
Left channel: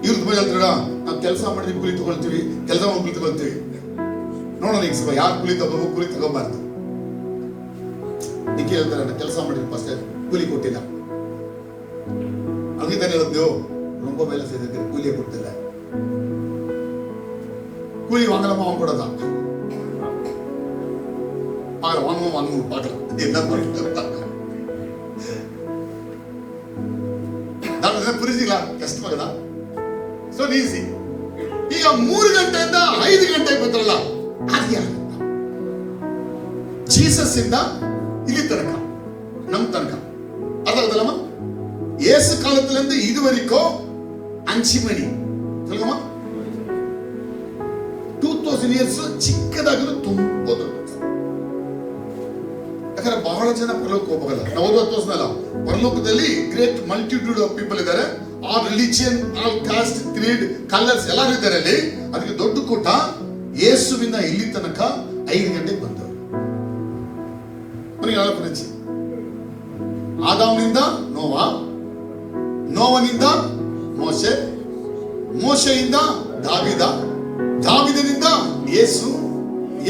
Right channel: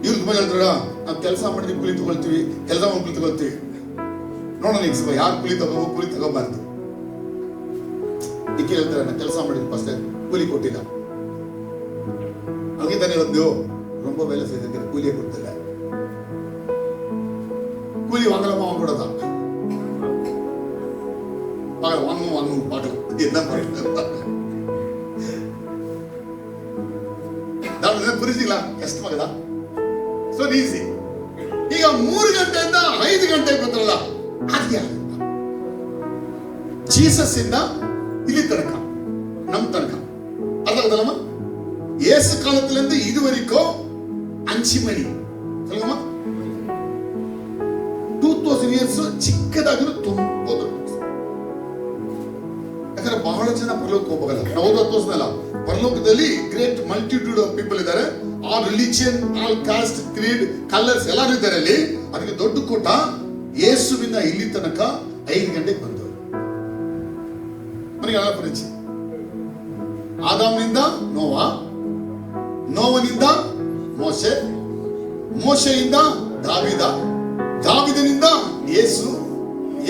ಇವ್ರ ಮೇಲೆ ಹೇಳ್ತಾರ, ನಾವು ಕೆಲಸ ಮಾಡಿದ್ವಿ ಕೂಲಿ ತಗೊಳ್ತೀವಿ, ಕೆಲಸ ಮಾಡಿ ತಗೊಳ್ತೀವಿ. ನೋಡೋಣ ಈಗ ಯಾರು ಕೂಲಿ ತಗೋಬೇಕು, ಕೂಲಿ ತಗೋಬಾರ್ದು. ಇದಕ್ಕೆ ಹೇಳ್ತಾರೆ, ನಾವು ಕೆಲಸ ಮಾಡಿದ್ವಿ ಫಸ್ಟ್ ಕೂಲಿ ಕೊಟ್ಟಿಲ್ಲ. ಹಂಗೆ ತಾನೇ ಹೇಳಿದ್ದೆವು, ரொம்ப வேலை செய்திருக்கிற கூலியை கொடுத்தல, கூலி வாங்கலாமா வாங்க கூடாதா? வாங்கணும் பார்க்கலாம் என்ன புரிஞ்சுங்களா? ಕಷ್ಟವಾಗದಾ? So easy. ಈಗ 3 ಗಂಟೆಯಿಂದ 5 ಗಂಟೆಗೆ ಬಂದ್ರಲ್ಲ, ಅದ್ಯಾವ ಜೀಸಸ್ ಇಂದ ಇಲ್ಲಿ ತನಕ, ನಮ್ ತನಕ ಅದಲ್ಲಮ್ಮ. இயேசு காலத்துல இருந்து இது வரைக்கும் 5 மணி சொல்லுமா, 2000 ಇಯರ್ಸ್ ಚಿಕ್ಕದಾಗಿರೋ ತುಂಬಾ ದೊಡ್ಡ. ಯಾಕಂದ್ರೆ ಬಹಳ ಜನ ಪರಲೋಕಕ್ಕೆ ಹೋಗಲ್ಲ. ನಾವು 40 ವರ್ಷದಲ್ಲ, ಪರಲೋಕದಲ್ಲಿ ಗ್ರೇಟ್ ಮಲ್ಟಿಟ್ಯೂಡ್ ಆಫ್ ಪೀಪಲ್ ಇದ್ದಾರೆ. All religion, all cost, Creed, colours ಎಲ್ಲರೂ ಇದ್ದಾರೆ ಅಲ್ಲಿ. ಅದಕ್ಕೆ ದೊಡ್ಡ ಕೂಟ. ಯೇಸುವಿನ ಇಲ್ಲಿ ತನಕ 5 ಗಂಟೆಗೆ ಬಂದವರು. ನನಗೆ ಪರಿಚಯ. ಆದಾಮನಿಂದ ನೋವಾ, ನೋವನಿಂದ ಮೋಶೆ, ಮೋಶೆಯಿಂದ ದಾವಿದ, ದಾವಿದನಿಂದ ಯೇಸು,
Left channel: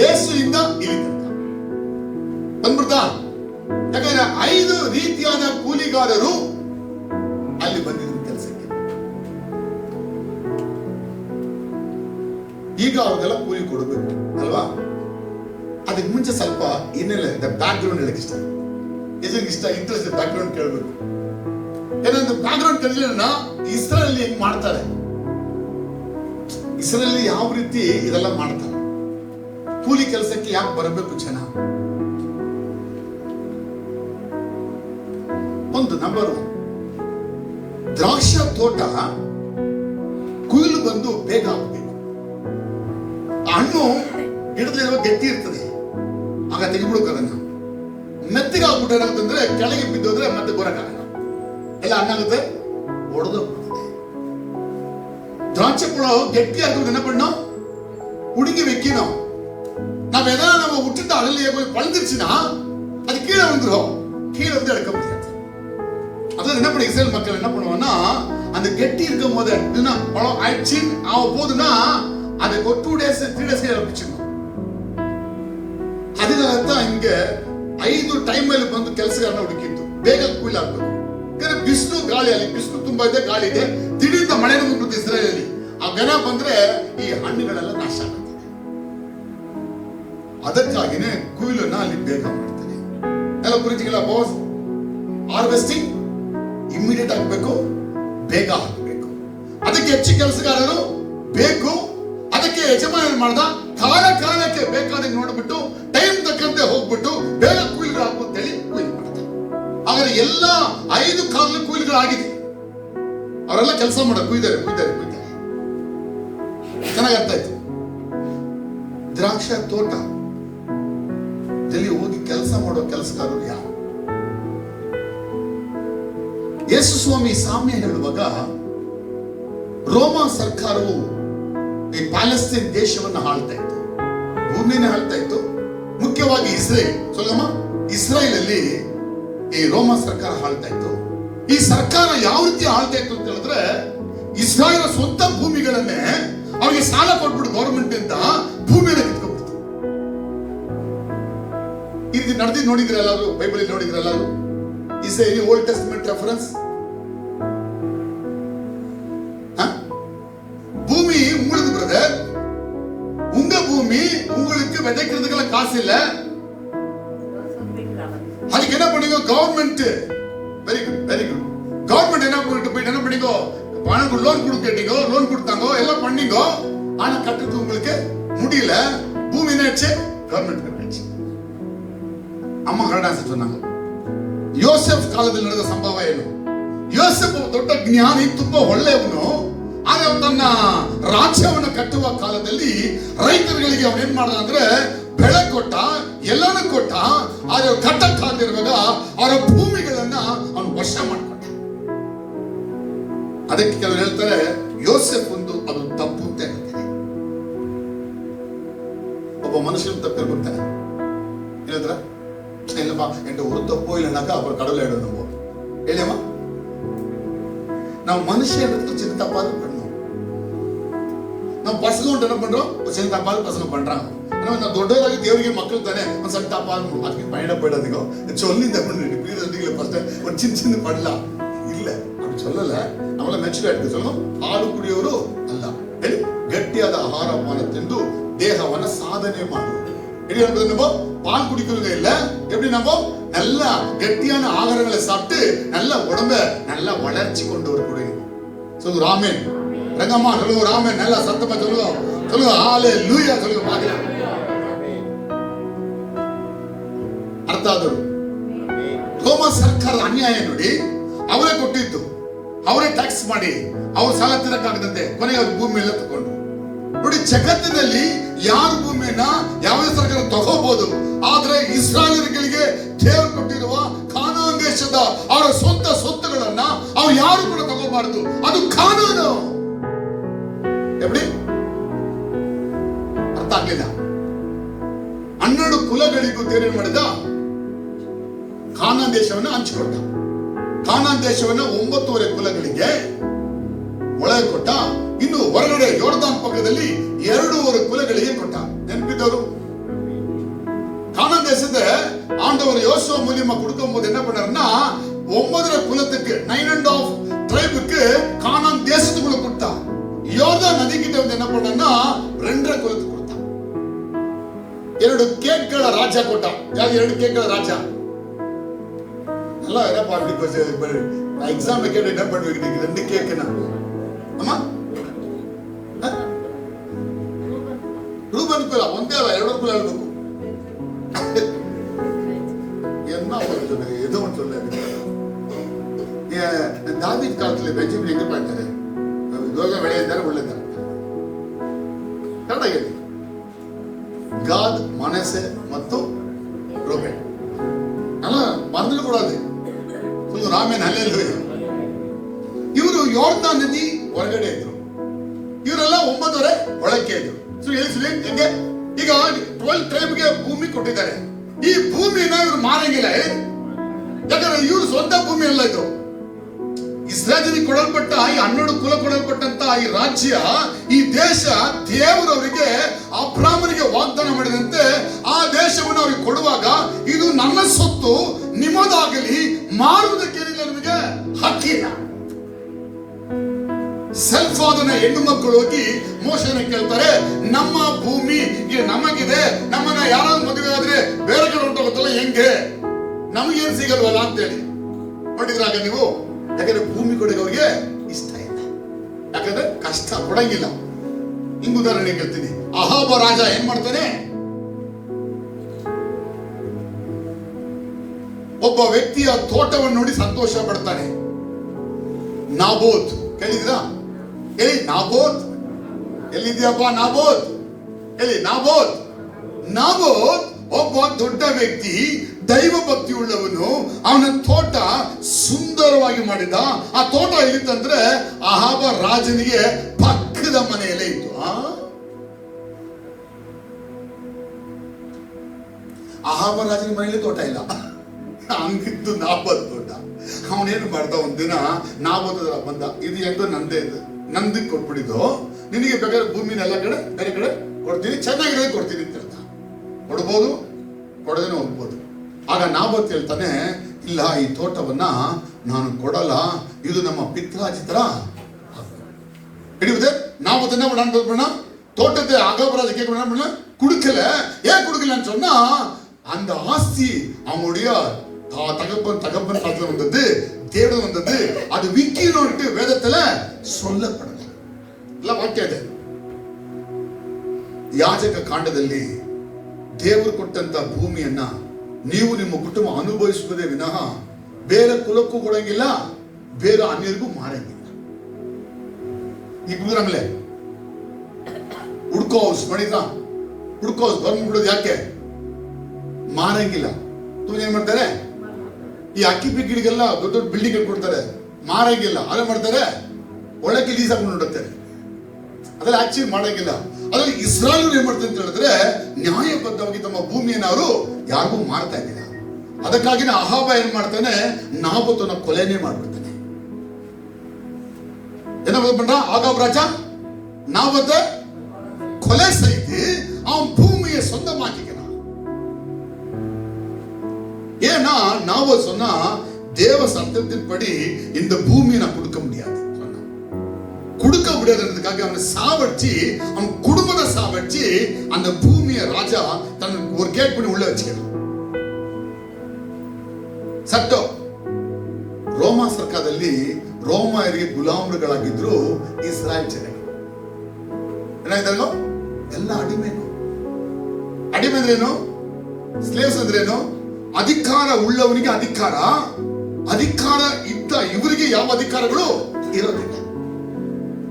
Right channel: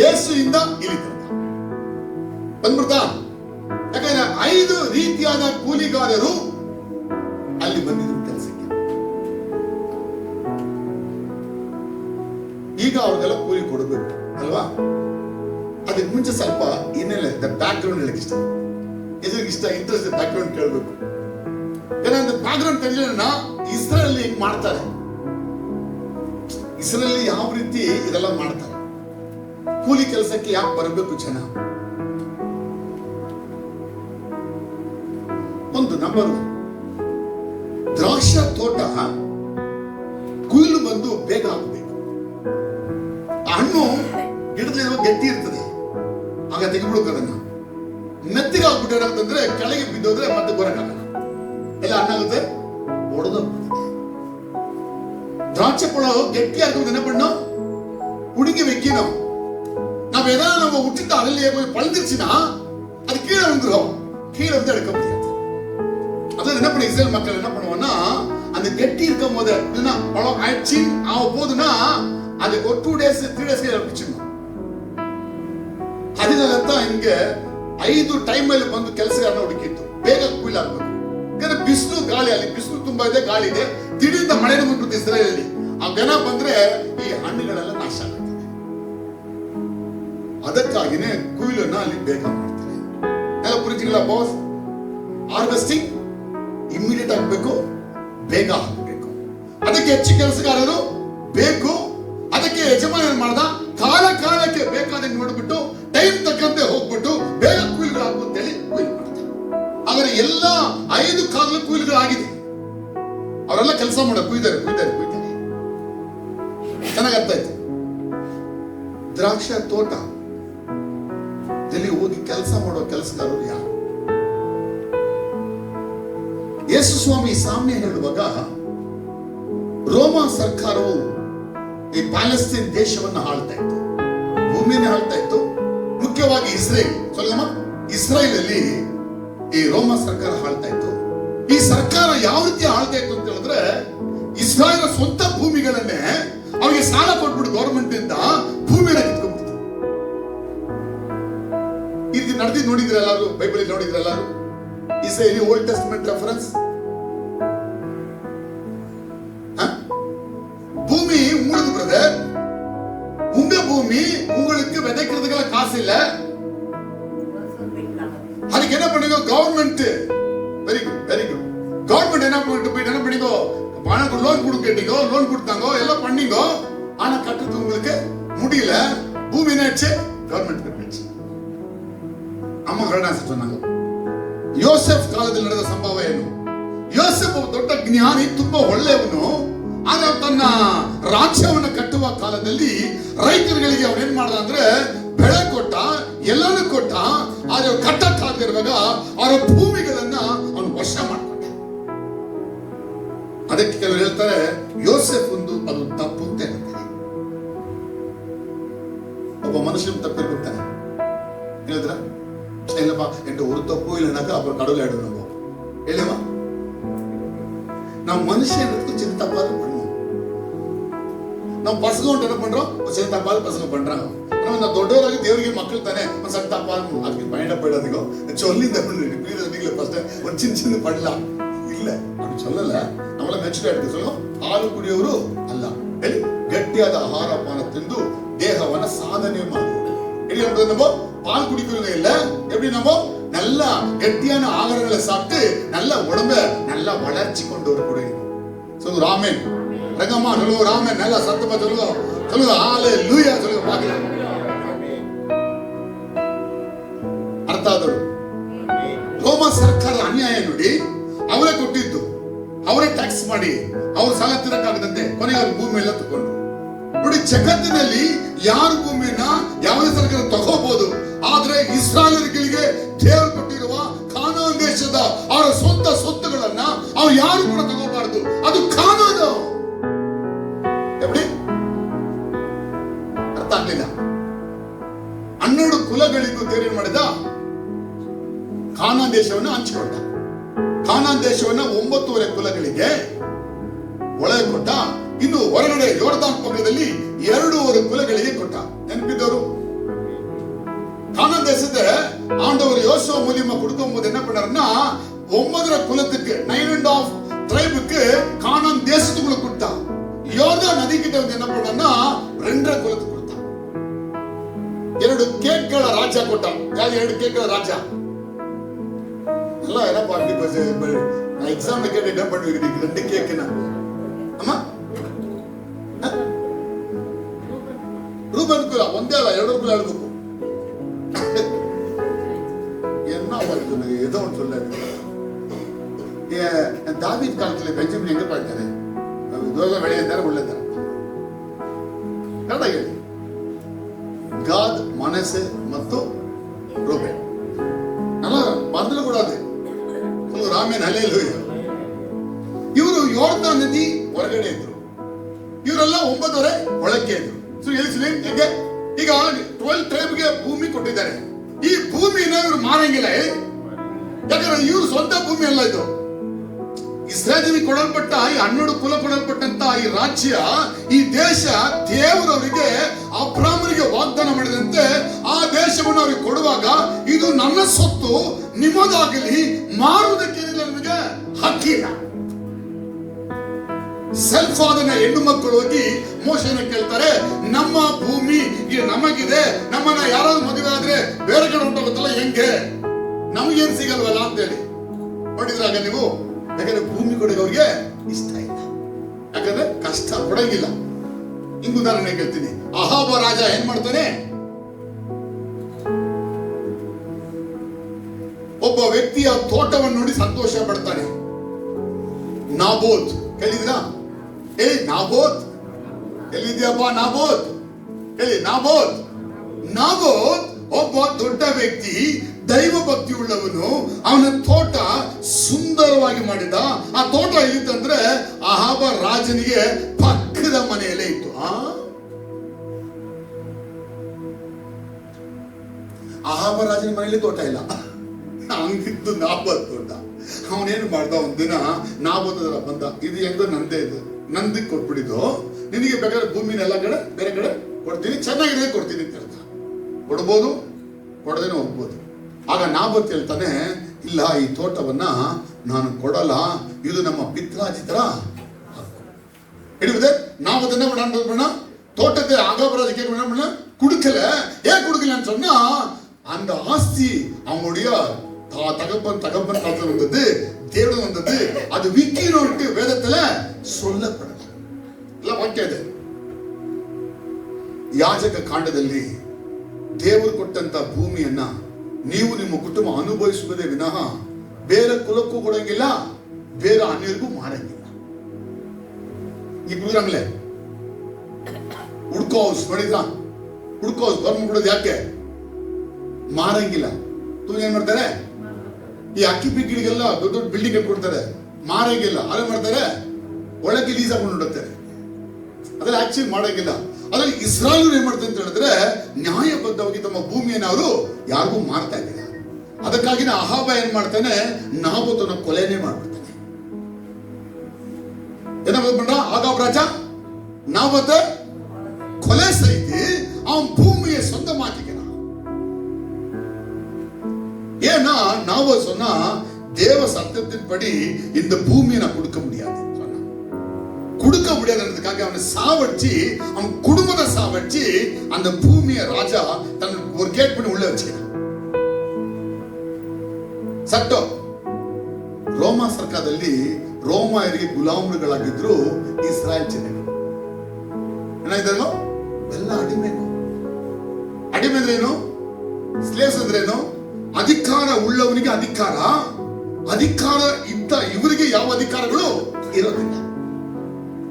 ಯೇಸುವಿಂದ ಇಲ್ಲಿ ತನಕ ಬಂದ್ಬಿಡ್ತಾ. ಯಾಕಂದ್ರೆ 5 ರೀತಿಯಾದ ಕೂಲಿಗಾರರು ಅಲ್ಲಿ ಬಂದಿದ್ರು ಕೆಲಸಕ್ಕೆ. ಈಗ ಅವ್ರಿಗೆಲ್ಲ ಕೂಲಿ ಕೊಡಬೇಕು ಅಲ್ವಾ? ಅದಕ್ಕೆ ಮುಂಚೆ ಸ್ವಲ್ಪ ಏನೆಲ್ಲ ಬ್ಯಾಕ್ ಗ್ರೌಂಡ್ ಹೇಳಕ್ ಇಷ್ಟ, ಇಂಟ್ರೆಸ್ಟ್ ಬ್ಯಾಕ್ ಗ್ರೌಂಡ್ ಕೇಳಬೇಕು. ಏನಂದ್ರೆ ಬ್ಯಾಕ್ ಗ್ರೌಂಡ್ ತಿಳಿಯೋಣ. ಇಸ್ರೇಲ್ ಹೆಂಗ್ ಮಾಡ್ತಾರೆ, ಇಸ್ರೇಲ್ ಯಾವ ರೀತಿ ಇದೆಲ್ಲ ಮಾಡ್ತಾರೆ, ಕೂಲಿ ಕೆಲಸಕ್ಕೆ ಯಾಕೆ ಬರಬೇಕು ಜನ? ಒಂದು ನಂಬರ್ 1, ದ್ರಾಕ್ಷ ತೋಟ ಕುಯ್ಲು ಬಂದು ಬೇಗ ಆಗಬೇಕು. ಹಣ್ಣು ಗಿಡದ ಗಟ್ಟಿ ಇರ್ತದೆ, ಆಗ ತೆಗಿಬಿಡ್ಬೇಕು. ಅದನ್ನ ಮೆತ್ತಿಗೆ ಆಗ್ಬಿಟ್ಟಾರೆ ಅಂತಂದ್ರೆ ಕೆಳಗೆ ಬಿದ್ದೋದ್ರೆ ಮತ್ತೆ ಬರಕ್ಕಾಗಲ್ಲ, ಎಲ್ಲ ಹಣ್ಣಾಗುತ್ತೆ, ಒಡೆದು. ದ್ರಾಕ್ಷೆ ಪಳ ಗಟ್ಟಿ ಆಗೋದು ನೆನಪಣ್ಣು ಹುಡುಗಿ ವೆಕ್ಕಿನೋ ನಾವ್ ಏನಾರ ನಾವು ಹುಟ್ಟಿದ ಅಡಲಿ ಪಳದಿರ್ಸಿನ ಅದು ಕೀழே வந்துரும், கீழே வந்து எடுக்க முடியாது. அதான் என்ன பண்ண இஸ்ரேல் மக்கள் என்ன பண்ணுவாங்கன்னா, அந்த கெட்டி இருக்கும் போது பழம் ஆயிடுச்சு ஆக போதுன்னா அது ஒரு 2 days 3 days வச்சிடணும். அதனால தான் இங்க 5 ಟೈಮಲ್ಲಿ ಬಂದು ಕೆಲಸಗಾರನ ಹುಡುಕಿತ್ತು, ಬೇಗ ಕೂಲಿ ಆಗ್ಬೇಕು. ಯಾಕಂದ್ರೆ ಬಿಸಿಲು ಗಾಳಿ, ಅಲ್ಲಿ ಬಿಸಿಲು ತುಂಬಾ ಇದೆ, ಗಾಳಿ ಇದೆ, ತಿಡಿಯಿಂದ ಮಳೆ ಬಂದ್ಬಿಟ್ಟು ಇಸ್ರಾಯೇಲಲ್ಲಿ. ಆ ಘನ ಬಂದ್ರೆ ಈ ಹಣ್ಣುಗಳೆಲ್ಲ ನಾಶ ಆಗುತ್ತೆ. ಅದಕ್ಕಾಗಿನೇ ಕುಯ್ಲನ್ನ ಅಲ್ಲಿ ಬೇಗ ಮಾಡ್ತಾರೆ. ಎಲ್ಲ ಪುರಿಜಿಗಳ ಬಾಸ್ ಹಾರ್ವೆಸ್ಟಿಂಗ್ ಇಮ್ಮಿಡಿಯೇಟ್ ಆಗಬೇಕು, ಬೇಗ ಆಗಬೇಕು. ಅದಕ್ಕೆ ಹೆಚ್ಚು ಕೆಲಸಗಾರರು ಬೇಕು. ಅದಕ್ಕೆ ಯಜಮಾನ ಮಾಡ್ದ, ಕಾಲ ಕಾಲಕ್ಕೆ ಬೇಕಾದಂಗೆ ನೋಡ್ಬಿಟ್ಟು ಟೈಮ್ ತಕ್ಕಂತೆ ಹೋಗ್ಬಿಟ್ಟು ಬೇಗ ಕುಯ್ಲು ಆಗ್ಬಿಟ್ಟೇಳಿ ಕುಯ್ಲು ಮಾಡ್ತಾರೆ. ಆದರೆ ಎಲ್ಲ 5 ಕಾಲ ಕುಯ್ಲುಗಳು ಆಗಿದೆ. ಅವರೆಲ್ಲ ಕೆಲಸ ಮಾಡೋದು, ಕುಯ್ದಾರೆ. ಚೆನ್ನಾಗಿ ಅರ್ಥ ಆಯ್ತು. ದ್ರಾಕ್ಷ ತೋಟ ಹೋಗಿ ಕೆಲಸ ಮಾಡೋ ಕೆಲಸಗಾರರು ಯಾರು? ಯೇಸು ಸ್ವಾಮಿ ಸಾಮ್ಯ ಹೇಳುವಾಗ ರೋಮ ಸರ್ಕಾರವು ಈ ಪ್ಯಾಲೆಸ್ತೀನ್ ದೇಶವನ್ನು ಆಳ್ತಾ ಇತ್ತು, ಭೂಮಿನ ಆಳ್ತಾ ಇತ್ತು. ಮುಖ್ಯವಾಗಿ ಇಸ್ರೇಲ್, ಇಸ್ರೇಲ್ ಅಲ್ಲಿ ಈ ರೋಮ ಸರ್ಕಾರ ಆಳ್ತಾ ಇತ್ತು. ಈ ಸರ್ಕಾರ ಯಾವ ರೀತಿ ಆಳ್ತಾ ಇತ್ತು ಅಂತ ಹೇಳಿದ್ರೆ, ಇಸ್ರಾಯೇಲ್ ಸ್ವಂತ ಭೂಮಿಗಳನ್ನೇ ಅವರಿಗೆ ಸಾಲ ಕೊಟ್ಬಿಟ್ಟು ಗೌರ್ಮೆಂಟ್ ಇಂದ ಭೂಮಿಯನ್ನು ಕಿತ್ಕೊಂಡ್ಬಿಡ್ತು. ಇದು ನಡೆದಿದ್ದು ನೋಡಿದ್ರೆ ಎಲ್ಲರೂ, ಬೈಬಲ್ ನೋಡಿದ್ರೆ ಎಲ್ಲರೂ. Is any old Testament reference? பூமி உங்களுக்கு பிரதர், உங்க பூமி, உங்களுக்கு விதைக்கிறதுக்குள்ள காசு இல்ல. அதுக்கு என்ன பண்ணீங்க? கவர்மெண்ட், வெரி குட், கவர்மெண்ட் என்ன பண்ணீங்க? பணம் லோன் கொடுக்கீங்க, லோன் கொடுத்தாங்க, எல்லாம் பண்ணீங்க. ஆனா கட்டுறது உங்களுக்கு முடியல. பூமி என்னாச்சு? கவர்மெண்ட் கட்டுச்சு. அம்மா கரெக்டா சொன்னாங்க. யோசேஃப் ಕಾಲದಲ್ಲಿ ನಡೆದ ಸಂಭವ ಏನು? ಯೋಸೇಫ್ ದೊಡ್ಡ ಜ್ಞಾನಿ, ತುಂಬಾ ಒಳ್ಳೆಯವನು. ಆದರೆ ತನ್ನ ರಾಜ್ಯವನ್ನು ಕಟ್ಟುವ ಕಾಲದಲ್ಲಿ ರೈತರುಗಳಿಗೆ ಅವನು ಏನ್ ಮಾಡ್ದ ಅಂದ್ರೆ ಬೆಳೆ ಕೊಟ್ಟ, ಎಲ್ಲನೂ ಕೊಟ್ಟ. ಆದರೆ ಕಟ್ಟಕ್ಕಾಗಿರುವಾಗ ಅವರ ಭೂಮಿಗಳನ್ನ ಅವನು ವಶ ಮಾಡ್ಕೊಂಡ. ಅದಕ್ಕೆ ಕೆಲವರು ಹೇಳ್ತಾರೆ ಯೋಸೇಫ್ ಒಂದು ಅದು ತಪ್ಪು ಅಂತ ಹೇಳ್ತಾರೆ. ಒಬ್ಬ ಮನುಷ್ಯನ ತಪ್ಪಿರ್ಬಿಡ್ತಾನೆ. ಹೇಳಿದ್ರ இல்லப்பா என்ற ஒரு தப்போ இல்லைனாக்கா அப்புறம் கடவுளை எடுக்கணும் இல்லையம்மா. நம்ம மனுஷன் எடுத்து சின்ன தப்பாது பண்ணுவோம். நம்ம பசங்க ஒன்று என்ன பண்றோம், ஒரு சின்ன தப்பாது பசங்க பண்றாங்க. நான் ದೊಡ್ಡವರಾಗಿ ದೇವರಿಗೆ ಮಕ್ಕಳು ತಾನೆ, ಒಂದು ಸಣ್ಣ ತಪ್ಪಾದ್ರು ಅದಕ್ಕೆ பயண போயிடாதீங்க சொல்லி ஃபர்ஸ்ட் ஒரு சின்ன படல இல்ல அப்படி சொல்லல. நம்மள ಮೆಚೂರ್ ಆಯ್ತು. சொல்லணும் ಹಾಲು ಕುಡಿಯೋರು ಅಲ್ಲ, ಗಟ್ಟಿಯಾದ ಆಹಾರ ಪಾನ ತಿಂದು ದೇಹವನ್ನ ಸಾಧನೆ ಮಾಡುವುದು. நம்ம பால் குடிக்கிறது இல்ல, எப்படி நம்ம நல்ல கெட்டியான ஆகாரங்களை சாப்பிட்டு நல்ல உடம்ப நல்ல வளர்ச்சி கொண்டு வரக்கூடிய. சொல்லுங்க ராமன், ரங்கம்மா சொல்லுங்க ராமன், நல்லா சத்தமா சொல்லுங்க ஹalleluya சொல்லுங்க பார்க்கலாம். ಅರ್ಥ ಆದರೂ ರೋಮ ಸರ್ಕಾರ ಅನ್ಯಾಯ ನೋಡಿ ಅವರೇ ಕೊಟ್ಟಿದ್ದು, ಅವರೇ ಟ್ಯಾಕ್ಸ್ ಮಾಡಿ ಅವ್ರ ಸಾಲ ತೀರಕ್ಕಾಗದಂತೆ ಕೊನೆಗೆ ಅವ್ರ ಭೂಮಿ ಎಲ್ಲ ತಗೊಂಡು ನೋಡಿ. ಜಗತ್ತಿನಲ್ಲಿ ಯಾರ ಭೂಮಿಯನ್ನ ಯಾವ ಸರ್ಕಾರ ತಗೋಬಹುದು, ಆದ್ರೆ ಇಸ್ರಾಯೇಲರಿಗೆ ದೇವರು ಕೊಟ್ಟಿರುವ ಕಾನಾನ್ ದೇಶದ ಅವರ ಸ್ವಂತ ಸ್ವತ್ತುಗಳನ್ನ ಅವ್ರು ಯಾರು ಕೂಡ ತಗೋಬಾರದು. ಅದು ಕಾನೂನು. ಎಪ್ಪಡಿ ಅರ್ಥ ಆಗ್ಲಿಲ್ಲ? 12 ಕುಲಗಳಿಗೂ ದೇವರು ಮಾಡಿದ ಕಾನಾನ್ ದೇಶವನ್ನ ಹಂಚಿಕೊಟ್ಟ. ಕಾನಾನ್ ದೇಶವನ್ನ 9 ಕುಲಗಳಿಗೆ ಒಳಗೆ ಕೊಟ್ಟ. ಇನ್ನು ಹೊರಗಡೆ ಯೋರ್ದಾನ್ ಪಕ್ಕದಲ್ಲಿ 2 ಕುಲಗಳಿಗೆ ಕೊಟ್ಟ. ನೆನಪಿದ್ದವರು ಕಾನಾನ್ ದೇಶದ ஆண்டவர் யோசுவா மூலமா கொடுக்கும்போது என்ன பண்ணாருன்னா 9 குலத்துக்கு 9.5 ட்ரைபுக்கு கானான் தேசத்துக்குள்ள கொடுத்தா. யோர்தான் நதி கிட்ட வந்து என்ன பண்ணாருன்னா 2 குலத்துக்கு கொடுத்தா. 2 ಕೇಕ್ಗಳ ರಾಜ ಕೊಟ್ಟ. ಯಾರು 2 ಕೇಕ್ಗಳ ರಾಜ? ಎಲ್ಲ ಎಲ್ಲ ಪಾರ್ಟಿ ಎಕ್ಸಾಮ್ ಕೇಳಿ என்ன பண்ணுவீங்க? 2 ಕೇಕ್ನ ಅಮ್ಮ ರೂಬನ್ ಕುಲ ಒಂದೇ ಅಲ್ಲ, 2 ಕುಲ ಹೇಳ್ಬೇಕು. என்ன ஏதோ ஒன்று சொல்ல. தாவீದ್ ಕಾಲದಲ್ಲಿ ಬೆಂಜಮಿನ್ ಹೆಂಗೆ ಮಾಡ್ತಾರೆ? ಇವಾಗ ಬೆಳೆಯಿದ್ದಾರೆ, ಒಳ್ಳೆದಾರೆ. ಕನ್ನಡ ಹೇಳಿ. ಗಾದ್, ಮನಸ್ಸೆ ಮತ್ತು ರೂಬೆನ್ ಅಲ್ಲ ಬಂದ್ರೆ ಕೊಡೋದು. ರಾಮೇನ್ ಹಲ್ಲೆಲೂಯ. ಇವರು ಯೋರ್ದಾನ್ ನದಿ ಹೊರಗಡೆ ಇದ್ರು, ಇವರೆಲ್ಲ 9 ಒಳಕ್ಕೆ ಇದ್ರು. ಹೆಂಗೆ ಈಗ 12 ಟ್ರೈಬ್ಗೆ ಭೂಮಿ ಕೊಟ್ಟಿದ್ದಾರೆ. ಈ ಭೂಮಿನ ಇವ್ರು ಮಾರಂಗಿಲ್ಲ, ಯಾಕಂದ್ರೆ ಇವ್ರು ಸ್ವಂತ ಭೂಮಿ ಎಲ್ಲ ಇದು. ಇಸ್ರಾಯೇಲಿಗೆ ಕೊಡಲ್ಪಟ್ಟ ಈ 12 ಕುಲ ಕೊಡಲ್ಪಟ್ಟಂತ ಈ ರಾಜ್ಯ, ಈ ದೇಶ ದೇವರವರಿಗೆ ಅಬ್ರಾಮನಿಗೆ ವಾಗ್ದಾನ ಮಾಡಿದಂತೆ ಆ ದೇಶವನ್ನು ಅವರಿಗೆ ಕೊಡುವಾಗ ಇದು ನನ್ನ ಸೊತ್ತು, ನಿಮ್ಮದಾಗಲಿ, ಮಾರುವುದಕ್ಕೇನಿಲ್ಲ, ನಿಮಗೆ ಹಕ್ಕಿಲ್ಲ. ಸೆಲ್ಫ್ ಅದನ್ನ ಹೆಣ್ಣು ಮಕ್ಕಳು ಹೋಗಿ ಮೋಶನ ಕೇಳ್ತಾರೆ, ನಮ್ಮ ಭೂಮಿ ನಮಗಿದೆ, ನಮ್ಮನ್ನ ಯಾರಾದ್ರೂ ಮದುವೆ ಆದ್ರೆ ಬೇರೆ ಕಡೆ ಹೊಂಟೋಗುತ್ತಲ್ಲ, ಹೆಂಗೆ ನಮಗೇನ್ ಸಿಗಲ್ವಲ್ಲ ಅಂತೇಳಿ ನೋಡಿದ್ರಾಗ ನೀವು. ಯಾಕಂದ್ರೆ ಭೂಮಿ ಕೊಡೋರಿಗೆ ಇಷ್ಟ ಇಲ್ಲ, ಯಾಕಂದ್ರೆ ಕಷ್ಟ ಕೊಡಂಗಿಲ್ಲ. ಹಿಂಗ್ ಉದಾಹರಣೆ ಹೇಳ್ತೀನಿ. ಅಹಾಬ ರಾಜ ಏನ್ ಮಾಡ್ತಾನೆ, ಒಬ್ಬ ವ್ಯಕ್ತಿಯ ತೋಟವನ್ನು ನೋಡಿ ಸಂತೋಷ ಪಡ್ತಾನೆ. ನಾಬೋತ್ ಕೇಳಿದ್ರಾ? ನಾಬೋತ್ ಎಲ್ಲಿದ್ಯಪ್ಪ? ನಾಬೋತ್ ಹೇಳಿ. ನಾಬೋತ್ ಒಬ್ಬ ದೊಡ್ಡ ವ್ಯಕ್ತಿ, ದೈವ ಭಕ್ತಿ ಉಳ್ಳವನು. ಅವನ ತೋಟ ಸುಂದರವಾಗಿ ಮಾಡಿದ. ಆ ತೋಟ ಎಲ್ಲಿತ್ತಂದ್ರೆ ಅಹಾಬ ರಾಜನಿಗೆ ಪಕ್ಕದ ಮನೆಯಲ್ಲೇ ಇತ್ತು. ಅಹಾಬ ರಾಜನ ಮನೆಯಲ್ಲಿ ತೋಟ ಇಲ್ಲ, ಹಂಗಿದ್ದು ನಾಬೋತ್ ತೋಟ. ಅವನೇನು ಮಾಡ್ದ, ಒಂದಿನ ನಾಬೋತ್ ಬಂದ, ಇದು ಹೆಂಗೋ ನಂದೇ, ಇದು ನಂದಕ್ಕೆ ಕೊಟ್ಬಿಟ್ಟಿದ್ದು, ನಿನಗೆ ಬೇಕಾದ್ರೆ ಭೂಮಿನ ಎಲ್ಲ ಕಡೆ ಬೇರೆ ಕಡೆ ಕೊಡ್ತೀನಿ, ಚೆನ್ನಾಗಿರೋದು ಕೊಡ್ತೀನಿ ಅಂತ ಹೇಳ್ತಾ. ಕೊಡ್ಬೋದು, ಕೊಡದೇನೆ ಹೋಗ್ಬೋದು. ಆಗ ನಾಬೋತ್ ಹೇಳ್ತಾನೆ, ಇಲ್ಲ, ಈ ತೋಟವನ್ನ ನಾನು ಕೊಡಲ್ಲ, ಇದು ನಮ್ಮ ಪಿತ್ರಾಜಿತರ ಹಿಡಿಯುವುದೇ. ನಾಬೋತ್ என்ன பண்ணான், தோட்டத்தை அகோபராஜ் கேட்க கொடுக்கல. ஏன் கொடுக்கலன்னு சொன்னா, அந்த ஆஸ்தி அவனுடைய தகப்பன் காலத்துல வந்தது, தேவன் வந்தது, அது விக்கிரோன்ட்டு வேதத்துல சொல்லப்படல. ಇಲ್ಲ ವಾಕ್ಯ ಇದೆ. ಯಾಜಕ ಕಾಂಡದಲ್ಲಿ ದೇವರು ಕೊಟ್ಟಂತ ಭೂಮಿಯನ್ನ ನೀವು ನಿಮ್ಮ ಕುಟುಂಬ ಅನುಭವಿಸುವುದೇ ವಿನಃ ಬೇರೆ ಕುಲಕ್ಕೂ ಕೊಡಂಗಿಲ್ಲ, ಬೇರೆ ಅನ್ಯರಿಗೂ ಮಾರಂಗಿಲ್ಲ. ಈಗ ಕುದುರಂಗ್ಲೆ ಹುಡ್ಕೋ ಹೌಸ್ ಮಾಡಿದ್ರ, ಹುಡ್ಕೋ ಹೌಸ್ ಗೌರ್ಮೆಂಟ್ ಬಿಡೋದು ಯಾಕೆ? ಮಾರಂಗಿಲ್ಲ. ತುಂಬ ಏನ್ ಮಾಡ್ತಾರೆ, ಈ ಅಕ್ಕಿ ಪಿಕ್ಕಿಗಳಿಗೆಲ್ಲ ದೊಡ್ಡ ದೊಡ್ಡ ಬಿಲ್ಡಿಂಗ್ ಕಟ್ಕೊಡ್ತಾರೆ, ಮಾರಂಗಿಲ್ಲ. ಅದೇ ಮಾಡ್ತಾರೆ, ಒಳಗೆ ಲೀಸ್ ಹಾಕೊಂಡು ನೋಡುತ್ತಾರೆ, ಅದ್ರಲ್ಲಿ ಆಕ್ಚುಲಿ ಮಾಡಂಗಿಲ್ಲ. ಅದ್ರಲ್ಲಿ ಇಸ್ರಾಯೇಲ್ ಏನ್ ಮಾಡ್ತಾರೆ ಅಂತ ಹೇಳಿದ್ರೆ, ನ್ಯಾಯಬದ್ಧವಾಗಿ ತಮ್ಮ ಭೂಮಿಯನ್ನು ಅವರು ಯಾರಿಗೂ ಮಾರ್ತಾ ಇದ್ದಿಲ್ಲ. ಅದಕ್ಕಾಗಿನ ಅಹಾಬ ಏನ್ ಮಾಡ್ತಾನೆ, ನಾಬೋತನ ಕೊಲೆನೇ ಮಾಡ್ಬಿಡ್ತಾನೆ. ಏನ ಬಂದ ಆಗಾಬ್ ರಾಜ ನಾಬೋತ ಕೊಲೆ செய்து அவன் பூமியை சொந்தமாக்கிக்கிறான். ஏன்னா நாபோத் சொன்னா, தேவ சட்டத்தின்படி இந்த பூமியை நான் கொடுக்க முடியாது, கொடுக்க முடியாதுன்றதுக்காக அவனை சாவடிச்சு, அவன் குடும்பத்தை சாவடிச்சு அந்த பூமியை ராஜா தன் ஒரு கேட் பண்ணி உள்ள வச்சுக்கிறான். ಸಟ್ಟೋ ರೋಮ ಸರ್ಕಾರದಲ್ಲಿ ರೋಮಾಯರಿಗೆ ಗುಲಾಮರುಗಳಾಗಿದ್ರು ಇಸ್ರಾಯೇಲ್ ಜನಗಳು. ಏನಾಗಿದ್ದಲ್ಲೋ ಎಲ್ಲ ಅಡಿಮೆನು. ಅಡಿಮೆ ಅಂದ್ರೇನು? ಸ್ಲೇವ್ಸ್ ಅಂದ್ರೇನು? ಅಧಿಕಾರ ಉಳ್ಳವನಿಗೆ ಅಧಿಕಾರ, ಅಧಿಕಾರ ಇದ್ದ ಇವರಿಗೆ ಯಾವ ಅಧಿಕಾರಗಳು ಇರೋದಿಲ್ಲ.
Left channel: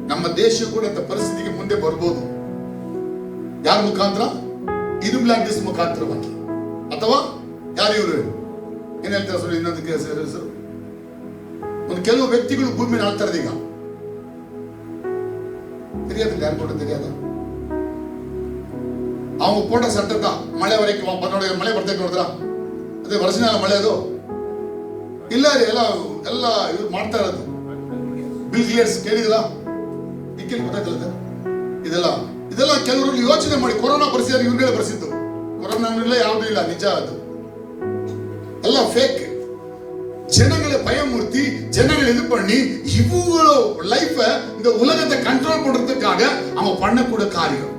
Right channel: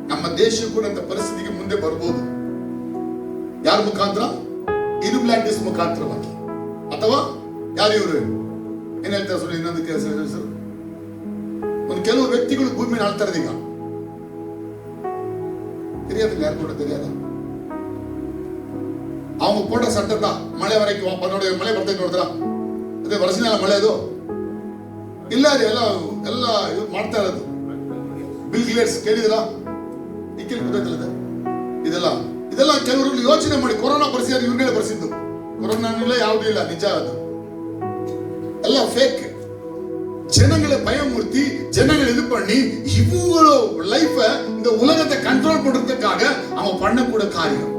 ನಮ್ಮ ದೇಶ ಕೂಡ ಅಂತ ಪರಿಸ್ಥಿತಿಗೆ ಮುಂದೆ ಬರ್ಬೋದು. ಯಾರ ಮುಖಾಂತರ? ಇಲ್ಯುಮಿನಾಟಿಸ್ ಮುಖಾಂತರವಾಗಿ, ಅಥವಾ ಯಾರು ಇವರು ಏನ್ ಹೇಳ್ತಾರೆ ಸರ್, ಇನ್ನೊಂದಕ್ಕೆ ಹೆಸರು, ಒಂದು ಕೆಲವು ವ್ಯಕ್ತಿಗಳು ಭೂಮಿನ ಆಳ್ತಾರೆ. ಈಗ தெரியாதுங்க, யார் கூட தெரியாதா? அவங்க போட்ட சட்டத்தை மழை வரைக்கும் மழை ಬರ್ತೈತೆ ನೋಡಿದ್ರ, ಅದೇ ವರ್ಷನ ಮಳೆ ಅದು ಇಲ್ಲ ರೀ, ಎಲ್ಲ ಇದು ಮಾಡ್ತಾ ಇರೋದು. ಬಿಲ್ ಗೇಟ್ಸ್ ಕೇಳಿದ್ರ? ಈಕೆ ಗೊತ್ತಾಯ್ತಲ್ಲ, ಇದೆಲ್ಲ ಕೆಲವರು ಯೋಚನೆ ಮಾಡಿ ಕೊರೋನಾ ಬರ್ಸಿದ್ದಾರೆ, ಇವ್ರಿಗೆ ಬರ್ಸಿದ್ದು. ಕೊರೋನಾ ಯಾವುದೂ ಇಲ್ಲ, ನಿಜ ಅದು ಎಲ್ಲ ಫೇಕ್. ஜனங்களை பயமுறுத்தி, ஜனங்களை இது பண்ணி, இவங்கள லைஃப இந்த உலகத்தை கண்ட்ரோல் பண்றதுக்காக அவன் பண்ணக்கூட காரியம்.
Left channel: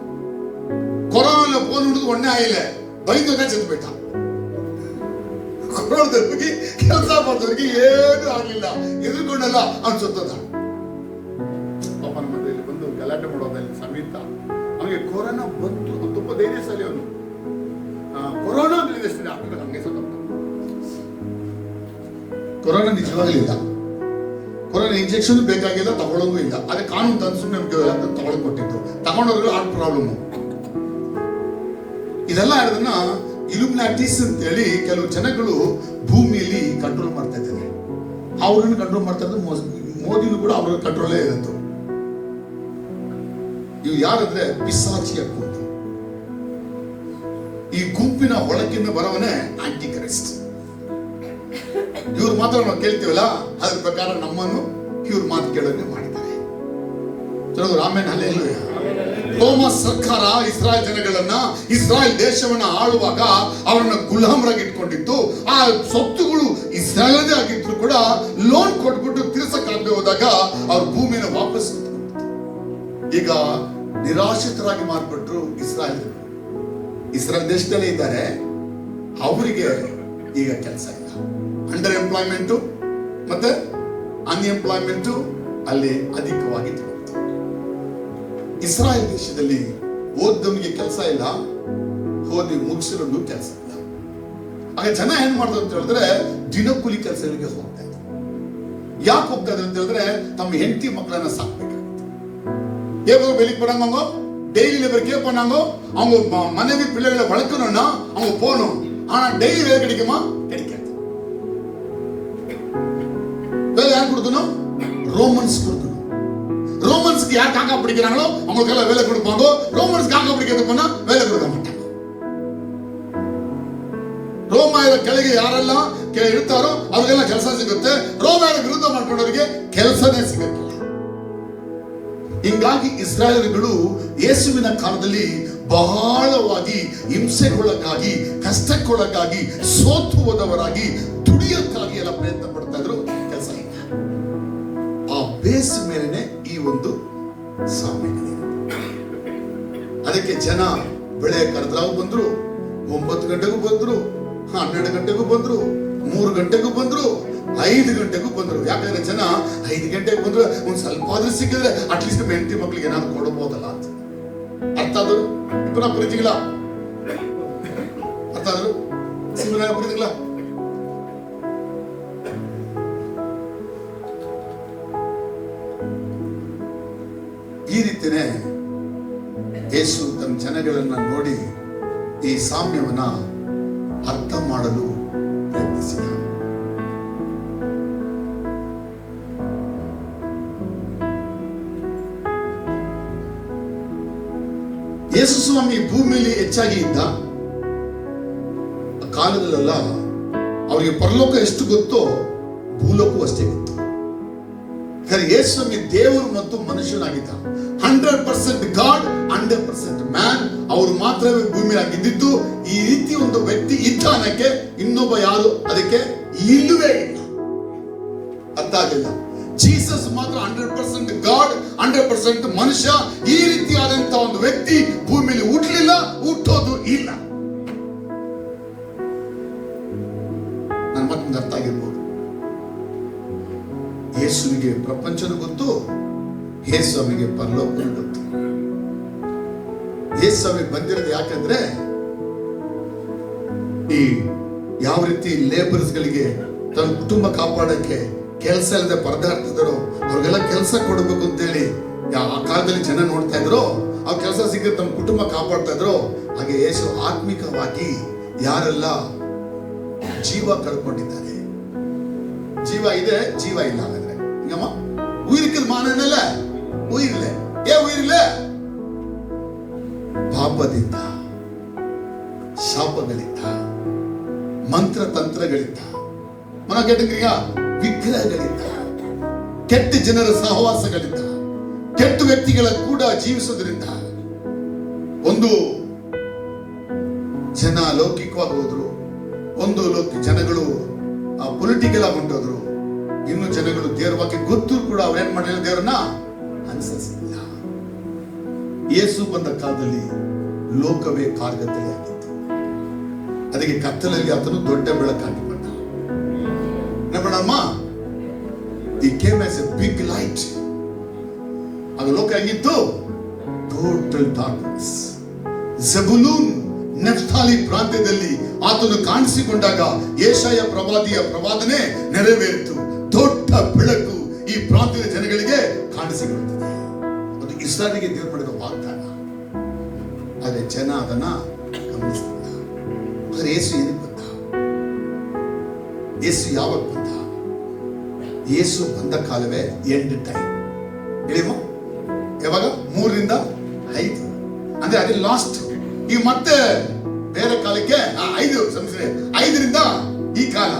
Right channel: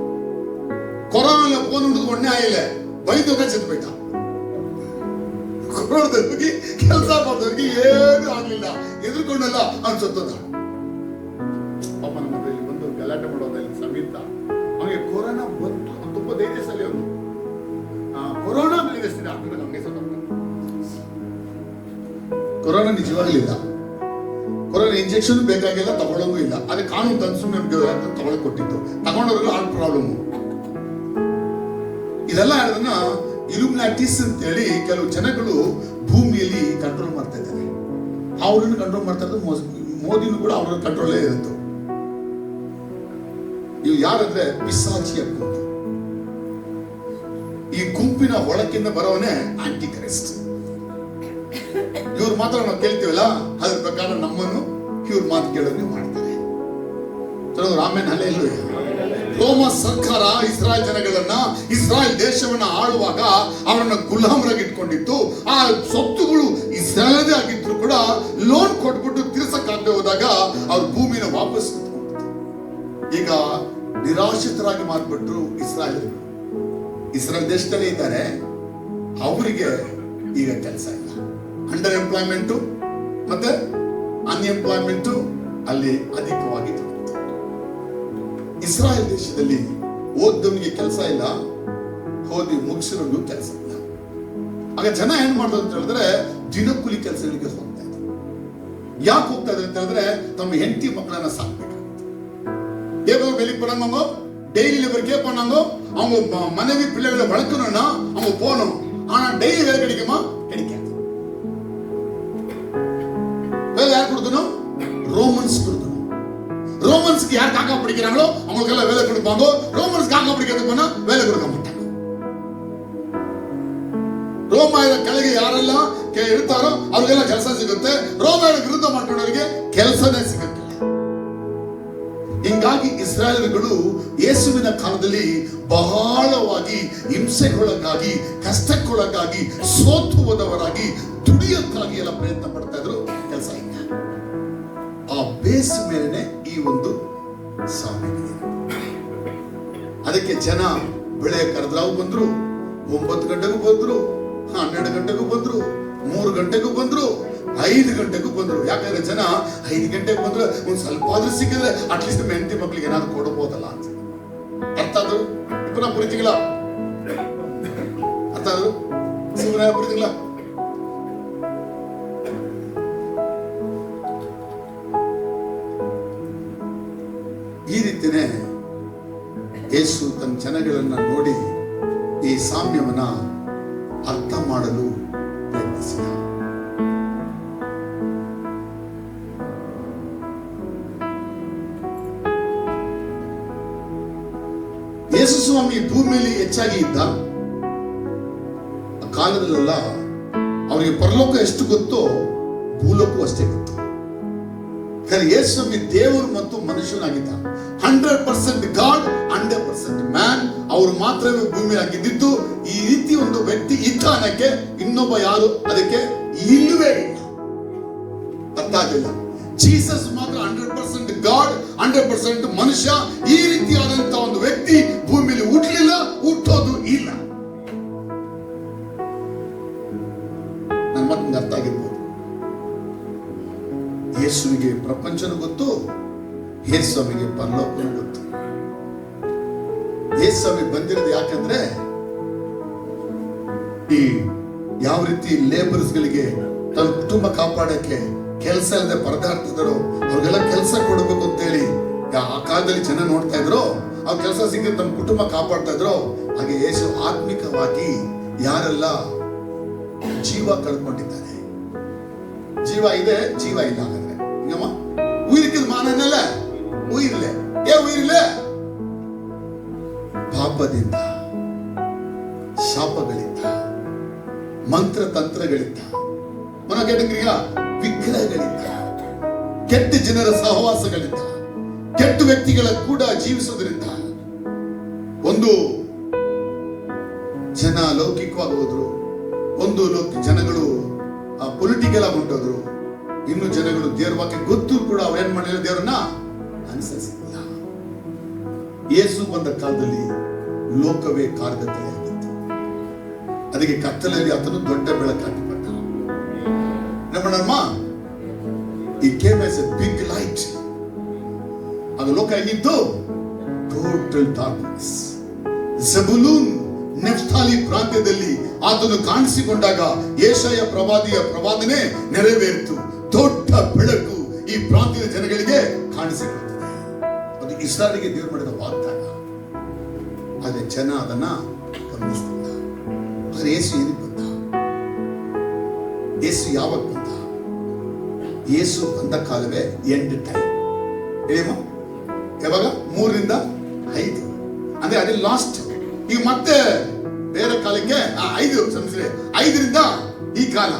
கொரோனால போனது ஒண்ணே ஆயில, பயந்துதான் செத்து போயிட்டான். ಕೊರೋನಾದವರಿಗೆ ಕೆಲಸ ಮಾಡೋದಕ್ಕೆ ಏನು ಆಗಲಿಲ್ಲ, ಎದುರ್ಕೊಂಡಲ್ಲ ಅವನು ಸತ್ತದ. ಪಾಪ ನಮ್ಮ ಮನೆಯಲ್ಲಿ ಬಂದು ಗಲಾಟೆ ಮಾಡೋದಲ್ಲಿ ಸಮೇತ ಅವನಿಗೆ ಕೊರೋನಾ ಬಂತು, ತುಂಬಾ ಧೈರ್ಯಶಾಲಿ ಅವನು. ಕೊರೋನಾ ಬೆಳೆದಿಸ್ತೀನಿ ಹಾಕಿದ್ರೆ ಹಂಗೆ ಸತ್ತ. ಕೊರೋನಾ ನಿಜವಾಗಲಿಲ್ಲ, ಕೊರೋನಾ ಇಂಜೆಕ್ಷನ್ ಬೇಕಾಗಿಲ್ಲ, ತಗೊಳ್ಳೋಂಗೂ ಇಲ್ಲ. ಅದೇ ಕಾನೂನು ತಂದು ಸುಮ್ಮನೆ ತಗೊಳಕ್ ಕೊಟ್ಟಿದ್ದು, ತಗೊಂಡವ್ರಿಗೆ ಹಾರ್ಟ್ ಪ್ರಾಬ್ಲಮ್. ಇದೆಲ್ಲ ಅದನ್ನ ಇಲ್ಯುಮಿನಾಟಿಸ್ ಅಂತ ಹೇಳಿ ಕೆಲವು ಜನಗಳು ಭೂಮಿಯಲ್ಲಿ ಕಂಟ್ರೋಲ್ ಮಾಡ್ತಾ ಇದ್ದಾರೆ. ಅವ್ರನ್ನ ಕಂಟ್ರೋಲ್ ಮಾಡ್ತಾ ಇದ್ದು ಮೋದಿನೂ ಕೂಡ ಅವ್ರ ಕಂಟ್ರೋಲೇ ಇರುತ್ತೆ. ಇವು ಯಾರಂದ್ರೆ ಪಿಶಾಚಿಯ ಗುಂಪು. ಈ ಗುಂಪಿನ ಒಳಗಿಂದ ಬರೋವನೇ ಆಂಟಿ ಕ್ರೈಸ್ಟ್. ಇವ್ರು ಮಾತ್ರ ನಾವು ಕೇಳ್ತೀವಲ್ಲ, ಅದ್ರ ಪ್ರಕಾರ ನಮ್ಮನ್ನು ಇವ್ರ ಮಾತು ಕೇಳೋಕೆ ಮಾಡ್ತಾರೆ. ಆಮೇಲೆ ಹಲ್ಲೆಲೂಯಾ. ರೋಮ ಸರ್ಕಾರ ಇಸ್ರಾಯೇಲ್ ಜನಗಳನ್ನ, ಇಸ್ರಾಯೇಲ್ ದೇಶವನ್ನ ಆಳುವಾಗ ಅವರನ್ನ ಗುಲಾಮರಾಗಿ ಇಟ್ಕೊಂಡಿತ್ತು. ಆ ಸೊತ್ತುಗಳು ಇಸ್ರಾಯೇಲದೇ ಆಗಿದ್ರು ಕೂಡ ಲೋನ್ ಕೊಟ್ಬಿಟ್ಟು ತೀರ್ಸಕ್ಕಾಗದೆ ಹೋದಾಗ ಅವ್ರ ಭೂಮಿನ ವಾಪಸ್ ಈಗ ನಿರಾಶ್ರಿತರಾಗಿ ಮಾರ್ಬಿಟ್ರು ಇಸ್ರಾಯೇಲ್. ಇಸ್ರಾಯೇಲ್ ದೇಶದಲ್ಲೇ ಇದ್ದಾರೆ, ಅವರಿಗೆ ಈಗ ಕೆಲಸ ಇಲ್ಲ. ಅಂಡರ್ ಎಂಪ್ಲಾಯ್ಮೆಂಟು ಮತ್ತೆ ಅನ್ಎಂಪ್ಲಾಯ್ಮೆಂಟು ಅಲ್ಲಿ ಅಧಿಕವಾಗಿ. ಇಸ್ರಾಯೇಲ್ ದೇಶದಲ್ಲಿ ಓದ್ದವನಿಗೆ ಕೆಲಸ ಇಲ್ಲ, ಓದಿ ಮುಗಿಸಿರೋದು ಕೆಲಸ ಇಲ್ಲ. ಆಗ ಜನ ಏನ್ ಮಾಡೋದು ಅಂತ ಹೇಳಿದ್ರೆ ದಿನಕೂಲಿ ಕೆಲಸಗಳಿಗೆ ಹೋಗ್ತಾ ಇದ್ರು. ಯಾಕೆ ಹೋಗ್ತಾ ಇದ್ರು ಅಂತ ಹೇಳಿದ್ರೆ ತಮ್ಮ ಹೆಂಡತಿ ಮಕ್ಕಳನ್ನ ಸಾಕ್ಬೇಕಾಗುತ್ತೆ. ஏதோ வெளிக்கு போறாங்க, டெய்லி லேபர் பண்ணாங்க, அவங்க மனைவி பிள்ளைகளை வளர்க்கணும்னா அவங்க போகணும். ஆனா டெய்லி வேலை கிடைக்குமா? கிடைக்காது. வேலை யார் கொடுக்கணும்? ரோமன்ஸ் கொடுக்கணும். ரோமன்ஸ்க்கு யார் காக்கா பிடிக்கிறாங்களோ அவங்களுக்கு எல்லாம் வேலை கொடுப்பாங்க. ரோமன்ஸ் காக்கா பிடிக்கிறதுக்கு போனா வேலை கொடுக்க மாட்டாங்க. ರೋಮಾಯರ ಕೆಳಗೆ ಯಾರೆಲ್ಲ ಇರ್ತಾರೋ ಅವ್ರಿಗೆಲ್ಲ ಕೆಲಸ ಸಿಗುತ್ತೆ. ರೋಮಾಯರ ವಿರುದ್ಧ ಮಾಡ್ಕೊಂಡವರಿಗೆ ಕೆಲಸನೇ ಸಿಗುತ್ತೆ. ಹಿಂಗಾಗಿ ಇಸ್ರಾಯೇಲರು ಯೇಸುವಿನ ಕಾಲದಲ್ಲಿ ಬಹಳವಾಗಿ ಹಿಂಸೆಗೊಳಗಾಗಿ, ಕಷ್ಟಕ್ಕೊಳಗಾಗಿ, ಸೋತು ಹೋದವರಾಗಿ, ದುಡಿಯೋಕ್ಕಾಗಿ ಎಲ್ಲ ಪ್ರಯತ್ನ ಪಡ್ತಾ ಇದ್ರು. ಕೆಲಸ ಇಲ್ಲ. ಆ ಬೇಸ್ ಮೇಲೆನೆ ಈ ಒಂದು ಸಾಮೆಗೆ. ಅದಕ್ಕೆ ಜನ ಬೆಳೆ ಕರೆದ್ರಾವು ಬಂದ್ರು, 9 ಗಂಟೆಗೂ ಬಂದ್ರು, 12 ಗಂಟೆಗೂ ಬಂದ್ರು, 3 ಗಂಟೆಗೂ ಬಂದ್ರು, 5 ಗಂಟೆಗೂ ಬಂದ್ರು. ಯಾಕಂದ್ರೆ ಜನ 5 ಗಂಟೆಗೆ ಬಂದ್ರು ಒಂದ್ ಸ್ವಲ್ಪ ಆದ್ರೂ ಸಿಕ್ಕಿದ್ರೆ ಅಟ್ಲೀಸ್ಟ್ ಹೆಂಡತಿ ಮಕ್ಳಿಗೆ ಏನಾದ್ರು ಕೊಡಬಹುದಲ್ಲ ಅಂತ. ಅರ್ಥ ಆದ್ರು ಇಬ್ಬರ ಪ್ರೀತಿಗಳ ಅರ್ಥ ಆದ್ರು ಶಿವನ ಪ್ರೀತಿಗಳ. ಈ ರೀತಿನೇ ಯೇಸು ತನ್ನ ಜನಗಳನ್ನ ನೋಡಿ ಈ ಸಾಮ್ಯವನ್ನ ಅರ್ಥ ಮಾಡಲು ಪ್ರಯತ್ನಿಸಿದ. ಯೇಸು ಸ್ವಾಮಿ ಭೂಮಿಯಲ್ಲಿ ಹೆಚ್ಚಾಗಿ ಇದ್ದ ಕಾಲದಲ್ಲೆಲ್ಲ ಅವರಿಗೆ ಪರಲೋಕ ಎಷ್ಟು ಗೊತ್ತೋ ಭೂಲೋಕವೂ ಅಷ್ಟೇ ಗೊತ್ತು. ಯೇಸು ಸ್ವಾಮಿ ದೇವರು ಮತ್ತು ಮನುಷ್ಯನಾಗಿದ್ದ. 100% ಗಾಡ್, 100% ಮ್ಯಾನ್. ಅವರು ಮಾತ್ರವೇ ಭೂಮಿ ಆಗಿದ್ದು. ಈ ರೀತಿ ಒಂದು ವ್ಯಕ್ತಿ ಇದ್ದಾನಕ್ಕೆ ಇನ್ನೊಬ್ಬ ಯಾರು ಅದಕ್ಕೆ ಇಲ್ಲವೇ ಇಲ್ಲ. ಅರ್ಥ ಆಗಲಿಲ್ಲ. ಜೀಸಸ್ ಮಾತ್ರ 100% ಗಾಡ್, 100% ಮನುಷ್ಯ. ಈ ರೀತಿಯಾದಂತ ಒಂದು ವ್ಯಕ್ತಿ ಭೂಮಿಯಲ್ಲಿ ಹುಟ್ಟಲಿಲ್ಲ, ಹುಟ್ಟೋದು ಇಲ್ಲ. ನನ್ನ ಮತ್ತೊಂದು ಅರ್ಥ ಆಗಿರ್ಬೋದು. ಯೇಸುವಿಗೆ ಪ್ರಪಂಚದ ಗೊತ್ತು, ಯೇಸುವಿಗೆ ಪರಲೋಕ ಗೊತ್ತು. ಯೇಸುವಿ ಬಂದಿರೋದು ಯಾಕಂದ್ರೆ ಈ ಯಾವ ರೀತಿ ಲೇಬರ್ಸ್ ಗಳಿಗೆ ತನ್ನ ಕುಟುಂಬ ಕಾಪಾಡಕ್ಕೆ ಕೆಲಸ ಇಲ್ಲದೆ ಪರದಾಡ್ತಿದ್ದಾರೋ ಅವ್ರಿಗೆಲ್ಲ ಕೆಲಸ ಕೊಡಬೇಕು ಅಂತೇಳಿ ಆ ಕಾಲದಲ್ಲಿ ಜನ ನೋಡ್ತಾ ಇದ್ರು. ಆ ಕೆಲಸ ಸಿಕ್ಕರೆ ತಮ್ಮ ಕುಟುಂಬ ಕಾಪಾಡ್ತಾ ಇದ್ರು. ಹಾಗೆ ಯೇಸು ಆತ್ಮಿಕವಾಗಿ ಯಾರೆಲ್ಲ ಜೀವ ಕಳ್ಕೊಂಡಿದ್ದಾರೆ, ಜೀವ ಇದೆ ಜೀವ ಇಲ್ಲ ಹಾಗಾದ್ರೆ ಈಗಮ್ಮ ಉಯಿರಿಕಿದ ಮಾನನಲ್ಲ, ಉಯಿರ್ಲೆ ಉಯಿರ್ಲೆ ಪಾಪದಿಂದ, ಶಾಪಗಳಿಂದ, ಮಂತ್ರ ತಂತ್ರಗಳಿಂದ, ಮನ ಕೆಟ್ಟಂಗ್ರೀಗ ವಿಗ್ರಹಗಳಿಂದ, ಕೆಟ್ಟ ಜನರ ಸಹವಾಸಗಳಿಂದ, ಕೆಟ್ಟ ವ್ಯಕ್ತಿಗಳ ಕೂಡ ಜೀವಿಸೋದ್ರಿಂದ ಒಂದು ಜನ ಲೌಕಿಕವಾಗಿ ಹೋದ್ರು, ಒಂದು ಜನಗಳು ಪೊಲಿಟಿಕಲ್ ಆಗಿ ಹೊಂಟೋದ್ರು, ಇನ್ನು ಜನಗಳು ದೇವರ ವಾಕ್ಯ ಗೊತ್ತು ಕೂಡ ಅವ್ರೇನ್ ಮಾಡಿರೋ ದೇವರನ್ನ ಅನುಸರಿಸಿಲ್ಲ. ಯೇಸು ಬಂದ ಕಾಲದಲ್ಲಿ ಲೋಕವೇ ಕಾರ್ಗತ್ತಲೆ ಆಗಿತ್ತು. ಅದಕ್ಕೆ ಕತ್ತಲಲ್ಲಿ ಆತನು ದೊಡ್ಡ ಬೆಳಕಾಗಿ ಬಂದ. ಈ came as a big light. ಅದು ಲೋಕ ಹೆಂಗಿತ್ತು? Total darkness. ಜಬುಲೂನ್ ನೆಫ್ತಾಲಿ ಪ್ರಾಂತ್ಯದಲ್ಲಿ ಆತನು ಕಾಣಿಸಿಕೊಂಡಾಗ ಯೆಶಾಯ ಪ್ರವಾದಿಯ ಪ್ರವಾದನೆ ನೆರವೇರಿತು. ದೊಡ್ಡ ಬೆಳಕು ಈ ಪ್ರಾಂತ್ಯದ ಜನಗಳಿಗೆ ಕಾಣಿಸಿಕೊಳ್ಳುತ್ತದೆ. ಅದು ಇಸ್ರಾಯೇಲಿಗೆ ದೇವರು ಮಾಡಿದ ವಾಗ್ದಾನ. ಆದರೆ ಜನ ಅದನ್ನ ಗಮನಿಸಿಲ್ಲ. ಆದರೆ ಯೇಸು ಏನಕ್ಕೆ ಬಂದ? ಯೇಸು ಯಾವಾಗ ಬಂದ? ಯೇಸು ಬಂದ ಕಾಲವೇ ಎಂಡ್ ಟೈಮ್. ಹೇಳಿಮ್ಮ ಯಾವಾಗ? 3 ರಿಂದ 5 ಅಂದ್ರೆ ಅದೇ ಲಾಸ್ಟ್. ಈಗ ಮತ್ತೆ ಬೇರೆ ಕಾಲಕ್ಕೆ 5 ಸಂಸ್ಥೆ 5 ರಿಂದ ಈ ಕಾಲ.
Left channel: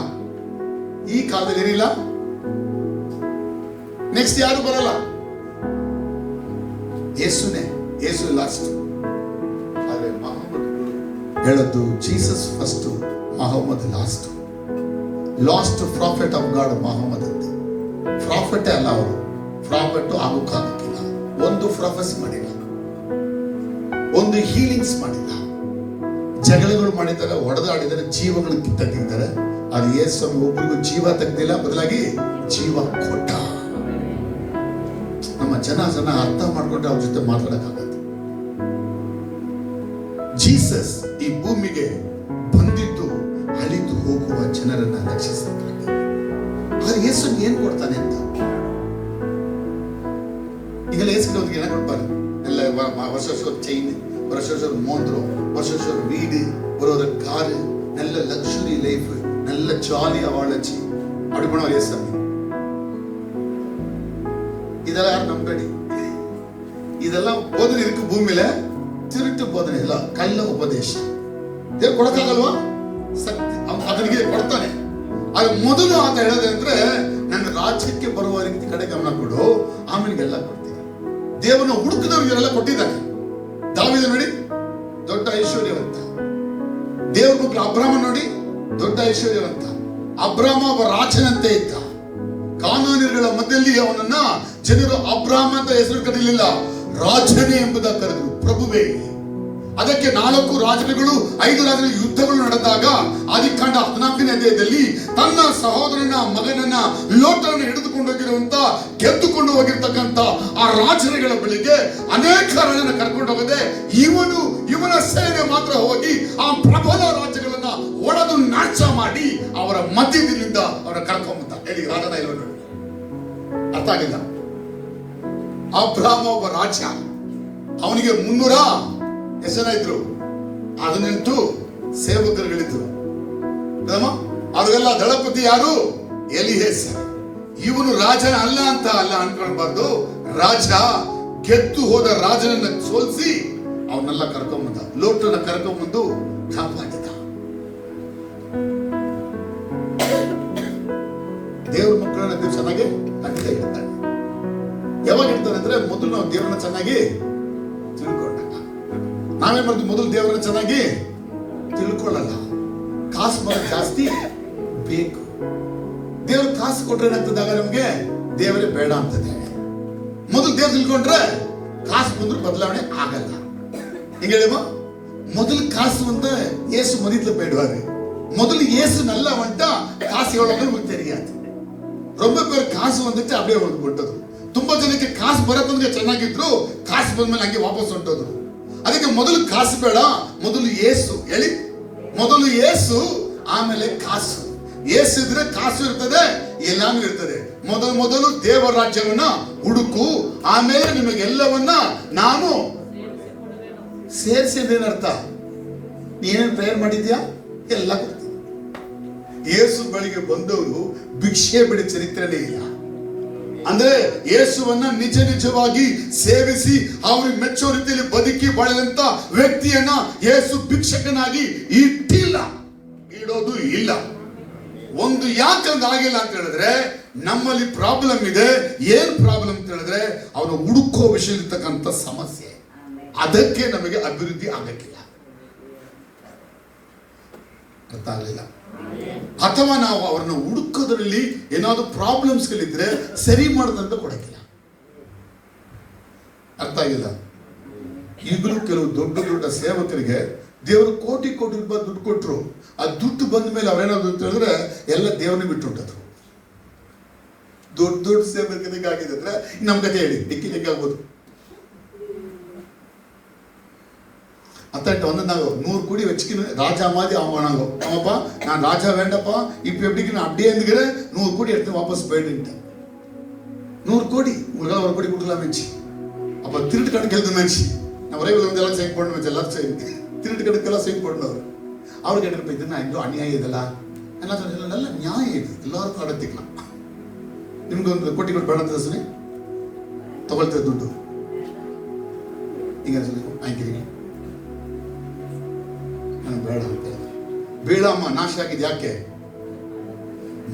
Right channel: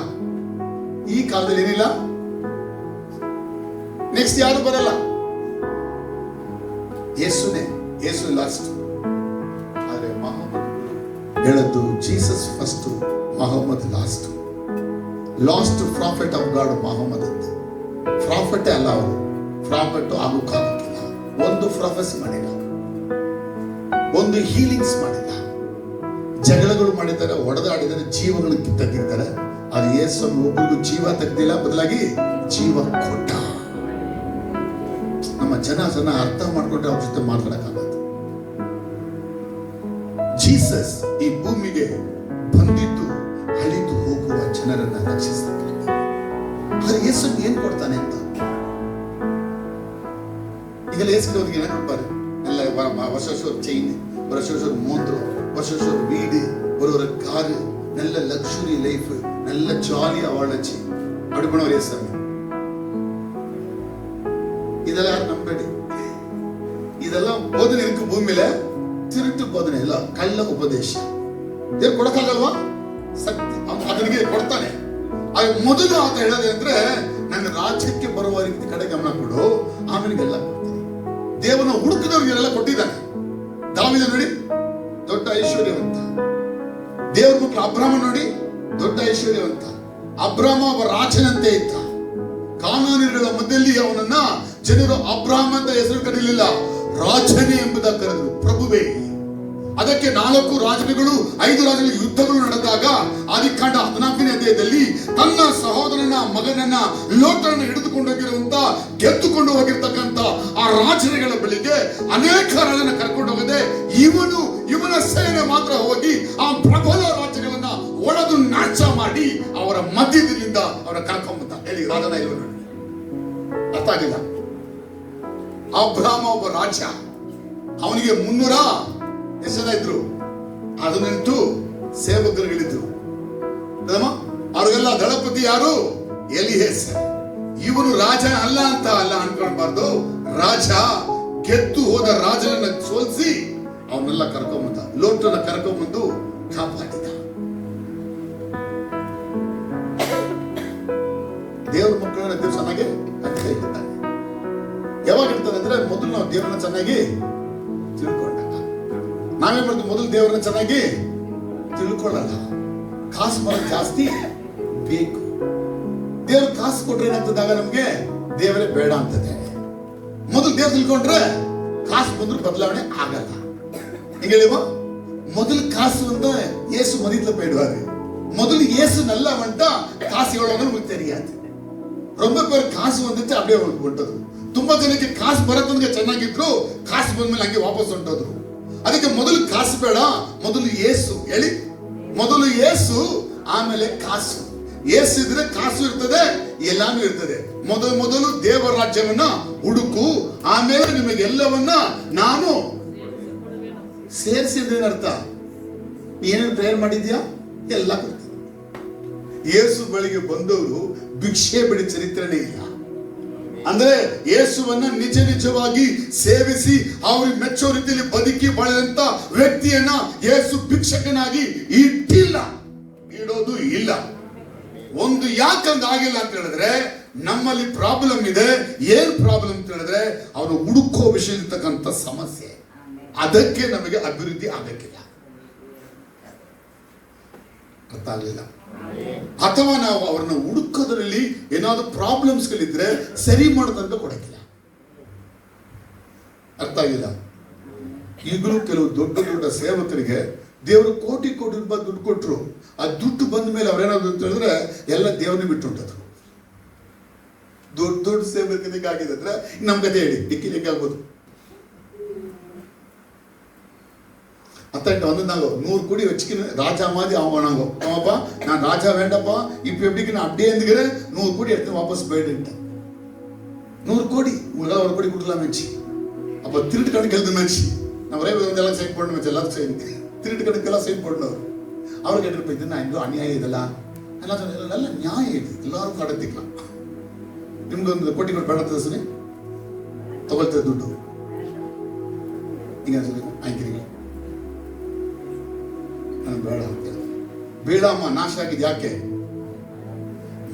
ಈ ಕಾಲದಲ್ಲಿ ಏನಿಲ್ಲ, ನೆಕ್ಸ್ಟ್ ಯಾರು ಬರಲ್ಲ. ಯೇಸುನೇ, ಯೇಸು ಲಾಸ್ಟ್. ಆದ್ರೆ ಮಹಮ್ಮದ್ ಹೇಳದ್ದು Jesus first, Muhammad last. Last prophet of God Muhammad ಅಂತ. ಪ್ರಾಫೆಟ್ ಅಲ್ಲ ಅವರು, ಪ್ರಾಫೆಟ್ ಆಗೋಕ್ಕಾಗಕ್ಕಿಲ್ಲ. ಒಂದು ಪ್ರೊಫೆಸ್ ಮಾಡಿಲ್ಲ, ಒಂದು ಹೀಲಿಂಗ್ಸ್ ಮಾಡಿಲ್ಲ. ಜಗಳಗಳು ಮಾಡಿದ್ದಾರೆ, ಹೊಡೆದಾಡಿದ್ದಾರೆ, ಜೀವಗಳು ತೆಗೆದಿದ್ದಾರೆ. ಅದು ಯೇಸು ಒಬ್ಬರಿಗೂ ಜೀವ ತೆಗೆದಿಲ್ಲ, ಬದಲಾಗಿ ಜೀವ ಕೊಟ್ಟ. ನಮ್ಮ ಜನ ಅರ್ಥ ಮಾಡ್ಕೊಂಡ್ರೆ ಅವ್ರ ಜೊತೆ ಮಾತಾಡಕ್ಕಾಗತ್ತೆ. ಜೀಸಸ್ ಈ ಭೂಮಿಗೆ ಬಂದಿದ್ದು ಅಳಿದು ಹೋಗುವ ಜನರನ್ನ ರಕ್ಷಿಸಕ್ಕಾಗಿ. ಆದ್ರೆ ಯೇಸು ಏನ್ ಕೊಡ್ತಾನೆ ಅಂತ ಈಗೆಲ್ಲ ಯೇಸುಗೆ ಏನ ಕೊಡ್ತಾರೆ? ಎಲ್ಲ ವರ್ಷ ಚೈನ್, ವರ್ಷ ಮೋಂದ್ರು, ವರ್ಷ வீடு, ஒரு காரு, நல்ல லக்ஸுரி லைஃப், நல்ல ஜாலியா வாழச்சு. அப்படி பண்ணுவார் ஏசாமி. இதெல்லாம் யாரும் நம்படி. இதெல்லாம் போதனை இருக்கு ಭೂಮಿயில, ತಿರುಟ್ಟು ಬೋಧನೆ ಇಲ್ಲ, ಕಳ್ಳ ಉಪದೇಶ. ದೇವ್ರು ಕೊಡಕ್ಕಾಗಲ್ವಾ? ಅದನಿಗೆ ಕೊಡ್ತಾನೆ. ಅದು ಮೊದಲು ಆತ ಹೇಳೋದಂದ್ರೆ, ನನ್ನ ರಾಜ್ಯಕ್ಕೆ ಬರುವ ರೀತಿ ಕಡೆ ಗಮನ ಕೊಡು, ಆಮೇಲೆ ಎಲ್ಲ ಕೊಡ್ತೀನಿ. ದೇವನ ಹುಡುಕದವ್ರಿಗೆಲ್ಲ ಕೊಟ್ಟಿದ್ದಾನೆ. ದಾವೀದ ನೋಡಿ ದೊಡ್ಡ ಐಶ್ವರ್ಯವಂತ. ದೇವ್ರ ಮಕ್ಕಳು ಅಬ್ರಾಮ ನೋಡಿ ದೊಡ್ಡ ಐಶ್ವರ್ಯವಂತ. ಅಬ್ರಾಮ ಒಬ್ಬ ರಾಜನಂತೆ ಇದ್ದ. ಕಾನಾನ್ಯರುಗಳ ಮಧ್ಯದಲ್ಲಿ ಅವನನ್ನ ಜನರು ಅಬ್ರಾಮ ಅಂತ ಹೆಸರು ಕರೀಲಿಲ್ಲ, ರಾಜನೇ ಎಂಬುದಾಗಿ ಕರೆದರು, ಪ್ರಭುವೇ. ಅದಕ್ಕೆ 4 ರಾಜರುಗಳು 5 ರಾಜರ ಯುದ್ಧಗಳು ನಡೆದಾಗ ಆದಿಕಾಂಡ 14ನೇ ಅಧ್ಯಾಯದಲ್ಲಿ ತನ್ನ ಸಹೋದರನ ಮಗನನ್ನ ಲೋಟನ ಹಿಡಿದುಕೊಂಡು ಹೋಗಿರುವಂತ, ಗೆದ್ದುಕೊಂಡು ಹೋಗಿರ್ತಕ್ಕಂಥ ಆ ರಾಜರುಗಳ ಬಳಿಗೆ ಅನೇಕ ರಾಜನ ಕರ್ಕೊಂಡು ಹೋಗದೆ ಇವನ ಸೇನೆ ಮಾತ್ರ ಹೋಗಿ ಆ ಪ್ರಬಲ ರಾಜ್ಯಗಳನ್ನ ಒಡೆದು ನಾಶ ಮಾಡಿ ಅವರ ಮಧ್ಯದಿಂದ ಅವರ ಕರ್ಕೊಂಬಂದ. ಹೇಳಿ ರಾಜನ ಇಲ್ಲ ನೋಡಿ, ಅರ್ಥ ಆಗಿಲ್ಲ. ಅಬ್ರಾಮ ಒಬ್ಬ ರಾಜ, ಅವನಿಗೆ 300 ಜನ ಇದ್ರು, 18 ಸೇವಕರುಗಳಿದ್ರು. ಅವ್ರಿಗೆಲ್ಲ ದಳಪತಿ ಯಾರು? ಎಲಿಯೇಸರ್. ಇವನು ರಾಜ ಅಲ್ಲ ಅಂತ ಅನ್ಕೊಳ್ಬಾರ್ದು. ರಾಜ ಗೆದ್ದು ಹೋದ ರಾಜನನ್ನ ಸೋಲಿಸಿ ಅವನ್ನೆಲ್ಲ ಕರ್ಕೊಂಬಂದ, ಲೋಟನ ಕರ್ಕೊಂಬಂದು ಕಾಪಾಡಿದ. ದೇವ್ರ ಮಕ್ಕಳನ್ನ ದೇವ್ರು ಚೆನ್ನಾಗಿ ಕಂಡಿತ ಇರ್ತಾನೆ. ಯಾವಾಗ ಇರ್ತಾನೆ ಅಂದ್ರೆ, ಮೊದಲು ನಾವು ದೇವ್ರನ್ನ ಚೆನ್ನಾಗಿ ತಿಳ್ಕೊಂಡಾಗ. ನಾವೇನ್ ಮಾಡ್ತೀವಿ? ಮೊದಲು ದೇವರನ್ನ ಚೆನ್ನಾಗಿ ತಿಳ್ಕೊಳ್ಳಲ್ಲ, ಕಾಸು ಬರೋದು ಜಾಸ್ತಿ ಬೇಕು. ದೇವ್ರ ಕಾಸು ಕೊಟ್ರೆ ಏನಾಗ್ತದಾಗ ನಮ್ಗೆ ದೇವರೇ ಬೇಡ ಅಂತದೆ. ಮೊದಲು ದೇವ್ರು ತಿಳ್ಕೊಂಡ್ರೆ ಕಾಸು ಬಂದ್ರು ಬದಲಾವಣೆ ಆಗಲ್ಲ. ಹಿಂಗ ಹೇಳಿವ, ಮೊದಲು ಕಾಸು ಅಂತ ಏಸು ಮದಿದ್ಲ ಬೇಡವಾರಿ, ಮೊದಲು ಏಸು நல்ல வந்துட்ட காசு எவ்வளவு நமக்கு தெரியாது. ரொம்ப பேர் காசு வந்துச்சு அப்படியே ಹೊರಟುಬಿಟ್ಟರು. ತುಂಬಾ ಜನಕ್ಕೆ ಕಾಸು ಬರತ್ತಂದ್ರೆ ಚೆನ್ನಾಗಿದ್ರು, ಕಾಸು ಬಂದ್ಮೇಲೆ ಹಂಗೆ ವಾಪಸ್ ಹೊಂಟೋದ್ರು. ಅದಕ್ಕೆ ಮೊದಲು ಕಾಸು ಬೇಡ, ಮೊದಲು ಏಸು. ಹೇಳಿ, ಮೊದಲು ಏಸು, ಆಮೇಲೆ ಕಾಸು. ಏಸು ಇದ್ರೆ ಕಾಸು ಇರ್ತದೆ, ಎಲ್ಲಾನು ಇರ್ತದೆ. ಮೊದಲು ದೇವರ ರಾಜ್ಯವನ್ನ ಹುಡುಕು, ಆಮೇಲೆ ನಿಮಗೆಲ್ಲವನ್ನ ನಾನು ಸೇರಿಸಿದ್ದೇನೆ. ಅರ್ಥ, ನೀನೇನು ಪ್ರೇಯರ್ ಮಾಡಿದ್ಯಾ? ಎಲ್ಲ ಕೊಡ್ತೀನಿ. ಯೇಸು ಬಳಿಗೆ ಬಂದವರು ಭಿಕ್ಷೆ ಬಿಡಿ ಚರಿತ್ರೆನೇ ಇಲ್ಲ. ಅಂದ್ರೆ ಯೇಸುವನ್ನ ನಿಜವಾಗಿ ಸೇವಿಸಿ ಅವ್ರಿಗೆ ಮೆಚ್ಚೋ ರೀತಿಯಲ್ಲಿ ಬದುಕಿ ಬಾಳಿದಂತ ವ್ಯಕ್ತಿಯನ್ನ ಯೇಸು ಭಿಕ್ಷಕನಾಗಿ ಇಡೋದು ಇಲ್ಲ. ಒಂದು ಯಾಕಂಗಾಗಿಲ್ಲ ಅಂತ ಹೇಳಿದ್ರೆ, ನಮ್ಮಲ್ಲಿ ಪ್ರಾಬ್ಲಮ್ ಇದೆ. ಏನ್ ಪ್ರಾಬ್ಲಮ್ ಅಂತ ಹೇಳಿದ್ರೆ, ಅವರು ಹುಡುಕೋ ವಿಷಯದಲ್ಲಿರ್ತಕ್ಕಂಥ ಸಮಸ್ಯೆ. ಅದಕ್ಕೆ ನಮಗೆ ಅಭಿವೃದ್ಧಿ ಆಗಕ್ಕಿಲ್ಲ. ಅರ್ಥ ಆಗಲಿಲ್ಲ. ಅಥವಾ ನಾವು ಅವರನ್ನು ಹುಡುಕೋದ್ರಲ್ಲಿ ಏನಾದ್ರು ಪ್ರಾಬ್ಲಮ್ಸ್ ಗಳಿದ್ರೆ ಸರಿ ಮಾಡೋದಂತ ಕೊಡಕ್ಕಿಲ್ಲ. ಅರ್ಥ ಆಗಿಲ್ಲ. ಈಗಲೂ ಕೆಲವು ದೊಡ್ಡ ಸೇವಕರಿಗೆ ದೇವರು ಕೋಟಿ ರೂಪಾಯಿ ದುಡ್ಡು ಕೊಟ್ಟರು. ಆ ದುಡ್ಡು ಬಂದ ಮೇಲೆ ಅವ್ರೇನಾದ್ರು ಅಂತ ಹೇಳಿದ್ರೆ ಎಲ್ಲ ದೇವರನ್ನ ಬಿಟ್ಟುಂಟದು. ದೊಡ್ಡ ಸೇವಕರಿಗೆ ಆಗಿದೆ ಅಂದ್ರೆ ನಮ್ ಕತೆ ಹೇಳಿ ಡಿಕ್ಕಿಲಿಕ್ಕೆ ಆಗ್ಬೋದು. அத்தட்ட வந்து நாங்கள் 100 கோடி வச்சுக்கணும், ராஜா மாதிரி அவன் நாங்கள் ஆமாப்பா, நான் ராஜா வேண்டாப்பா, இப்போ எப்படிக்கு நான் அப்படியே இருந்துக்கிறேன், 100 கோடி எடுத்து வாபஸ் போயிட்டுட்டேன். 100 கோடி உங்களால் 1 கோடி கொடுக்கலாமேச்சு. அப்போ திருட்டு கணக்கு எழுதுனாச்சு. நான் ஒரே வந்து எல்லாம் சைன் பண்ணணும் வச்சு, எல்லாரும் சைன் திருட்டு கணக்கெல்லாம் சைன் பண்ணவர். அவர் கேட்டு போயிட்டு நான் எங்கோ அநியாயம் இதெல்லாம் எல்லாம் சொன்ன நல்ல நியாயம் இது, எல்லாருக்கும் நடத்திக்கலாம். ನಿಮ್ಗೆ ಒಂದು ಕೋಟಿ ಕೊಟ್ಟು ಬೇಡ ಅಂತ ಸುನಿ ತಗೊಳ್ತೇವೆ ದುಡ್ಡು ಈಗ ಆಯ್ಕಿರಿ ಬೇಡ ಅಂತ. ಬೇಡಮ್ಮ ನಾಶ ಆಗಿದೆ ಯಾಕೆ?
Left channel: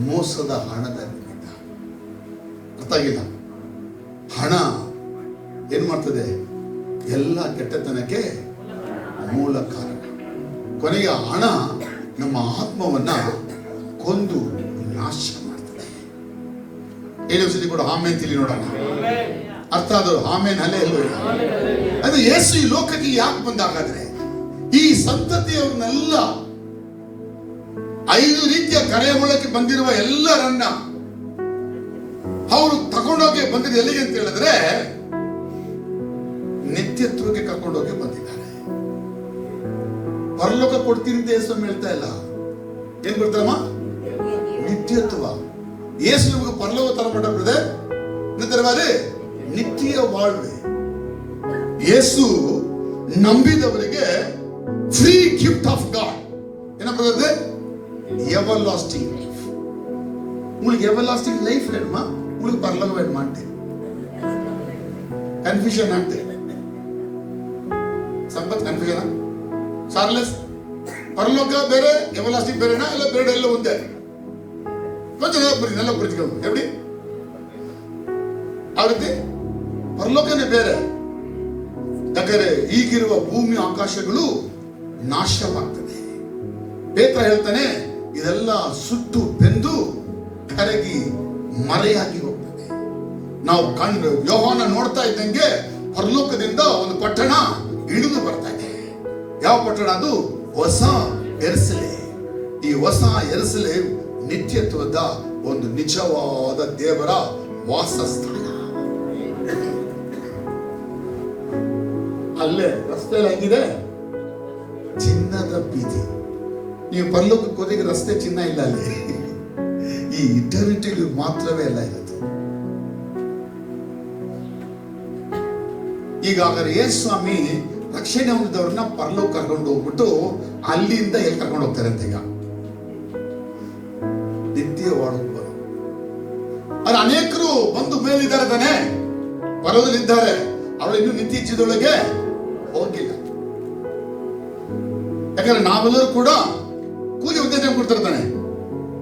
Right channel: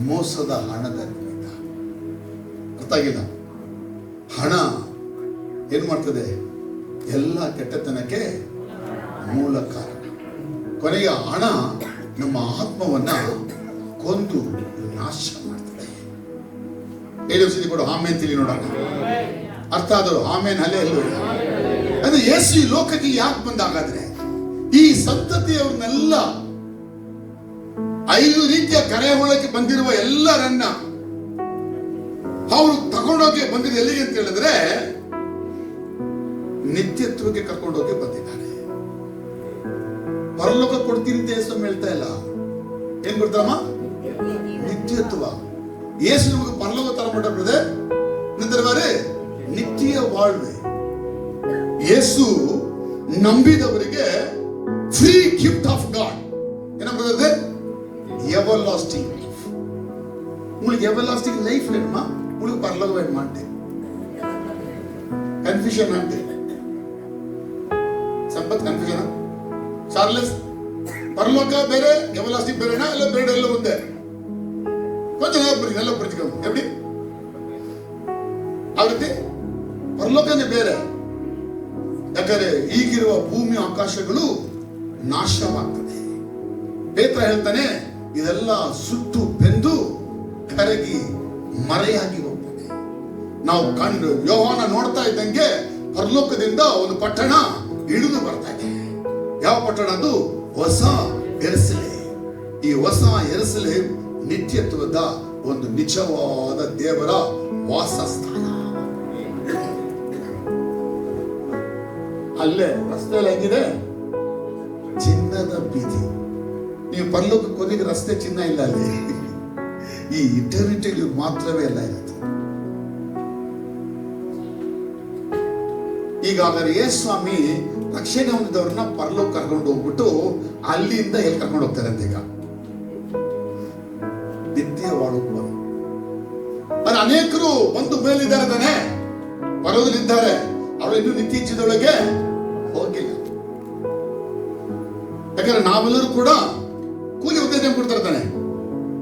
ಮೋಸದ ಹಣದ ನಿಮಿತ್ತ. ಅರ್ಥ ಆಗಿಲ್ಲ. ಹಣ ಏನ್ ಮಾಡ್ತದೆ? ಎಲ್ಲ ಕೆಟ್ಟತನಕ್ಕೆ ಮೂಲ ಕಾರಣ. ಕೊನೆಗೆ ಹಣ ನಮ್ಮ ಆತ್ಮವನ್ನ ಕೊಂದು ನಾಶ ಮಾಡ್ತದೆ. 7 ವರ್ಷದ ಕೂಡ ಆಮೇನ್ ತಿಳಿ ನೋಡೋಣ. ಅರ್ಥ ಆದರೂ ಆಮೇನ್ ಅಲ್ಲೇ ಎಲ್ಲೋ. ಅದು ಯೇಸು ಈ ಲೋಕಕ್ಕೆ ಯಾಕೆ ಬಂದಾಗಾದ್ರೆ ಈ ಸಂತತಿಯವ್ರನ್ನೆಲ್ಲ 5 ರೀತಿಯ ಕರೆಯೊಳಕ್ಕೆ ಬಂದಿರುವ ಎಲ್ಲರನ್ನ ಅವರು ತಗೊಂಡೋಗಿ ಬಂದಿದ್ದು ಎಲ್ಲಿಗೆ ಅಂತ ಹೇಳಿದ್ರೆ ನಿತ್ಯತ್ವಕ್ಕೆ ಕರ್ಕೊಂಡೋಗಿ ಬಂದಿದ್ದಾರೆ. ಪರಲೋಕ ಕೊಡ್ತೀನಿ ಅಂತ ಯೇಸು ಹೇಳ್ತಾ ಇಲ್ಲ. ಏನ್ ಬರ್ತಾರಮ್ಮ? ನಿತ್ಯತ್ವ. ಯೇಸು ನಮಗೆ ಪರಲೋಕ ತರ ಬ್ರದರ್, ನಂತರ ನಿತ್ಯ வாழ்ವೆ. ಯೇಸು ನಂಬಿದವರಿಗೆ ಫ್ರೀ ಗಿಫ್ಟ್ ಆಫ್ ಗಾಡ್. என்ன பிரதர்? Everlasting life. உங்களுக்கு எவர்லாஸ்டிங் லைஃப் வேணுமா? உங்களுக்கு பரலோகம் வேணுமான்ட்டு கன்ஃபியூஷன் ஆன்ட்டு ಸಂಪತ್ ಕನ್ಫ್ಯೂಷನ್. ಚಾರ್ಲೆಸ್ ಪರಲೋಕ ಬೇರೆ ಎವರ್ಲಾಸ್ಟಿಂಗ್ ಬೇರೆನಾ? ಇಲ್ಲ ಬೇರೆ ಎಲ್ಲ ಒಂದೇ? ಕೊಂಚ நல்ல புரிஞ்சுக்கணும். எப்படி ಆಗುತ್ತೆ? ಪರಲೋಕನೇ ಬೇರೆ. ಯಾಕಂದ್ರೆ ಈಗಿರುವ ಭೂಮಿ ಆಕಾಶಗಳು ನಾಶವಾಗ್ತದೆ. ಪೇತ್ರ ಹೇಳ್ತಾನೆ ಇದೆಲ್ಲ ಸುಟ್ಟು ಬೆಂದು ಕರಗಿ ಮರೆಯಾಗಿ ಹೋಗ್ತದೆ. ನಾವು ಕಂಡು ಯೋಹಾನ ನೋಡ್ತಾ ಇದ್ದಂಗೆ ಪರಲೋಕದಿಂದ ಒಂದು ಪಟ್ಟಣ ಇಳಿದು ಬರ್ತಾ ಇದೆ. ಯಾವ ಪಟ್ಟಣ ಅದು? ಹೊಸ ಎರುಸಲೇಮ್. ಈ ಹೊಸ ಎರುಸಲೇಮ್ ನಿತ್ಯತ್ವದ ಒಂದು ನಿಜವಾದ ದೇವರ ವಾಸಸ್ಥಾನ. ಅಲ್ಲೇ ರಸ್ತೆಯಲ್ಲಿ ಹೆಂಗಿದೆ? ಚಿನ್ನದ ಬೀದಿ. ನೀವು ಪರಲೋಕಕ್ಕೆ ಹೋದಾಗ ರಸ್ತೆ ಚಿನ್ನ ಇಲ್ಲ ಅಲ್ಲಿ. ಈ ಇಟರ್ನಿಟಿಗೆ ಮಾತ್ರವೇ ಎಲ್ಲ ಇರುತ್ತೆ. ಈಗ ಹಾಗಾದ್ರೆ ಯೇಸು ಸ್ವಾಮಿ ರಕ್ಷಣೆ ಹೊಂದಿದವ್ರನ್ನ ಪರಲೋಕ ಕರ್ಕೊಂಡು ಹೋಗ್ಬಿಟ್ಟು ಅಲ್ಲಿಂದ ಎಲ್ಲಿ ಕರ್ಕೊಂಡು ಹೋಗ್ತಾರೆ ಅಂತ ಈಗ ನಿತ್ಯ ವಾಳುವ. ಆದ್ರೆ ಅನೇಕರು ಬಂದು ಮೇಲಿದ್ದಾರೆ ತಾನೆ, ಬರೋದಲ್ಲಿದ್ದಾರೆ. ಅವರು ಇನ್ನು ನಿತ್ಯ ಜೀವದೊಳಗೆ ಹೋಗಿಲ್ಲ. ಯಾಕಂದ್ರೆ ನಾವೆಲ್ಲರೂ ಕೂಡ ಕೂಲಿ ಉದ್ದೇಶ ಕೊಡ್ತಾರೆ ತಾನೆ.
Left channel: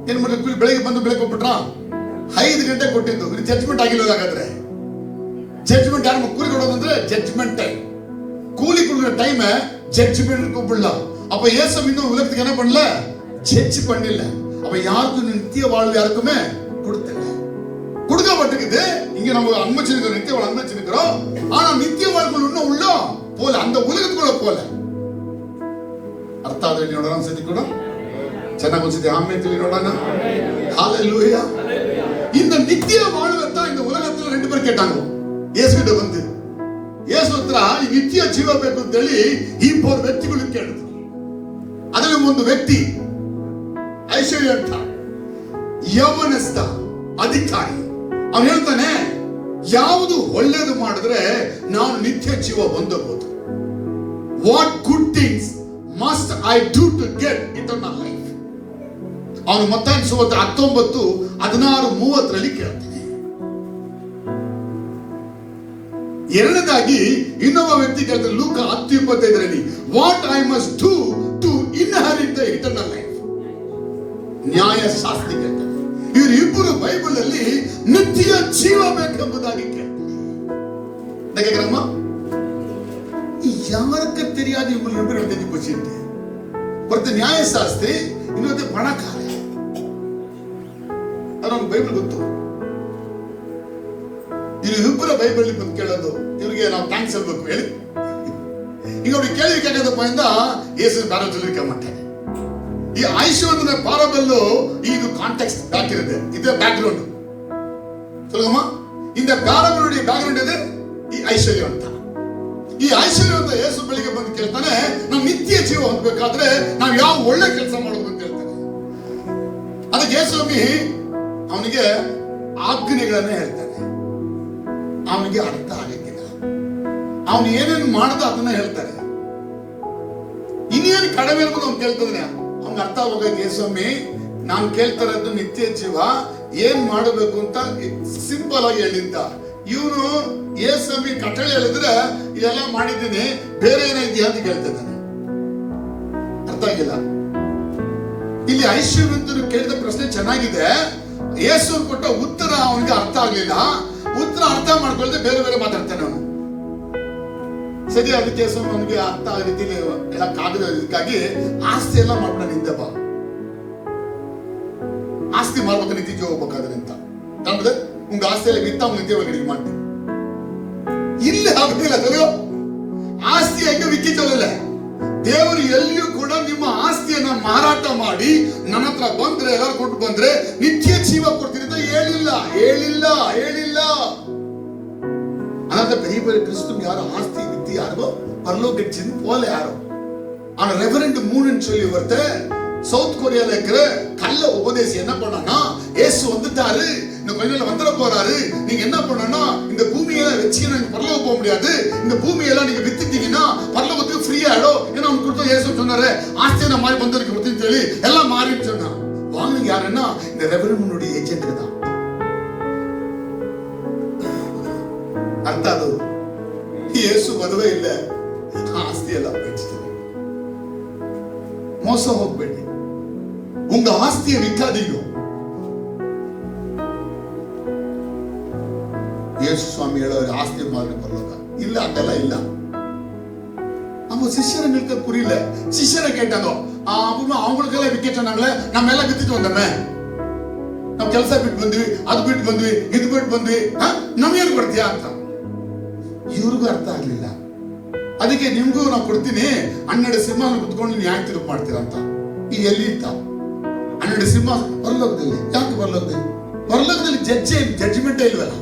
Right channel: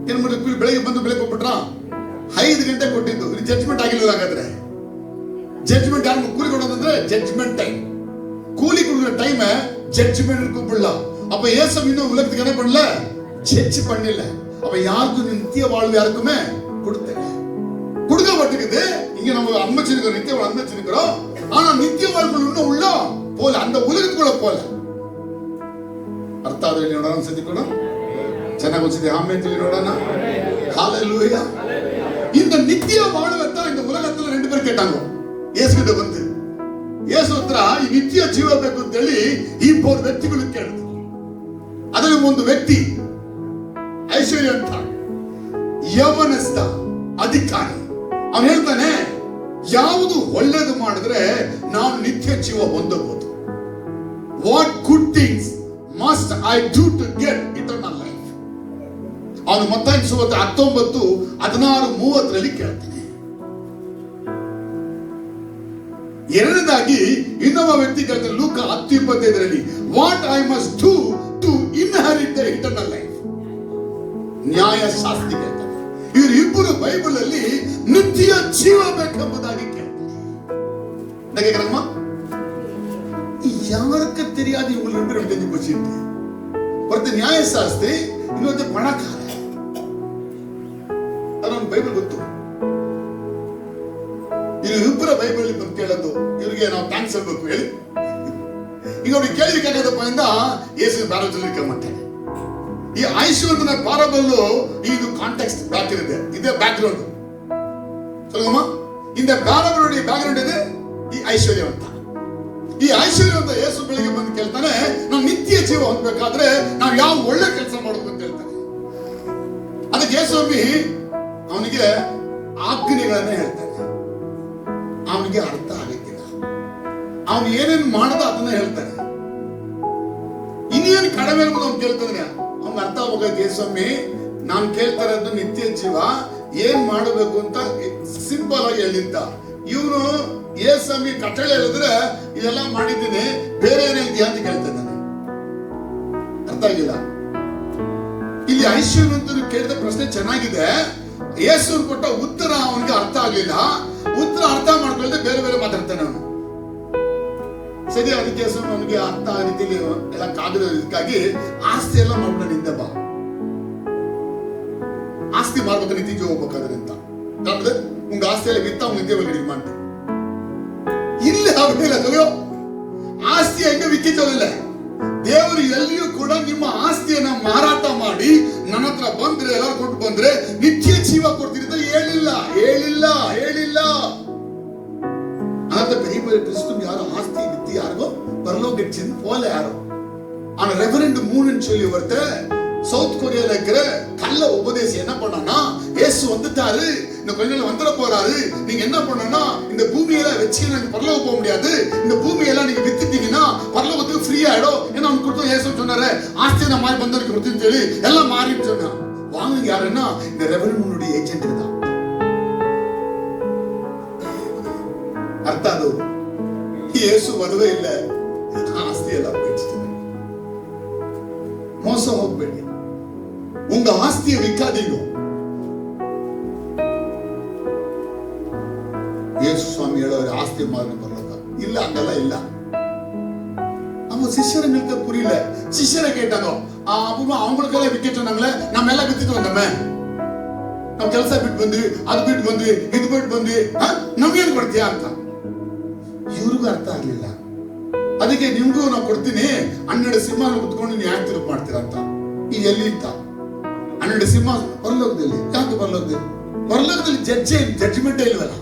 ಏನ್ ಮಾಡಿ ಕೂಲಿ ಬೆಳಗ್ಗೆ ಬಂದು ಬೆಳಗ್ಗೆ ಕೊಟ್ಬಿಟ್ರ 5 ಗಂಟೆ ಕೊಟ್ಟಿದ್ದು. ಇದು ಜಡ್ಜ್ಮೆಂಟ್ ಆಗಿಲ್ಲ. ಹಾಗಾದ್ರೆ ಜಡ್ಜ್ಮೆಂಟ್ ಯಾರು ಕೂಲಿ ಕೊಡೋದಂದ್ರೆ ಜಡ್ಜ್ಮೆಂಟ್ ಟೈಮ್. கூலி கொடுக்குற டைம் ஜட்ஜ்மெண்ட் கூப்பிடல. அப்ப இயேசு இன்னும் உலகத்துக்கு என்ன பண்ணல? ஜட்ஜ் பண்ணல. அப்ப யாருக்கும் நித்திய வாழ்வு யாருக்குமே கொடுத்தல. கொடுக்கப்பட்டிருக்குது. இங்க நம்ம அனுமதிச்சிருக்கிறோம், நித்திய வாழ்வு அனுமதிச்சிருக்கிறோம். ஆனா நித்திய வாழ்வு இன்னும் உள்ள போல, அந்த உலகத்துக்குள்ள போல. ಅರ್ಥ ಆದ್ರೆ ನೋಡೋಣ ಸದ್ಯಕ್ಕೂ ಚೆನ್ನಾಗಿ ಅನ್ಸುತ್ತೆ. ಆಮೇಲೆ ತಿಳಿ ನೋಡೋಣ. ஹalleluya. இந்த நித்திய வாழ்வத்தை இந்த உலகத்துல 2 பேர் கேட்டாங்க ಯೇಸು கிட்ட வந்து. ಯೇಸು ಹತ್ರ ಈ ನಿತ್ಯ ಜೀವ ಬೇಕು ಅಂತ ಹೇಳಿ 2 ವ್ಯಕ್ತಿಗಳು ಕೇಳಿದ್ರು. ಅದರಲ್ಲಿ ಒಂದು ವ್ಯಕ್ತಿ ಐಶ್ವರ್ಯ ಅಂತ ಯೌವನಸ್ಥ ಅಧಿಕಾರಿ. ಅವನು ಹೇಳ್ತಾನೆ, ಯಾವುದು ಒಳ್ಳೇದು ಮಾಡಿದ್ರೆ ನಾನು ನಿತ್ಯ ಜೀವ ಹೊಂದಬಹುದು. What good things must I do to get eternal life. ಅವನು ಮತ್ತಾಯ ಸುವಾರ್ತೆ 19:16-30 ಕೇಳ್ತಾನೆ. ಎರಡನೇದಾಗಿ ಇನ್ನೊಬ್ಬ ವ್ಯಕ್ತಿ ಕೇಳ್ತಾರೆ ಲೂಕ 10:25 what I must do to inherit the eternal life. ನ್ಯಾಯಶಾಸ್ತ್ರಿ ಕೇಳ್ತಾರೆ. ಇವರಿಬ್ಬರು ಬೈಬಲ್ ಅಲ್ಲಿ ನಿತ್ಯ ಜೀವ ಬೇಕೆಂಬುದಾಗಿ ಕೇಳ್ತಾರೆ. ಯಾರಕ್ಕೆ தெரியாது இவங்க 2 பேரும் தெரிஞ்சு போச்சுட்டு. ஒருத்தர் ನ್ಯಾಯಶಾಸ್ತ್ರಿ, ಇನ್ನೊಂದು ಪಣಕಾರ. ಅದೊಂದು ಬೈಬಲ್ ಗೊತ್ತು. ಇಬ್ಬರ ಬೈಬಲ್ ಬಂದು ಕೇಳೋದು, ಇವ್ರಿಗೆ ನಾವು ಥ್ಯಾಂಕ್ಸ್ ಹೇಳ್ಬೇಕು ಹೇಳಿ. ಈಗ ಅವ್ರಿಗೆ ಕೇಳಿದ್ರೆ ಕೇಳೋದಪ್ಪ ಇಂದ ಯೇಸು ಬೇರೆ சொல்லிருக்க மாட்டேன். ಈ ಐಶ್ವರ್ಯನ ಪಾರಬಲ್ ಇದು ಕಾಂಟೆಕ್ಸ್ಟ್ ಬ್ಯಾಕ್ ಇರುತ್ತೆ. ಇದೆ ಬ್ಯಾಕ್ ಗ್ರೌಂಡ್. சொல்லுங்கம்மா. இந்த பாரபலுடைய ಬ್ಯಾಕ್ ಗ್ರೌಂಡ್ ಇದೆ ಈ ಐಶ್ವರ್ಯ ಅಂತ. ಈ ಐಶ್ವರ್ಯ ಅಂತ ಯೇಸು ಬೆಳಿಗ್ಗೆ ಬಂದು ಕೇಳ್ತಾನೆ, ನಾವು ನಿತ್ಯ ಜೀವ ಹೊಂದಬೇಕಾದ್ರೆ ನಾವು ಯಾವ ಒಳ್ಳೆ ಕೆಲಸ ಮಾಡಬೇಕು ಅಂತ ಹೇಳ್ತಾನೆ. ಅದಕ್ಕೆ ಯೇಸು ಅವನಿಗೆ ಆಜ್ಞೆಗಳನ್ನ ಹೇಳ್ತಾನೆ. ಅವನಿಗೆ ಅರ್ಥ ಆಗಕ್ಕಿಲ್ಲ. ಅವನು ಏನೇನು ಮಾಡದ ಅದನ್ನ ಹೇಳ್ತಾನೆ. ಇನ್ನೇನು ಕಡಿಮೆ ಇರ್ಬೋದು ಅವ್ನು ಕೇಳ್ತಾನೆ. ಅವ್ನಿಗೆ ಅರ್ಥ ಆಗೋದು, ಸ್ವಾಮಿ ನಾನು ಕೇಳ್ತಿರೋದು ನಿತ್ಯ ಜೀವ, ಏನ್ ಮಾಡಬೇಕು ಅಂತ ಸಿಂಪಲ್ ಆಗಿ ಹೇಳಿದ್ದ. ಇವನು ಸ್ವಾಮಿ ಕಟ್ಟಳೆ ಹೇಳಿದ್ರೆ ಇದೆಲ್ಲ ಮಾಡಿದ್ದೀನಿ, ಬೇರೆ ಏನಿದೆಯಾ ಅಂತ ಕೇಳ್ತಾನೆ. ಅರ್ಥ ಆಗಿಲ್ಲ. ಇಲ್ಲಿ ಐಶ್ವರ್ಯವಂತರು ಕೇಳಿದ ಪ್ರಶ್ನೆ ಚೆನ್ನಾಗಿದೆ. ಯೇಸು ಕೊಟ್ಟ ಉತ್ತರ ಅವನಿಗೆ ಅರ್ಥ ಆಗ್ಲಿಲ್ಲ. ಉತ್ತರ ಅರ್ಥ ಮಾಡ್ಕೊಂಡು ಮಾಡ್ಕೊಳ್ದೆ ಬೇರೆ ಬೇರೆ ಮಾತಾಡ್ತಾನೆ ಅವನು. ಸರಿ, ಅದಕ್ಕೆ ಅವನಿಗೆ ಅರ್ಥ ಆ ರೀತಿಯಲ್ಲಿ ಹೇಳಕ್ಕಾಗದಕ್ಕಾಗಿ ಆಸ್ತಿ ಎಲ್ಲ ಮಾಡೋಣ ನಿಂದೆ ಬಾ, ಆಸ್ತಿ ಮಾಡ್ಬೇಕು ನಿತ್ಯ ಹೋಗ್ಬೇಕಾದ್ರೆ ಅಂತ ಅಂದ್ರೆ ಉಂಗ ಆಸ್ತಿ ಎಲ್ಲ ಬಿತ್ತ ಅವ್ನು ನಿತ್ಯ ಒಳಗಡೆ ಮಾಡ್ತೀನಿ. ಇಲ್ಲಿ ಆಗುದಿಲ್ಲ ತಗೋ, ಆಸ್ತಿ ಹೆಂಗ ವಿಕ್ಕಿತವಲ್ಲ. ದೇವರು ಎಲ್ಲಿಯೂ ಕೂಡ ನಿಮ್ಮ ಆಸ್ತಿಯನ್ನ ಮಾರಾಟ ಮಾಡಿ ನನ್ನ ಹತ್ರ ಬಂದ್ರೆ ಎಲ್ಲರೂ ಕೊಟ್ಟು ಬಂದ್ರೆ ನಿತ್ಯ ಜೀವ ಕೊಡ್ತೀರಿ ಅಂತ ಹೇಳಿಲ್ಲ ಹೇಳಿಲ್ಲ ಹೇಳಿಲ್ಲ. அந்த பெரிய கிறிஸ்துவும் யாரும் ஆஸ்தி வித்தி யாரோ பரலோகத்தின் போல யாரோ. ஆனா ரெவரண்ட் மூணுன்னு சொல்லி ஒருத்தர் சவுத் கொரியால இருக்கிற கள்ள உபதேசம் என்ன பண்ணானா, இயேசு வந்துட்டாரு, இந்த கொஞ்ச நாள் வந்துட போறாரு, நீங்க என்ன பண்ணனா இந்த பூமியெல்லாம் வச்சு நீங்க பரலோகம் போக முடியாது, இந்த பூமியெல்லாம் நீங்க வித்துட்டீங்கன்னா பரலோகத்துக்கு ஃப்ரீ ஆயிடும். ஏன்னா அவனுக்கு கொடுத்த இயேசு சொன்னாரு ஆஸ்தியை நான் மாறி பந்தருக்கு கொடுத்துன்னு சொல்லி எல்லாம் மாறிட்டு சொன்னான். வாங்க யாருன்னா இந்த ரெவரண்ட் மூணுடைய ஏஜென்ட் தான். ಅರ್ಥ ಅದು ಯೇಸು ಮದುವೆ ಇಲ್ಲ, ಆಸ್ತಿ ಎಲ್ಲ ಬೆಚ್ಚಿದೆ. ಮೋಸ ಹೋಗ್ಬೇಡಿ, ಉಂಗ ಆಸ್ತಿಯ ವಿಕ್ಕಾದೀಗ ಯೇಸು ಸ್ವಾಮಿ ಹೇಳೋರು ಆಸ್ತಿ ಮಾರಣ ಬರಲೋಕ ಇಲ್ಲ, ಅದೆಲ್ಲ ಇಲ್ಲ. அவங்க சிஷ்யரை நிற்க புரியல. சிஷ்யரை கேட்டாங்க, அவங்களுக்கெல்லாம் விக்கெட் சொன்னாங்களே, நம்ம எல்லாம் வித்துட்டு வந்தோமே, நம்ம ಕೆಲಸ ಬಿಟ್ಟು ಬಂದ್ವಿ, ಅದು ಬಿಟ್ಟು ಬಂದ್ವಿ, ಇದು ಬಿಟ್ಟು ಬಂದ್ವಿ, ನಮ್ಗೇನು ಕೊಡ್ತೀಯಾ ಅಂತ. ಇವ್ರಿಗೂ ಅರ್ಥ ಆಗ್ಲಿಲ್ಲ. ಅದಕ್ಕೆ ನಿಮ್ಗೂ ನಾವು ಕೊಡ್ತೀನಿ, 12 ಸಿಂಹ ಕುತ್ಕೊಂಡು ನೀವು ಯಾಕೆ ತಿರುಗಿ ಮಾಡ್ತೀರಾ ಅಂತ. ಈಗ ಎಲ್ಲಿ ಇತ್ತ 12 ಸಿಂಹ ಪರಲೋಕದಲ್ಲಿ? ಯಾಕೆ ಪರಲೋಕದಲ್ಲಿ? ಪರಲೋಕದಲ್ಲಿ ಜಡ್ಜ್ಮೆಂಟೇ ಇಲ್ವಲ್ಲ,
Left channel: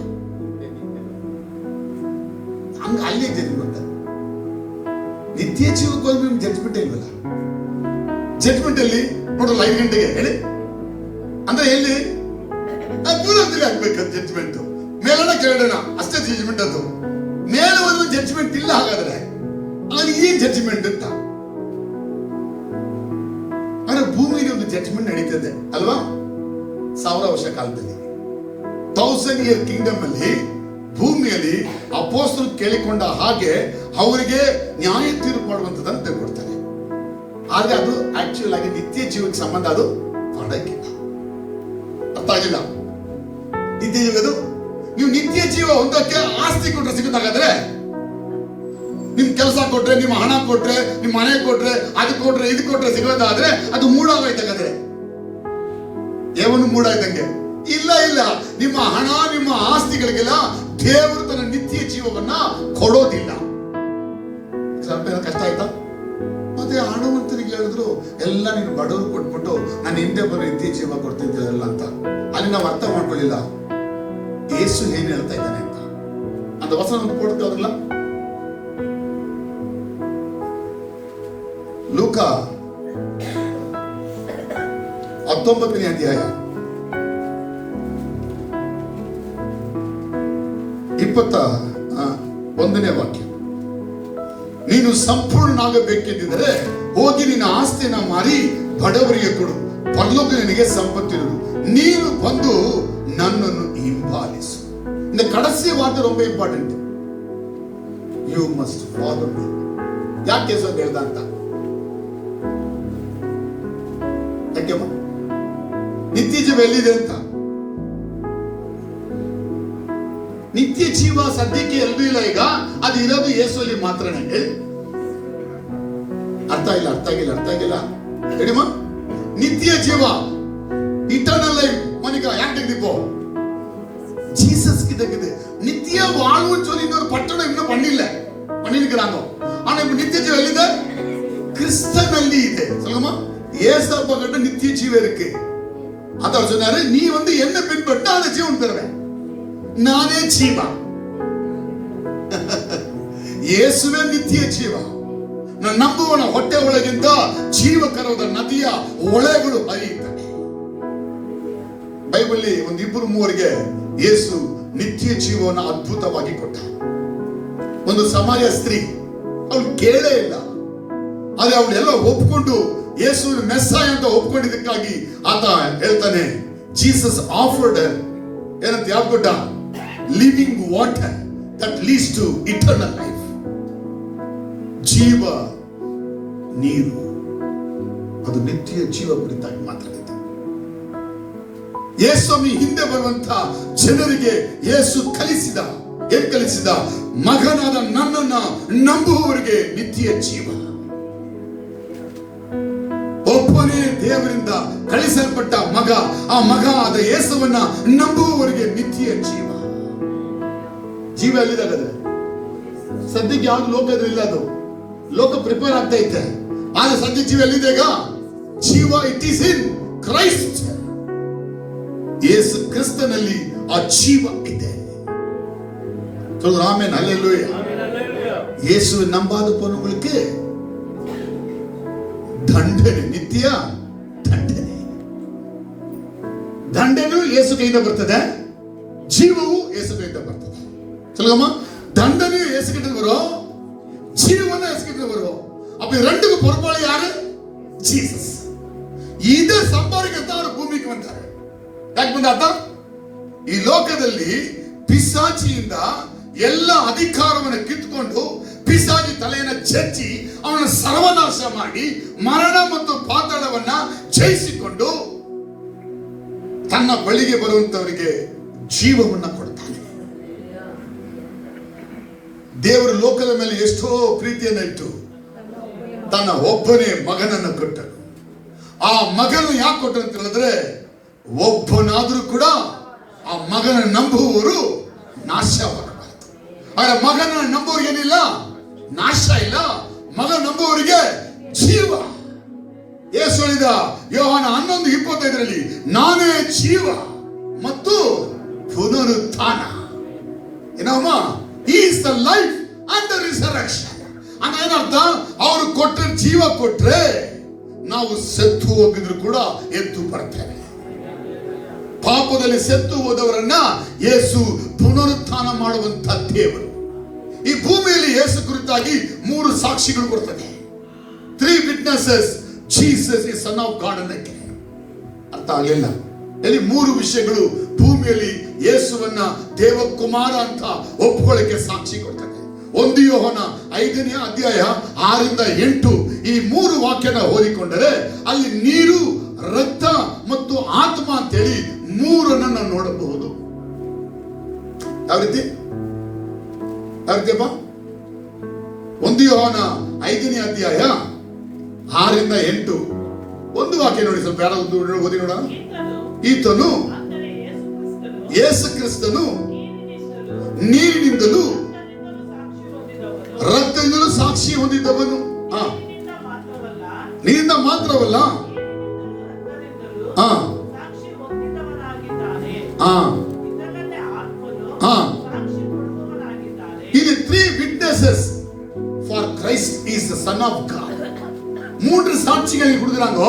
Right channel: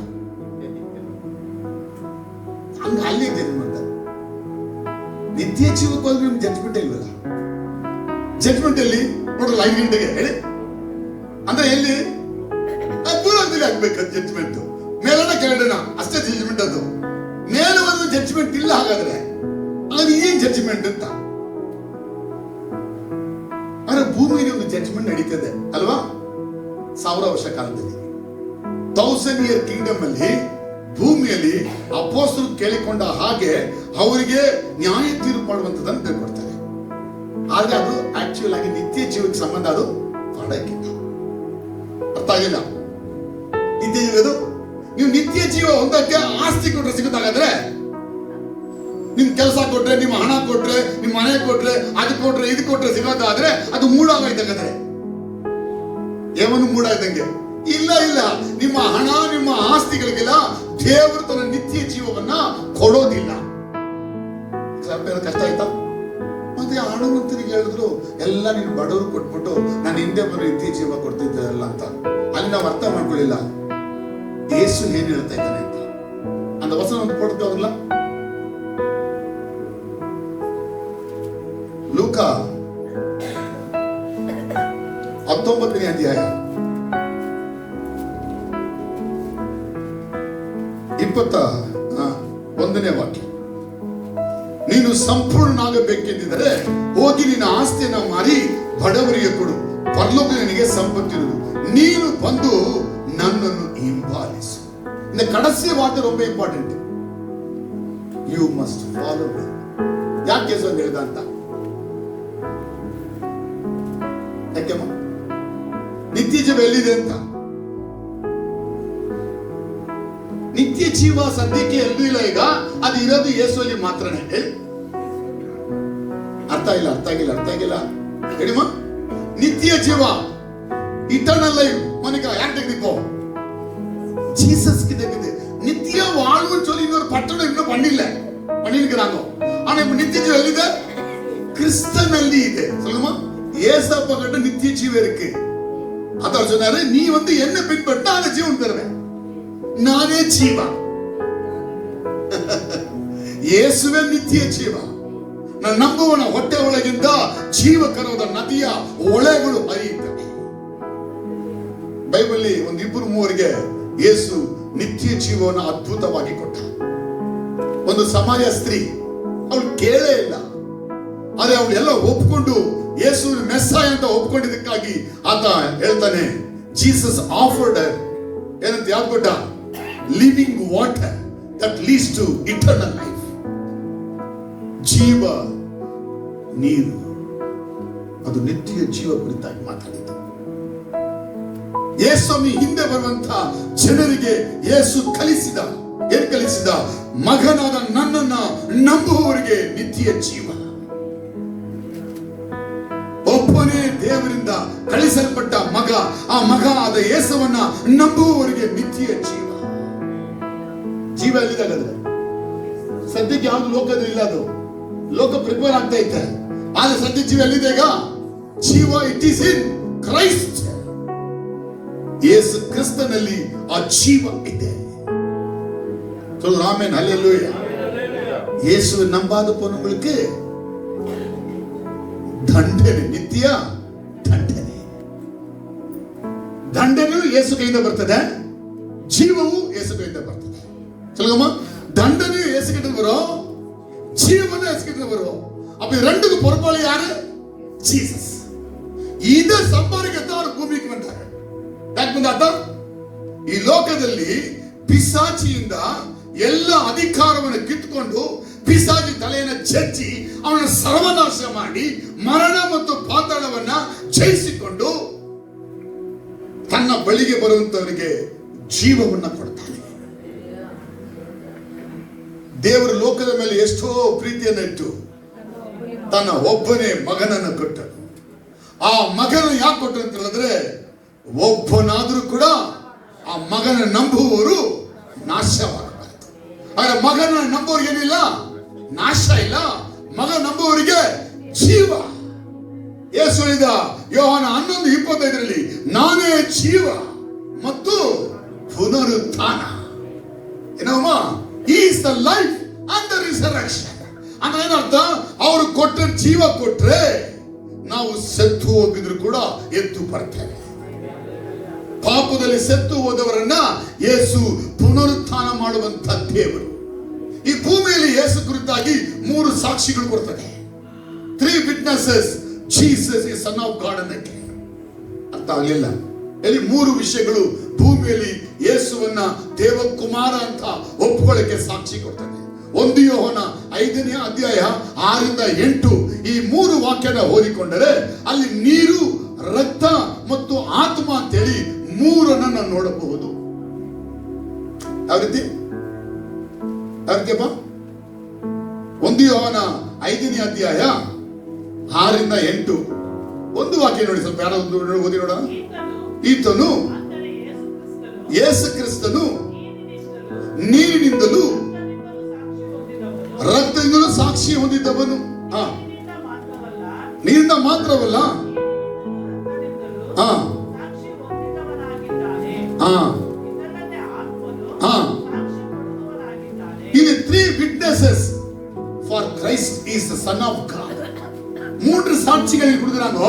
ಹಂಗ ಅಲ್ಲಿ ಜಡ್ಜ್ಮೆಂಟ್. ನಿತ್ಯ ಜೀವಕ್ಕೆ ಹೋಗಿ ನಿಮ್ಗೆ ಜಡ್ಜ್ಮೆಂಟೇ ಇಲ್ವಲ್ಲ. ಜಡ್ಜ್ಮೆಂಟ್ ಅಲ್ಲಿ ನೋಡಲ್ಲ 5 ಗಂಟೆಗೆ ಹೇಳಿ ಅಂದ್ರೆ ಎಲ್ಲಿ ಪೂರ್ವದಲ್ಲಿ ಆಗ್ಬೇಕಂತ ಜಡ್ಜ್ಮೆಂಟ್. ಮೇಲನ ಕೆಳಗಡೆನ ಅಷ್ಟೇ ಜಡ್ಜ್ಮೆಂಟ್. ಅದು ಮೇಲೆ ಒಂದು ಜಡ್ಜ್ಮೆಂಟ್ ಇಲ್ಲ. ಹಾಗಾದ್ರೆ ಅಲ್ಲಿ ಏನ್ ಜಡ್ಜ್ಮೆಂಟ್ ಅಂತ? ಅಂದ್ರೆ ಭೂಮಿಗೆ ಒಂದು ಜಡ್ಜ್ಮೆಂಟ್ ನಡೀತದೆ ಅಲ್ವಾ? 1000 ವರ್ಷ ಕಾಲದಲ್ಲಿ 1000 ಇಯರ್ ಕಿಂಗ್ಡಮ್ ಅಲ್ಲಿ ಭೂಮಿಯಲ್ಲಿ ಅಪೊಸ್ತಲರು ಕೇಳಿಕೊಂಡ ಹಾಗೆ ಅವರಿಗೆ ನ್ಯಾಯ ತೀರ್ಪು ಮಾಡುವಂತದನ್ನು ತೆಗೆದುಕೊಡ್ತಾರೆ. ಆದ್ರೆ ಅದು ಆಕ್ಚುಯಲ್ ಆಗಿ ನಿತ್ಯ ಜೀವಕ್ಕೆ ಸಂಬಂಧ ಅದು ಮಾಡಕ್ಕಿಲ್ಲ. ಅರ್ಥ ಆಗಿಲ್ಲ? ನಿತ್ಯ ಜೀವದು ನೀವು ನಿತ್ಯ ಜೀವ ಹೊಂದಕ್ಕೆ ಆಸ್ತಿ ಕೊಟ್ರೆ ಸಿಗುತ್ತಾಗಾದ್ರೆ, ನಿಮ್ ಕೆಲಸ ಕೊಟ್ರೆ, ನಿಮ್ಮ ಹಣ ಕೊಟ್ರೆ, ನಿಮ್ಮ ಮನೆ ಕೊಟ್ರೆ, ಅದು ಕೊಟ್ರೆ, ಇದು ಕೊಟ್ರೆ ಸಿಗೋದಾದ್ರೆ ಅದು ಮೂಢಾಗೋಯ್ತಾಗಾದ್ರೆ. ಏನು ಮೂಢಾಯ್ತಂಗೆ ಇಲ್ಲ ಇಲ್ಲ. ನಿಮ್ಮ ಹಣ, ನಿಮ್ಮ ಆಸ್ತಿಗಳಿಗೆಲ್ಲ ದೇವರು ತನ್ನ ನಿತ್ಯ ಜೀವವನ್ನ ಕೊಡೋದಿಲ್ಲ. ಕಷ್ಟ ಆಯ್ತಾ? ಮತ್ತೆ ಹಣವಂತರಿಗೆ ಹೇಳಿದ್ರು ಎಲ್ಲ ನೀನು ಬಡವರು ಕೊಟ್ಬಿಟ್ಟು ನಾನು ಹಿಂದೆ ಬರೋ ನಿತ್ಯ ಜೀವ ಕೊಡ್ತಿದ್ದೀರಲ್ಲ ಅಂತ. ಅಲ್ಲಿ ನಾವು ಅರ್ಥ ಮಾಡ್ಕೊಳ್ಳಿಲ್ಲ ಯೇಸು ಏನ್ ಹೇಳ್ತಾ ಇದ್ದಾನೆ ಅಂತ. ಅಂತ ವಚನ ಒಂದು ಕೊಡ್ತಾವಲ್ಲ, ಲೂಕ 19ನೇ ಅಧ್ಯಾಯ 21ನೇ ವಾಕ್ಯ. ನೀನು ಸಂಪೂರ್ಣನಾಗಬೇಕೆಂದಿದ್ದರೆ ಹೋಗಿ ನಿನ್ನ ಆಸ್ತಿಯನ್ನ ಮಾರಿ ಬಡವರಿಗೆ ಕೊಡು, ಪರಲೋಕ ನಿನಗೆ ಸಂಪತ್ತಿರುವುದು, ನೀನು ಬಂದು ನನ್ನನ್ನು ಹಿಂಬಾಲಿಸು. இந்த கடைசி வார்த்தை ரொம்ப important. You must follow me. ಯಾಕೆ ಯೇಸು ಹೇಳ್ದ ಅಂತ? ಯಾಕೆಮ್ಮ ನಿತ್ಯ ಜೀವ ಎಲ್ಲಿದೆ ಅಂತ. ನಿತ್ಯ ಜೀವ ಸದ್ಯಕ್ಕೆ ಎಲ್ಲೂ ಇಲ್ಲ. ಈಗ ಅದು ಇರೋದು ಯೇಸುವಲ್ಲಿ ಮಾತ್ರನೇ. ಹೇಳಿ, ಅರ್ಥ ಇಲ್ಲ, ಅರ್ಥ ಆಗಿಲ್ಲ, ಅರ್ಥ ಆಗಿಲ್ಲ ಹೇಳಿಮ್ಮ. ನಿತ್ಯ ಜೀವ, ಇಟರ್ನಲ್ ಲೈಫ್ மனிதா யார்கிட்ட இப்போ ஜீசஸ் கிட்ட இருக்குது. நித்திய வாழ்வுன்னு சொல்லி இன்னொரு பட்டணம் இன்னும் பண்ணிருக்கிறாங்க. ஆனா இப்ப நித்திய ஜீவன் எಲ್ಲಿದೆ? கிறிஸ்தನಲ್ಲಿ ಇದೆ. சொல்லுமா, ஏசப்பா கிட்ட நித்திய ஜீவன் இருக்கு. அதான் சொன்னாரு, நீ வந்து என்ன பின்பற்றா அந்த ஜீவன் தருவேன், நானே ஜீவ. ಯೇಸುವೇ ನಿತ್ಯ ಜೀವ. ನಾನು ನಂಬುವನ ಹೊಟ್ಟೆ ಒಳಗಿಂದ ಜೀವಕರವಾದ ನದಿಯ ಒಳೆಗಳು ಹರಿಯುತ್ತವೆ. ಬೈಬಲ್ ಒಂದು 2-3 ಯೇಸು ನಿತ್ಯ ಜೀವನ ಅದ್ಭುತವಾಗಿ ಕೊಟ್ಟ. ಒಂದು ಸಮಾರ್ಯ ಸ್ತ್ರೀ, ಅವಳು ಕೇಳೇ ಇಲ್ಲ, ಆದ್ರೆ ಅವಳೆಲ್ಲ ಒಪ್ಕೊಂಡು ಯೇಸುವಿನ ಮೆಸ್ಸಾಯ ಅಂತ ಒಪ್ಕೊಂಡಿದ್ದಕ್ಕಾಗಿ ಆತ ಹೇಳ್ತಾನೆ, ಜೀಸಸ್ ಆಫರ್ಡ್ ಏನಂತ ಯಾವ್ದು ಕೊಟ್ಟ? Living water that leads to eternal life. ಜೀವ ನೀರು, ಅದು ನಿತ್ಯ ಜೀವ ಕುರಿತಾಗಿ ಮಾತಾಡಿದೆ. ಯೇಸುವಿ ಹಿಂದೆ ಬರುವಂತ ಜನರಿಗೆ ಯೇಸು ಕಲಿಸಿದ ಏನ್ ಕಲಿಸಿದ? ಮಗನಾದ ನನ್ನನ್ನ ನಂಬುವವರಿಗೆ ನಿತ್ಯ ಜೀವ. ಒಬ್ಬನೇ ದೇವರಿಂದ ಕಳಿಸಲ್ಪಟ್ಟ ಮಗ, ಆ ಮಗ ಆದ ಯೇಸುವನ್ನ ನಂಬುವವರಿಗೆ ನಿತ್ಯ ಜೀವ. ಜೀವ ಎಲ್ಲಿದಾಗದ್ರೆ ಸದ್ಯಕ್ಕೆ ಯಾವ್ದು ಲೋಕದಲ್ಲಿ ಇಲ್ಲ, ಅದು ಲೋಕ ಪ್ರಿಪೇರ್ ಆಗ್ತಾ ಐತೆ. ಆದ್ರೆ ಸದ್ಯ ಜೀವ ಎಲ್ಲಿದೆ ಈಗ? ಜೀವ ಇಟ್ ಈಸ್ ಇನ್ ಕ್ರೈಸ್ಟ್. ಯೇಸು ಕ್ರಿಸ್ತನಲ್ಲಿ ಆ ಜೀವ ಇದೆ. Amen, hallelujah. ಯೇಸುவை நம்பாத போனவங்களுக்கு ದಂಡನೆ, ನಿತ್ಯ ದಂಡನೆ. ದಂಡನೆಯು ಯೇಸು ಕೈಯಿಂದ ಬರ್ತದೆ, ಜೀವವು ಯೇಸು ಕೈಯಿಂದ ಬರ್ತದೆ. சொல்லுமா, தண்டனையும் இயேசு கிட்ட வரும், ஜீவனும் இயேசு கிட்ட வரும். அப்ப ரெண்டுக்கு பொறுப்பாளி யாரு? ஜீசஸ். இத ಸಂಪಾದಿಕತ್ತಾ ಅವರು ಭೂಮಿಗೆ ಬಂದಾರೆ. ಯಾಕೆ ಬಂದಾತ? ಈ ಲೋಕದಲ್ಲಿ ಪಿಶಾಚಿಯಿಂದ ಎಲ್ಲ ಅಧಿಕಾರವನ್ನು ಕಿತ್ತುಕೊಂಡು ಪಿಶಾಚಿ ತಲೆಯನ್ನು ಜಜ್ಜಿ ಅವನ ಸರ್ವನಾಶ ಮಾಡಿ ಮರಣ ಮತ್ತು ಪಾತಾಳವನ್ನ ಜಯಿಸಿಕೊಂಡು ತನ್ನ ಬಳಿಗೆ ಬರುವಂತವರಿಗೆ ಜೀವವನ್ನ ಕೊಡ್ತಾನೆ. ದೇವರು ಲೋಕದ ಮೇಲೆ ಎಷ್ಟೋ ಪ್ರೀತಿಯನ್ನು ಇಟ್ಟು ತನ್ನ ಒಬ್ಬನೇ ಮಗನನ್ನು ಕೊಟ್ಟನು. ಆ ಮಗನ ಯಾಕೆ ಕೊಟ್ಟರು ಅಂತ ಹೇಳಿದ್ರೆ, ಒಬ್ಬನಾದ್ರೂ ಕೂಡ ಆ ಮಗನ ನಂಬುವವರು ನಾಶವಾಗಬಾರದು. ಆದ್ರೆ ಮಗನ ನಂಬುವರಿಗೆ ಏನಿಲ್ಲ, ನಾಶ ಇಲ್ಲ. ಮಗ ನಂಬುವವರಿಗೆ ಜೀವ. ಯೇಸು ಹೇಳಿದ ಯೋಹಾನ 11:25 ನಾನೇ ಜೀವ ಮತ್ತು ಪುನರುತ್ಥಾನ. ಏನಮ್ಮ? He is the life and the resurrection. ಅಂದ್ರೆ ಏನರ್ಥ? ಅವರು ಕೊಟ್ಟ ಜೀವ ಕೊಟ್ರೆ ನಾವು ಸತ್ತು ಹೋಗಿದ್ರು ಕೂಡ ಎದ್ದು ಬರ್ತೇವೆ. ಪಾಪದಲ್ಲಿ ಸತ್ತು ಹೋದವರನ್ನ ಯೇಸು ಪುನರುತ್ಥಾನ ಮಾಡುವಂತ ದೇವರು. ಈ ಭೂಮಿಯಲ್ಲಿ ಯೇಸು ಕುರಿತಾಗಿ 3 ಸಾಕ್ಷಿಗಳು ಬರ್ತದೆ. 3 witnesses Jesus is son of God ಅನ್ನಕ್ಕೆ ಅರ್ಥ ಆಗಲಿಲ್ಲ. ಇಲ್ಲಿ 3 ವಿಷಯಗಳು ಭೂಮಿಯಲ್ಲಿ ಯೇಸುವನ್ನ ದೇವಕುಮಾರ ಅಂತ ಒಪ್ಪುಕೊಳ್ಳಕ್ಕೆ ಸಾಕ್ಷಿ ಕೊಡ್ತದೆ. 1 ಯೋಹನ 5ನೇ ಅಧ್ಯಾಯ 6-8 ಈ 3 ವಾಕ್ಯನ ಓದಿಕೊಂಡರೆ ಅಲ್ಲಿ ನೀರು, ರಕ್ತ ಮತ್ತು ಆತ್ಮ ಅಂತೇಳಿ 3 ನಾವು ನೋಡಬಹುದು. ಯಾವ ರೀತಿ? 1 ಯೋಹನ 5ನೇ ಅಧ್ಯಾಯ 6-8 ಒಂದು ವಾಕ್ಯ ನೋಡಿ, ಸ್ವಲ್ಪ ಯಾರೋ ಒಂದು ಓದಿ ನೋಡೋಣ. ಈತನು ಯೇಸು ಕ್ರಿಸ್ತನು ನೀರಿನಿಂದಲೂ ರಕ್ತದಿಂದಲೂ ಸಾಕ್ಷಿ ಹೊಂದಿದ್ದವನು. ನೀರಿಂದ ಮಾತ್ರವಲ್ಲ, ಇಲ್ಲಿ 3 witnesses for Christ is the son of God. 3 சாட்சிகளை கொடுக்குறாங்க.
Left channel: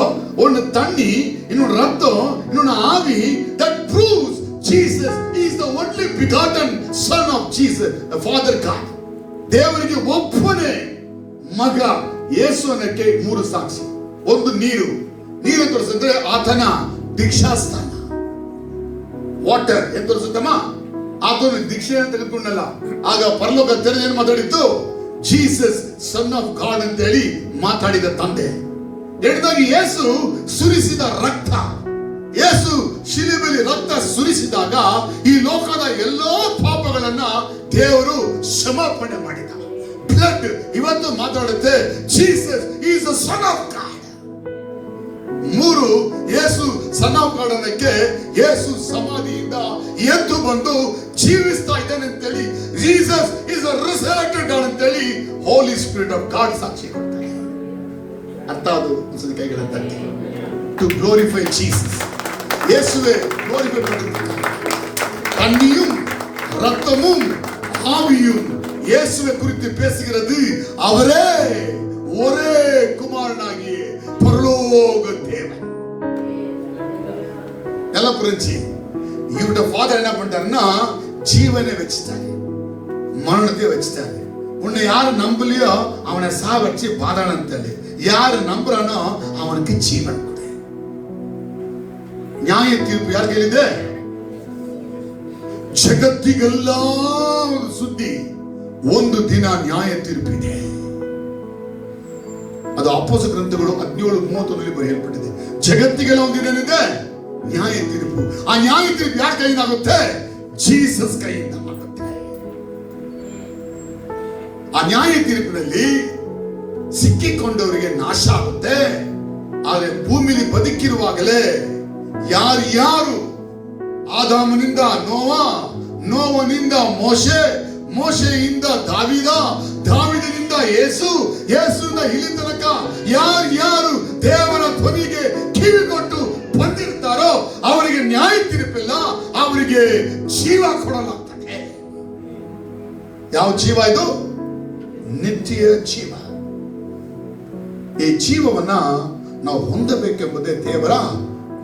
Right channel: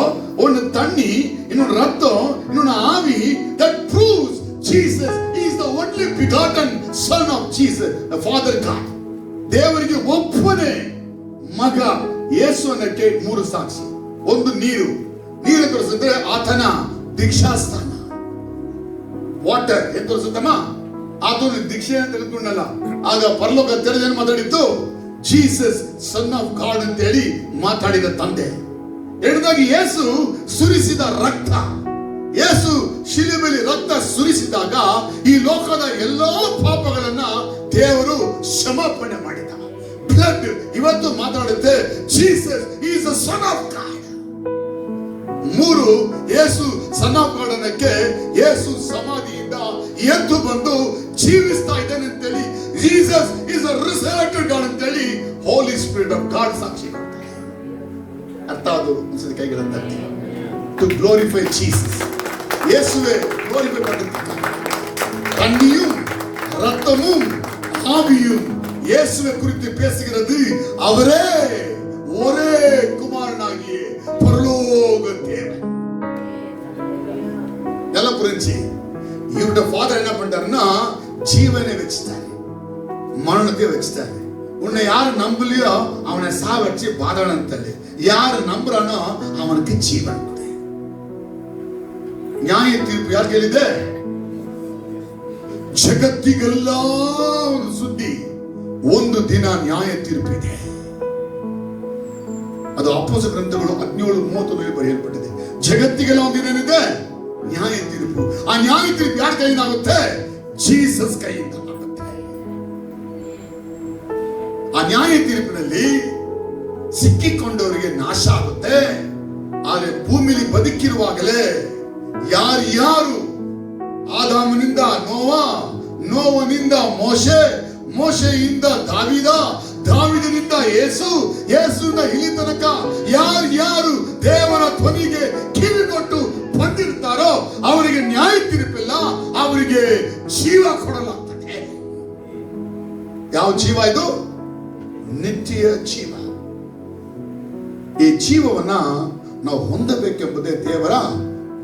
ஒன்னு தண்ணி, இன்னொன்னு ரத்தம், இன்னொன்னு ஆவி. That proves Jesus is the only begotten son of Jesus, the Father God. ದೇವರಿಗೆ ಒಬ್ಬನೇ ಮಗ ಯೇಸು ಅನ್ನಕ್ಕೆ 3 ಸಾಕ್ಷಿ. ಒಂದು ನೀರು, ನೀರು ತೋರಿಸಿದ್ರೆ ಆತನ ದೀಕ್ಷಾಸ್ಥಾನ. ವಾಟರ್ ಏನ್ ತೋರಿಸುತ್ತಮ್ಮ? ಆತನ ದೀಕ್ಷೆಯನ್ನು ತೆಗೆದುಕೊಂಡಲ್ಲ. ಆಗ ಪರಲೋಕ ತೆರೆದೇನು ಮಾತಾಡಿತ್ತು? ಜೀಸಸ್ ಸನ್ ಆಫ್ ಗಾಡ್ ಅಂತ ಹೇಳಿ ಮಾತಾಡಿದ ತಂದೆ. ಎರಡದಾಗಿ ಯೇಸು ಸುರಿಸಿದ ರಕ್ತ. ಯೇಸು ಶಿಲುಬೆಯಲ್ಲಿ ರಕ್ತ ಸುರಿಸಿದಾಗ ಈ ಲೋಕದ ಎಲ್ಲಾ ಪಾಪಗಳನ್ನ ದೇವರು ಕ್ಷಮಾಪಣೆ ಮಾಡಿದ. ಬ್ಲಡ್ ಇವತ್ತು ಮಾತಾಡುತ್ತೆ, Jesus is the son of God. 3 Yesu son of God ಅನ್ನಕ್ಕೆ ಯೇಸು ಸಮಾಧಿಯಿಂದ ಎದ್ದು ಬಂದು ಜೀವಿಸ್ತಾ ಇದ್ದಾನೆ ಅಂತೇಳಿ, Jesus is a resurrected God ಅಂತೇಳಿ ಹೋಲಿ ಸ್ಪಿರಿಟ್ ಆಫ್ ಗಾಡ್ ಸಾಕ್ಷಿ ಕೊಡ್ತಾರೆ. ಅರ್ಥ ಅದು ಅನ್ಸದ ಕೈಗಳ ತಟ್ಟಿ. ಟು ಗ್ಲೋರಿಫೈ ಜೀಸಸ್, ಯೇಸುವೆ ಗ್ಲೋರಿಫೈ ಮಾಡುತ್ತಾರೆ. தண்ணியும் ரத்தமும் ஆவியும் இயேசுவை குறித்து பேசுகிறது. அவரே ஒரே குமாரனாகிய பரலோக தேவன். எல்லாம் புரிஞ்சு இவருடைய ஃபாதர் என்ன பண்றாருன்னா ஜீவனை வச்சுட்டாரு, மரணத்தை வச்சுட்டாரு. உன்னை யாரு நம்பலையோ அவனை சா வச்சு பாதாளம் தள்ளு, யாரு நம்புறானோ அவனுக்கு ஜீவன். ನ್ಯಾಯ ತೀರ್ಪು ಯಾರು ಕೇಳಿದೆ? ಜಗತ್ತಿಗೆಲ್ಲ ಸುದ್ದಿ, ಒಂದು ದಿನ ನ್ಯಾಯ ತೀರ್ಪಿದೆ. ಅದು ಅಪೊಸ ಗ್ರಂಥಗಳು 17:31 ಬರೆಯಲ್ಪಟ್ಟಿದೆ. ಜಗತ್ತಿಗೆಲ್ಲ ಒಂದು ದಿನ ಇದೆ ನ್ಯಾಯ ತೀರ್ಪು. ಆ ನ್ಯಾಯ ತೀರ್ಪು ಯಾರ ಕೈಯಿಂದ ಆಗುತ್ತೆ? ಜೀಸಸ್ ಕೈಯಿಂದ ಆಗುತ್ತೆ. ನ್ಯಾಯ ತೀರ್ಪಿನಲ್ಲಿ ಸಿಕ್ಕಿಕೊಂಡವರಿಗೆ ನಾಶ ಆಗುತ್ತೆ. ಆದರೆ ಭೂಮಿಲಿ ಬದುಕಿರುವಾಗಲೇ ಯಾರು ಆದಾಮನಿಂದ ನೋವಾ, ನೋವನಿಂದ ಮೋಶೆ, ಮೋಶೆಯಿಂದ ದಾವಿದನಿಂದ ಯೇಸುವಿನ ಇಲ್ಲಿ ತನಕ ಯಾರು ದೇವರ ಧ್ವನಿಗೆ ಕಿವಿ ಕೊಟ್ಟು ಬಂದಿರ್ತಾರೋ ಅವರಿಗೆ ನ್ಯಾಯ ತೀರ್ಪಿಲ್ಲ, ಅವರಿಗೆ ಜೀವ ಕೊಡಲಾಗ್ತದೆ. ಯಾವ ಜೀವ ಇದು? ನಿತ್ಯ ಜೀವ. ಈ ಜೀವವನ್ನ ನಾವು ಹೊಂದಬೇಕೆಂಬುದೇ ದೇವರ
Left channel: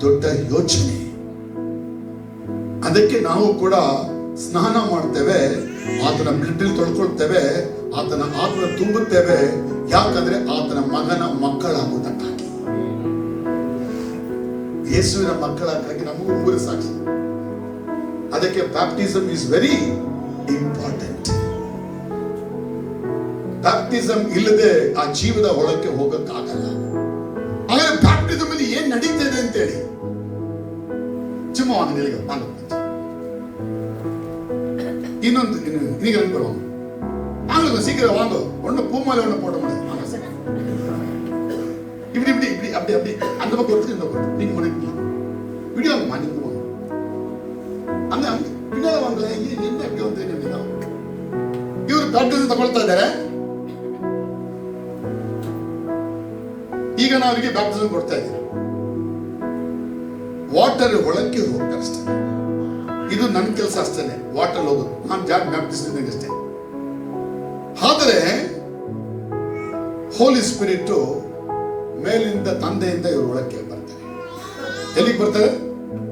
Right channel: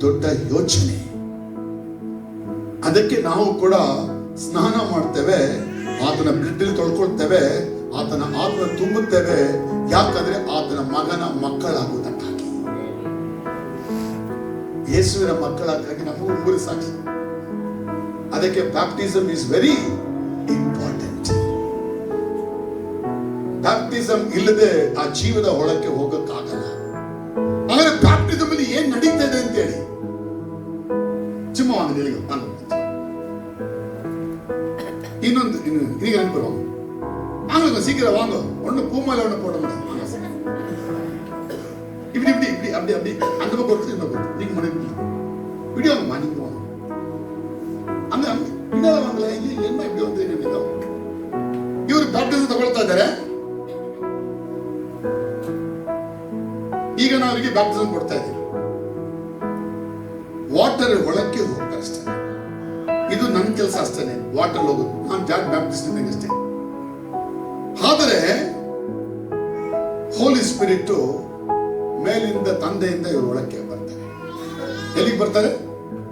ದೊಡ್ಡ ಯೋಚನೆ. ಅದಕ್ಕೆ ನಾವು ಕೂಡ ಸ್ನಾನ ಮಾಡ್ತೇವೆ, ಆತನ ಬ್ಲಡ್ ತೊಳ್ಕೊಳ್ತೇವೆ, ಆತನ ಆತ್ಮ ತುಂಬುತ್ತೇವೆ. ಯಾಕಂದ್ರೆ ಆತನ ಮಗನ ಮಕ್ಕಳಾಗುವುದಕ್ಕಾಗಿ, ಯೇಸುವಿನ ಮಕ್ಕಳಾಗಿ ನಮಗೂ ಮೂರು ಸಾಕ್ಷಿ. ಅದಕ್ಕೆ baptism is very important. Baptism ಇಲ್ಲದೆ ಆ ಜೀವದ ಒಳಕ್ಕೆ ಹೋಗಕ್ಕಾಗಲ್ಲ. ಹಾಗಾದ್ರೆ ಬ್ಯಾಪ್ಟಿಸಮ್ ಅಲ್ಲಿ ಏನ್ ನಡೀತದೆ ಅಂತೇಳಿ சும்மா இன்னொன்று இன்னைக்கு அனுப்புறோம். அவங்களுக்கு சீக்கிரம் வாங்க, ஒண்ணு பூமாலை ஒண்ணு போட முடியாது. இப்படி இப்படி இப்படி அப்படி அப்படி அந்த பக்கம் கொடுத்து இந்த பக்கம் நீங்க மணிக்கு வீடியோ மணிக்கு போங்க. அந்த பின்னால வாங்கல, என்ன எப்படி வந்து நீங்க ಇವರು ಬ್ಯಾಪ್ಟಿಸಮ್ ತಗೊಳ್ತಾ ಇದ್ದಾರೆ. ಈಗ ನಾವು ಅವರಿಗೆ ಬ್ಯಾಪ್ಟಿಸಮ್ ಕೊಡ್ತಾ ಇದ್ದೀವಿ. ವಾಟರ್ ಒಳಕ್ಕೆ ಹೋಗ್ತಾರೆ ಅಷ್ಟೇ. ಇದು ನನ್ನ ಕೆಲಸ ಅಷ್ಟೇನೆ, ವಾಟರ್ ಹೋಗೋದು. ನಾನು ಬ್ಯಾಪ್ಟಿಸಮ್ ಅಷ್ಟೇ. ಆದರೆ ಹೋಲಿ ಸ್ಪಿರಿಟ್ ಮೇಲಿಂದ ತಂದೆಯಿಂದ ಇವರು ಒಳಕ್ಕೆ ಬರ್ತಾರೆ. ಎಲ್ಲಿಗೆ ಬರ್ತಾರೆ?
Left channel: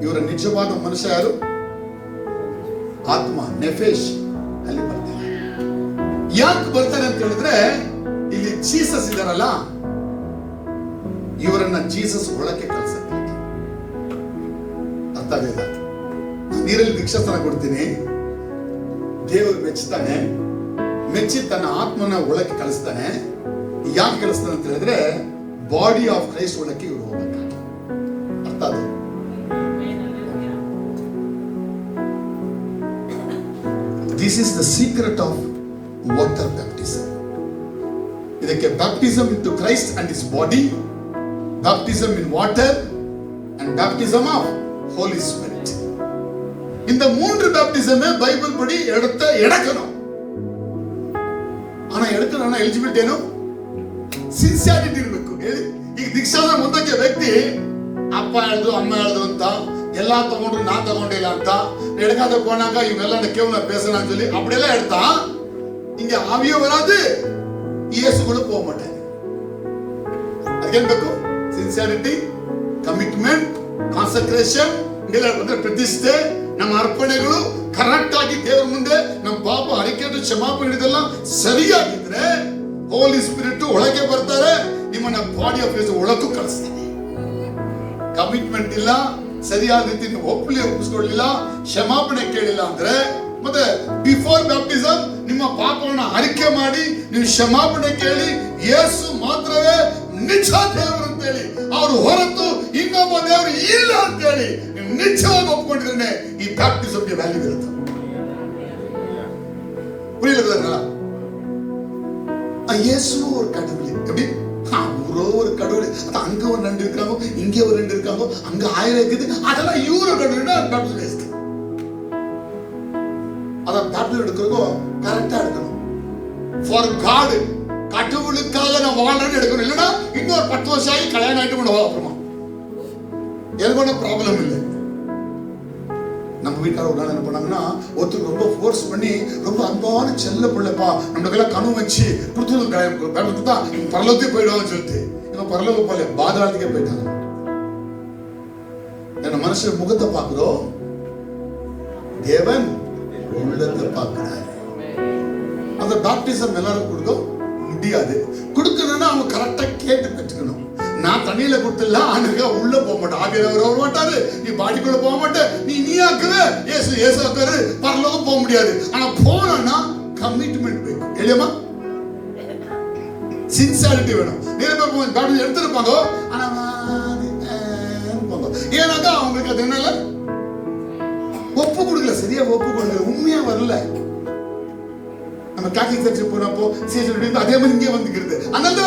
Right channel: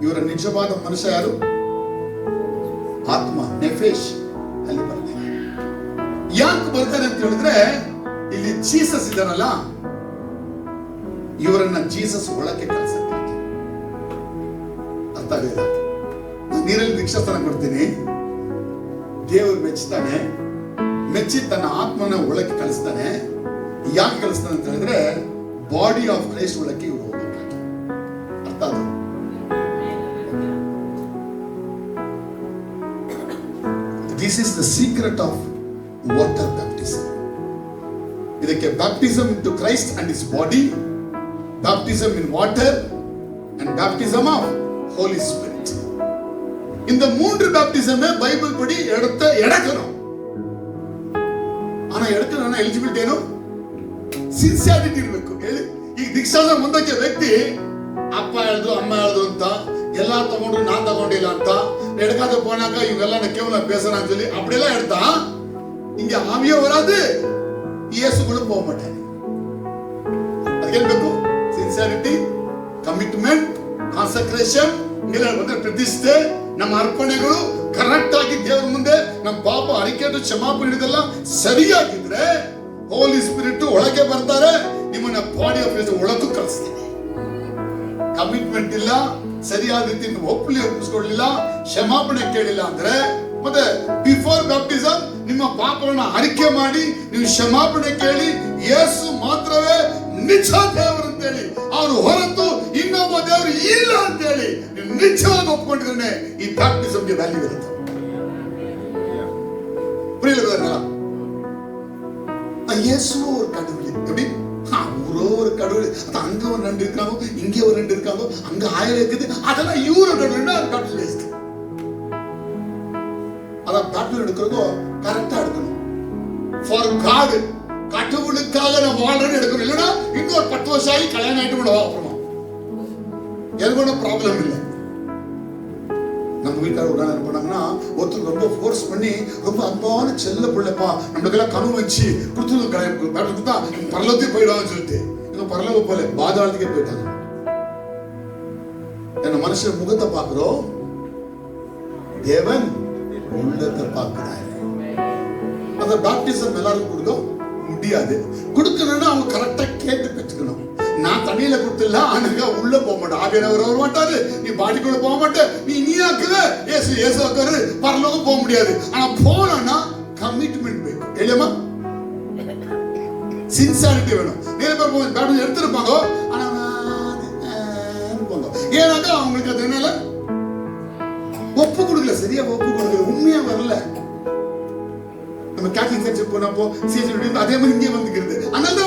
ಇವರ ನಿಜವಾದ ಮನುಷ್ಯ ಯಾರು? ಆತ್ಮ, ನೆಫೇಶ್, ಅಲ್ಲಿ ಬರ್ತಾರೆ. ಯಾಕೆ ಬರ್ತಾರೆ ಅಂತ ಹೇಳಿದ್ರೆ, ಇಲ್ಲಿ ಜೀಸಸ್ ಇದಾರಲ್ಲ, ಇವರನ್ನ ಜೀಸಸ್ ಒಳಕ್ಕೆ ಕಳಿಸಕ್ಕೆ. ಅರ್ಥ ಆಗಲಿಲ್ಲ? ನೀರಲ್ಲಿ ದೀಕ್ಷಾಸ್ಥಾನ ಕೊಡ್ತೀನಿ, ದೇವರು ಮೆಚ್ಚುತ್ತಾನೆ, ಮೆಚ್ಚಿ ತನ್ನ ಆತ್ಮನ ಒಳಕ್ಕೆ ಕಳಿಸ್ತಾನೆ. ಯಾಕೆ ಕಳಿಸ್ತಾನೆ ಅಂತ ಹೇಳಿದ್ರೆ, ಬಾಡಿ ಆಫ್ ಕ್ರೈಸ್ಟ್ ಒಳಕ್ಕೆ ಇವರು ಹೋಗ್ಬೇಕಾಗಿ. ಅರ್ಥ ಅದು? This is the secret of water baptism. ಇದಕ್ಕೆ baptism into Christ and his body, baptism in water and baptism of holy spirit. இந்த மூன்று பேப்டிசமே பைபிள் படி எடுக்கணும். ஆனா எடுக்கணும் ಎಲಿಜಿಬಿಲಿಟಿ ಏನು? ಸಿನ್ಸಿಯಾರಿಟಿ ಇರಬೇಕು. ಈಗ ದೀಕ್ಷಾಸ್ಥಾನ ಮುಂದಕ್ಕೆ ವ್ಯಕ್ತಿ ಅಪ್ಪ ಹೇಳಿದ್ರು ಅಮ್ಮ ಹೇಳಿದ್ರು ಅಂತ ಎಲ್ಲಾ ತಗೊಂಡ್ರು ನಾ ತಗೊಂಡಿಲ್ಲ ಅಂತ ಎಡಕಾದ போனாங்க இவங்க கேவல பேசறான்னு சொல்லி அப்படியெல்லாம் எடுத்தா இங்க ஆவியே வராது, இயேசுக்குள்ள போக மாட்டாங்க. ಅದಕ್ಕೆ ಬೇಕು ಸಿನ್ಸಿಯಾರಿಟಿ, ಕಮಿಟ್ಮೆಂಟ್, ಕಾನ್ಸಕ್ರೇಷನ್, ಇವೆಲ್ಲ ಪ್ರತಿಷ್ಠೆ, ನಮ್ಮ ಅರ್ಪಣೆಗಳು ಕರೆಕ್ಟ್ ಆಗಿ ದೇವರ ಮುಂದೆ ನಮ್ಮ ಪಾಪ ಅರಿಕೆಟ್ಟು ಕ್ಷಮಾಪಣೆ ಹಿಡಿದೆಲ್ಲ ಸರಿಯಾಗಿದ್ರೆ ಹೋಲಿ ಸ್ಪಿರಿಟ್ ಒಳಗೆ ಬರ್ತಾರೆ, ನಿಮ್ಮನ್ನ ಬಾಡಿ ಆಫ್ ಕ್ರೈಸ್ಟ್ ಒಳಗೂ ಕಳಿಸ್ತಾರೆ. ಕಮಿಟ್ಮೆಂಟ್ ಇಲ್ಲ, ಸರಿಯಾದ ರೀತಿ ಒಪ್ಪಿಸ್ಕೊಳ್ಳಿಲ್ಲ, ಕ್ಷಮಾಪಣೆ ಕೇಳಿಲ್ಲ ಅಂದ್ರೆ, ಮತ್ತೆ ಬಿಫೋರ್ ಬ್ಯಾಪ್ಟಿಸಮ್ ನಿಮ್ಮ ಪಾಪವನ್ನು ಅರಿಕೆ ಮಾಡಿ ನೀವು ಕ್ಷಮಾಪಣೆ ಕೇಳಿ ಯೇಸು ಮಾತ್ರವೇ ನಿಜ ದೇವರು ಅಂತೇಳಿ, ಅವರು ಹೊರತು ಇನ್ನೊಬ್ಬ ದೇವರು ಇಲ್ಲ ಅಂತೇಳಿ ನೀವು ನಿಜವಾಗಿ ಒಪ್ಕೊಂಡಿದ್ರೆ ಈ ಬ್ಯಾಪ್ಟಿಸಮ್ಗೆ ವ್ಯಾಲ್ಯೂ ಇರುತ್ತೆ. புரியல? இயேசு ஒரு கடவுள். எப்படி? அவரோ ஒரு கடவுள். அது அங்க ஒரு ரெண்டு இருக்காங்க, இங்க ஒரு ரெண்டு இருக்காங்க, அங்க 1000 இருக்குது. அதெல்லாம் இவரு கடவுள்னா பேப்டிஸ்ட். அத பேப்டிஸ்ட் எடுக்கிறதோ கரெக்டா எடுக்கணும். ஃபார் காட், கடவுளுக்காக நான் வாழ்றேன்னு எடுக்கணும். இல்லைன்னா இன்னொரு 10 வருஷம் ஆகி கல்யாணம் ஆயிட்டு கூட அப்புறமா எனக்கு ஒன்றும் ப்ராப்ளம் இல்லை. நம்ம வீட்டில் ஒரு நாள் என்ன பண்ணாங்கன்னா, ஒருத்தர் ரொம்ப ஃபோர்ஸ் பண்ணி ரொம்ப அன்பான செல்ல பிள்ளைப்பா நம்மளுக்கெல்லாம் கனவு வச்சு கொடுத்துருந்தா பரலோகத்துக்கு போயிடுவான்னு சொல்லிட்டு இவங்க பரலோகம் போல பாதாளத்துக்கே போயிட்டாங்க. என்ன மனுஷன் முகத்தை பார்க்கிறோம், தேவன் உள்ளத்தை பார்க்கிறாரு. அந்த பேப்டிசம் எல்லாரும் கொடுக்க முடியாது. கொடுக்கணும்னா அவங்க கரெக்டா கேட்டு பெற்றுக்கணும். நான் தண்ணியில கொடுத்துல ஆனுங்க உள்ள போக மாட்டேன், ஆவியானவர் வர மாட்டாரு, நீ பாடிக்குள்ள போக மாட்டே, நீ ஆக்குவ ஏசு ஆக்குவாரு, பரலோகம் போக முடியாது. ஆனா போனா கமிட்மெண்ட் வேணும். இல்லையமா? சின்சியாரிட்டி வேணும். நிறைய பேர் பேப்டிசம் எடுத்துருப்பாங்க, ஆனா ஏன்னாக்கா அவங்களுக்கு அது என்னால ஒப்பு கொடுக்கல, சரியா ஒப்பு கொடுக்கல, உண்மையா வரல. நம்ம கேத்தலிக் சர்ச்சுக்கு போனப்போ சீசன் அதே மாதிரி இங்கே வந்துக்கிறது. அதனால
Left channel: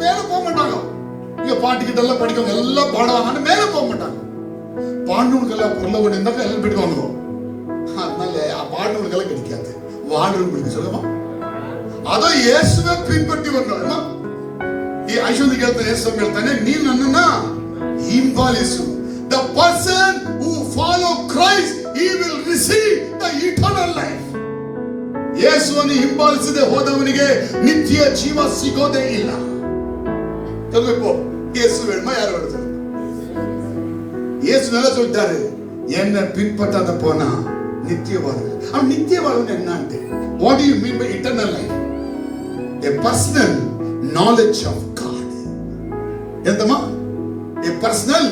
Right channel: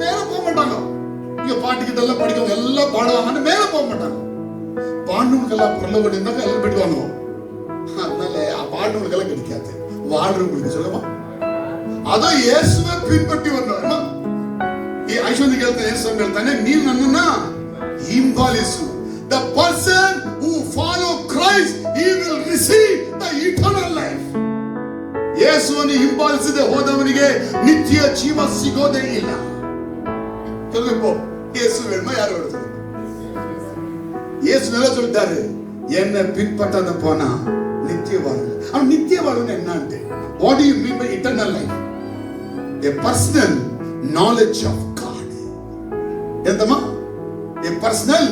மேல போக மாட்டாங்க. இங்க பாட்டுக்கிட்ட எல்லாம் படிக்கவங்க எல்லாம் பாடுவாங்க, மேல போக மாட்டாங்க. பாடுறவங்களுக்கெல்லாம் பொருள் இருந்தாக்க எல்லாம் போயிடுவாங்க. அதனால பாடுறவங்களுக்கெல்லாம் கிடைக்காது, வாழ்றவங்களுக்கு சொல்லுமா. அதான் இயேசுவை பின்பற்றி வந்தோம். ஐஸ்வர்ய கேட்ட இயேசு ಹೇಳ್ತಾನೆ, ನೀನು ನನ್ನನ್ನ ಹಿಂಬಾಲಿಸು. The person who follow Christ, he will receive the eternal life. ಯೇಸುವನ್ನು ಹಿಂಬಾಲಿಸದೆ ಹೋದವನಿಗೆ ನಿತ್ಯ ಜೀವ ಸಿಗೋದೇ ಇಲ್ಲ. சொல்லுங்க, இயேசு வேணுமா யார் வருது? இயேசு நல்லா சொல்லிட்டாரு, என்ன பின்பற்றாத போனா நித்திய வாழ்வு. அவன் நித்திய வாழ்வு என்னன்னு, what do you mean by eternal life? A personal knowledge of God. ಎಂತಮ್ಮ? A personal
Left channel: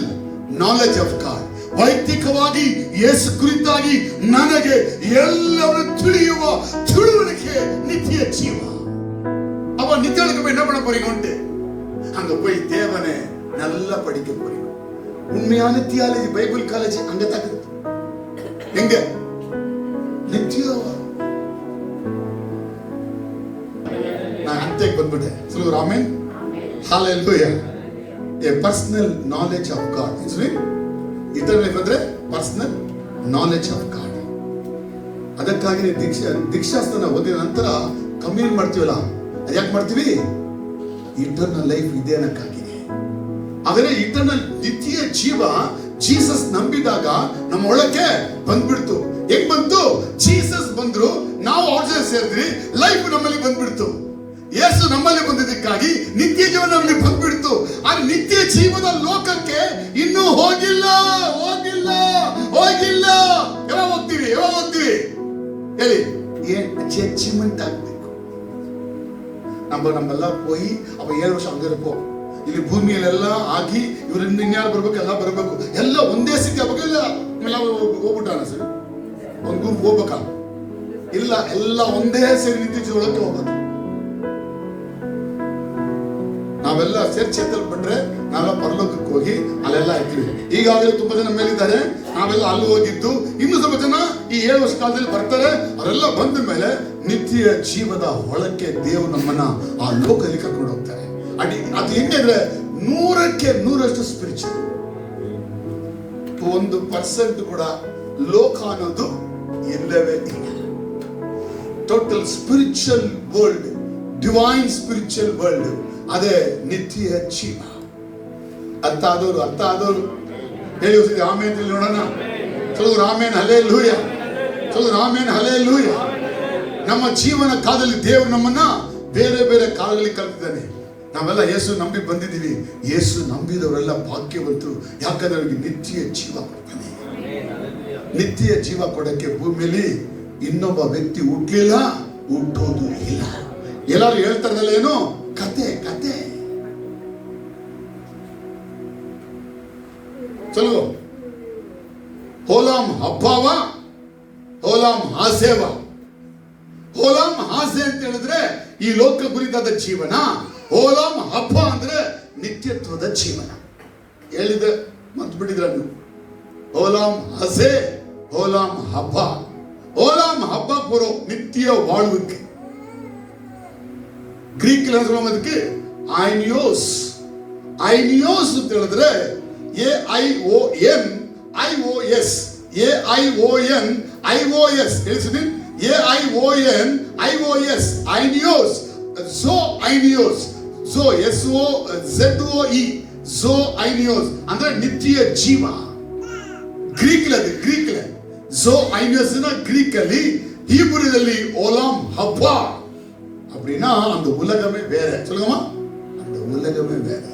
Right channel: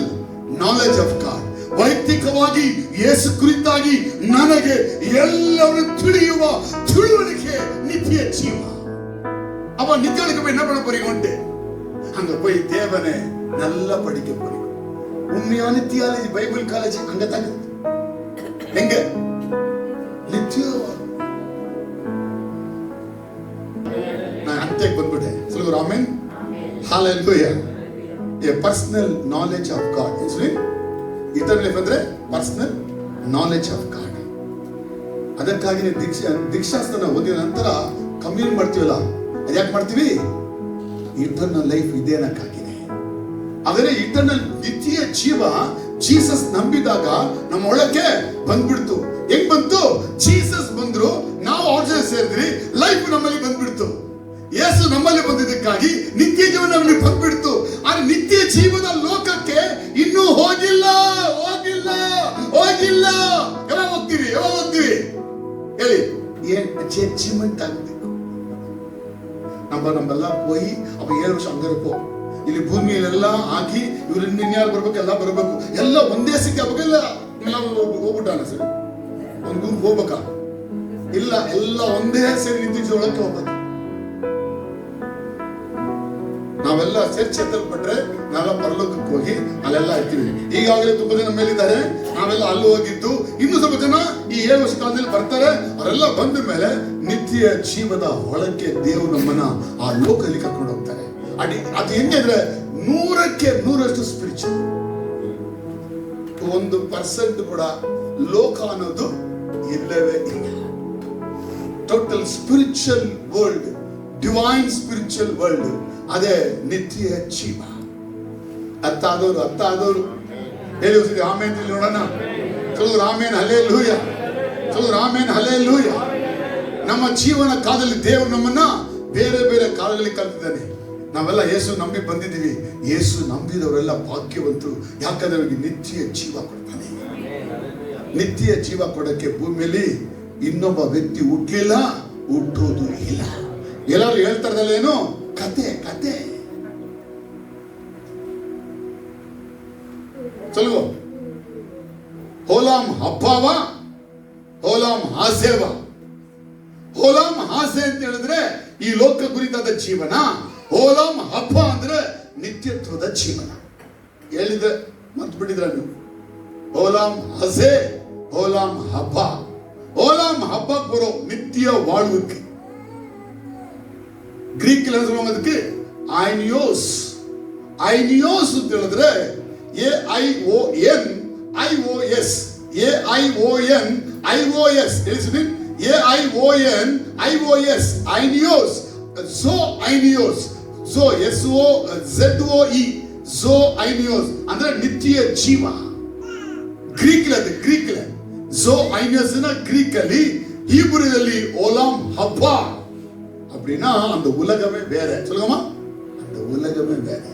knowledge of God. ವೈಯಕ್ತಿಕವಾಗಿ ಯೇಸು ಕುರಿತಾಗಿ ನನಗೆ ಎಲ್ಲವನ್ನೂ ತಿಳಿಯುವ ತಿಳುವಳಿಕೆ ನಿತ್ಯ ಜೀವ. அவ நித்தியலுக்கு என்ன பண்ண போறீங்க? அங்க போய் தேவனை நல்லா படிக்க போறீங்க. உண்மையான தியாலஜி பைபிள் காலேஜ் அங்க தான் எங்க நித்திய. நான் ಅಂತ್ಯಕ್ಕೆ ಬಂದ್ಬಿಟ್ಟೆ. சொல்லுங்க amen, hallelujah. A personal knowledge of God. It's mean eternal life ಅಂದ್ರೆ personal knowledge of God. ಅದಕ್ಕಾಗಿ ದೀಕ್ಷಾಸ್ನಾನ ಓದಿದ ನಂತರ ಕಮ್ಯುನಿಯನ್ ಮಾಡ್ತೀವಲ್ಲ, ಯಾಕೆ ಮಾಡ್ತೀವಿ? ಇಟರ್ನಲ್ ಲೈಫ್ ಇದೆ ಅನ್ನಕ್ಕಾಗಿದೆ. ಆದರೆ ಇಟರ್ನಲ್ ನಿತ್ಯ ಜೀವ ಜೀಸಸ್ ನಂಬಿದಾಗ ನಮ್ಮ ಒಳಕ್ಕೆ ಬಂದ್ಬಿಡ್ತು. ಹೆಂಗ್ ಬಂತು? ಜೀಸಸ್ ಬಂದ್ರು, ನಾವು ಅವ್ರ ಜೊತೆ ಸೇರಿದ್ರಿ, ಲೈಫ್ ನಮ್ಮಲ್ಲಿ ಬಂದ್ಬಿಡ್ತು. ಯೇಸು ನಮ್ಮಲ್ಲಿ ಬಂದಿದ್ದಕ್ಕಾಗಿ ನಿತ್ಯ ಜೀವ ನಮ್ಮಲ್ಲಿ ಬಂದ್ಬಿಡ್ತು. ಆ ನಿತ್ಯ ಜೀವದ ಲೋಕಕ್ಕೆ ಇನ್ನೂ ಹೋಗಿಲ್ಲ ಹೋಗಿಲ್ಲ ಹೋಗಿಲ್ಲ. ಯಾವಾಗ ಹೋಗ್ತೀರಿ? ಯಾವಾಗ ಹೋಗ್ತೀರಿ ಹೇಳಿ? ಏನ್ ಅಚೀವ್ಮೆಂಟ್ ಆಗ್ಬೇಕು. ನಮ್ಮೆಲ್ಲ ಹೋಗಿ ಅಪ್ಪ 7 ವರ್ಷ ಹಂಗ ಇರಬೇಕು. ಇಲ್ಲಿ ಭೂಮಿಯಲ್ಲೆಲ್ಲ ಆಗಿ ಇವ್ರು ಇನ್ಯಾರು ಬರ್ಬೇಕು, ಎಲ್ಲ ಬರಬೇಕು, ಎಲ್ಲ ಒಂದೇ ಸ್ಥಿತಿ ಆಗ್ಬೇಕಲ್ಲ. ಎಲ್ಲ ಹೋಗ್ಬಿಟ್ಟಾನ ಸರ್, ಒಂದ್ ಗುಂಪು ಹೋಗ್ಬೇಕಾ? ಇಲ್ಲ, ಎಲ್ಲ ಒಂದೇ ಸೇರಿ ನಿತ್ಯ ಜೀವಕ್ಕೆ ಹೋಗ್ಬೇಕು. ನಾವೆಲ್ಲ ಸೇರ್ಚೆತ್ತಲ್ಪಟ್ರೆ ನಾವೆಲ್ಲ ಪರಲೋಕಕ್ಕೆ ಹೋಗಿ ಅಲ್ಲೆಲ್ಲ ಇರ್ತೀವಿ. ಈಗಾಗಲೇ ತುಂಬಾ ಜನ ಮೇಲಿದ್ದಾರೆ, ನಾವೆಲ್ಲ ಅಲ್ಲಿ ಹೋಗಿದ್ದು. ಇನ್ನು ಸ್ವಲ್ಪ ಜನ ಈ 7 ವರ್ಷ ಕಾಲದಲ್ಲಿ ಬರ್ತಾರೆ. ಅವರೆಲ್ಲ ಬಂದ ಮೇಲೆ ನಿತ್ಯ ಜೀವದ ಒಳಕ್ಕೆ ದೇವರು ನಮ್ಮನ್ನ ಆ ಲೋಕದಲ್ಲಿ ಕರ್ಕೊಂಡು ಹೋಗ್ತಾರೆ. ಅದು ಹೆಂಗೆ ಅಂದ್ರೆ 100ಕ್ಕೆ 100ರಷ್ಟು ಸ್ಪಿರಿಚುವಲ್. 1% ಕೂಡ ಲೋಕ ಅನ್ನೋದು ಇಲ್ಲವೇ ಇಲ್ಲ. Total spiritual world, divine spiritual world, ಅದೇ ನಿತ್ಯ ಜೀವ. ಅರ್ಥ ಆದವರು ಹೇಳಿ ಆಮೇನ್ ನೋಡೋಣ. சொல்லுங்க ಆಮೇನ್, ಹಲ್ಲೆಲೂಯ. சொல்லுங்க ಆಮೇನ್, ಹಲ್ಲೆಲೂಯ. ನಮ್ಮ ಜೀವನ ಕಾಲದಲ್ಲಿ ದೇವರು ನಮ್ಮನ್ನ ಬೇರೆ ಬೇರೆ ಕಾಲದಲ್ಲಿ ಕರೆದಿದ್ದಾನೆ. ನಾವೆಲ್ಲ ಯೇಸು ನಂಬಿ ಬಂದಿದ್ದೀವಿ. ಯೇಸು ನಂಬಿದವರೆಲ್ಲ ಭಾಗ್ಯವಂತರು, ಯಾಕಂದ್ರೆ ಅವರಿಗೆ ನಿತ್ಯ ಜೀವ ಕೊಡ್ತಾನೆ. ನಿತ್ಯ ಜೀವ ಕೊಡಕ್ಕೆ ಭೂಮಿಯಲ್ಲಿ ಇನ್ನೊಬ್ಬ ವ್ಯಕ್ತಿ ಹುಟ್ಟಲಿಲ್ಲ, ಹುಟ್ಟೋದು ಇಲ್ಲ. ಎಲ್ಲರೂ ಹೇಳ್ತಾರಲ್ಲ, ಏನು ಕತೆ ಕತೆ. ಚಲೋ, ಹೋಲಾಮ್ ಹಬ್ಬವ, ಹೋಲಾಮ್ ಹಾಸೇವ. ಹೋಲಾಮ್ ಹಾಸೆ ಅಂತ ಹೇಳಿದ್ರೆ ಈ ಲೋಕ ಕುರಿತಾದ ಜೀವನ. ಹೋಲಾಮ್ ಹಬ್ಬ ಅಂದ್ರೆ ನಿತ್ಯತ್ವದ ಜೀವನ. ಹೇಳಿದ್ರೆ ಮತ್ ಬಿಟ್ಟಿದ್ರ ನೀವು? ಹೋಲಾಮ್ ಹಸೆ, ಹೋಲಾಮ್ ಹಬ್ಬ. ಹೋಲಾಮ್ ಹಬ್ಬ ಬರೋ ನಿತ್ಯ ವಾಳುವಿಕೆ. ಗ್ರೀಕ್ ಅದಕ್ಕೆ ಐನಿಯೋಸ್. ಐನಿಯೋಸ್ ಅಂತ ಹೇಳಿದ್ರೆ AION IOS. AION IOS. ತಿಳಿಸಿದ್ರಿ? AION IOS. ಐನಿಯೋಸ್. Zo ಐನಿಯೋಸ್. Zo SOZOE. Zo ಐನಿಯೋಸ್ ಅಂದ್ರೆ ನಿತ್ಯ ಜೀವ. ಗ್ರೀಕ್ ಝೋ ಐನಿಯೋಸ್ ಗ್ರೀಕ್ ಅಲ್ಲಿ, ಹೀಬ್ರಿಯಲ್ಲಿ ಓಲಾಮ್ ಹಬ್ಬ. அப்படின்னா அந்த உலகமே வேற. சொல்லுங்கம்மா, அந்த உலகமே வேற.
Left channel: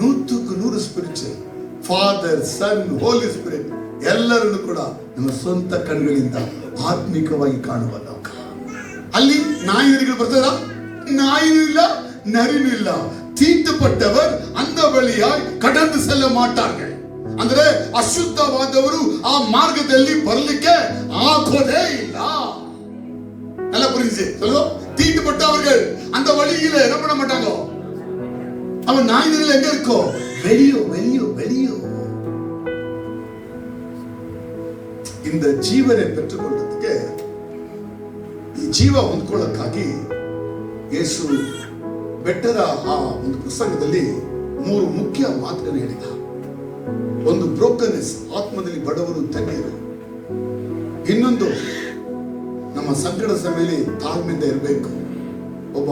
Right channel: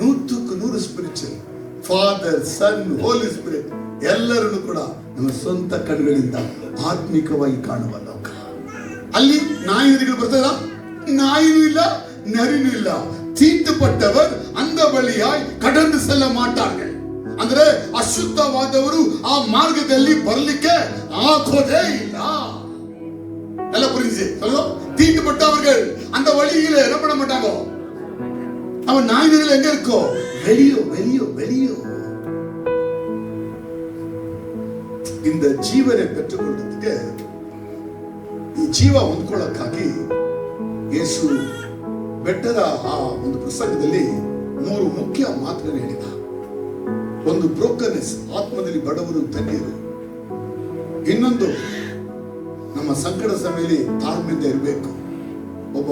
100க்கு 100 ಸ್ಪಿರಿಚುವಲ್. ಫಾದರ್, ಸನ್, ಹೋಲಿ ಸ್ಪಿರಿಟ್ ಎಲ್ಲರನ್ನು ಕೂಡ ನಮ್ಮ ಸ್ವಂತ ಕಣ್ಣುಗಳಿಂದ ಆತ್ಮಿಕವಾಗಿ ಕಾಣುವ ಲೋಕ. ಅಲ್ಲಿ ನಾಯಿಗಳು ಬರ್ತದ? ನಾಯಿನೂ ಇಲ್ಲ, ನರಿನೂ ಇಲ್ಲ. தீட்டுப்பட்டவர் அந்த வழியாய் கடந்து செல்ல மாட்டார்கள். ಅಂದ್ರೆ ಅಶುದ್ಧವಾದವರು ಆ ಮಾರ್ಗದಲ್ಲಿ ಬರಲಿಕ್ಕೆ ಆಗೋದೇ ಇಲ್ಲ. நல்ல புரிஞ்சு சொல்லுங்க. தீட்டுப்பட்டவர்கள் அந்த வழியில என்ன பண்ண மாட்டாங்க. அவன் நாய்கள் எங்க இருக்கோ? வெளியோ வெளியோ வெளியோ. இந்த ஜீவனை பெற்றுக்கொள்றதுக்கு ಜೀವ ಹೊಂದ್ಕೊಳ್ಳೋಕ್ಕಾಗಿ ಯೇಸು ಬೆಟ್ಟದ ಆ ಒಂದು ಪ್ರಸಂಗದಲ್ಲಿ 3 ಮುಖ್ಯ ಮಾತುಗಳನ್ನು ಹೇಳಿದ. ಒಂದು ಬ್ರೋಕನ್ನೆಸ್, ಆತ್ಮದಲ್ಲಿ ಬಡವರು ಧನ್ಯರು. ಇನ್ನೊಂದು, ನಮ್ಮ ಸಂಕಟದ ಸಮಯದಲ್ಲಿ ತಾಳ್ಮೆಯಿಂದ ಇರಬೇಕು. ಒಬ್ಬ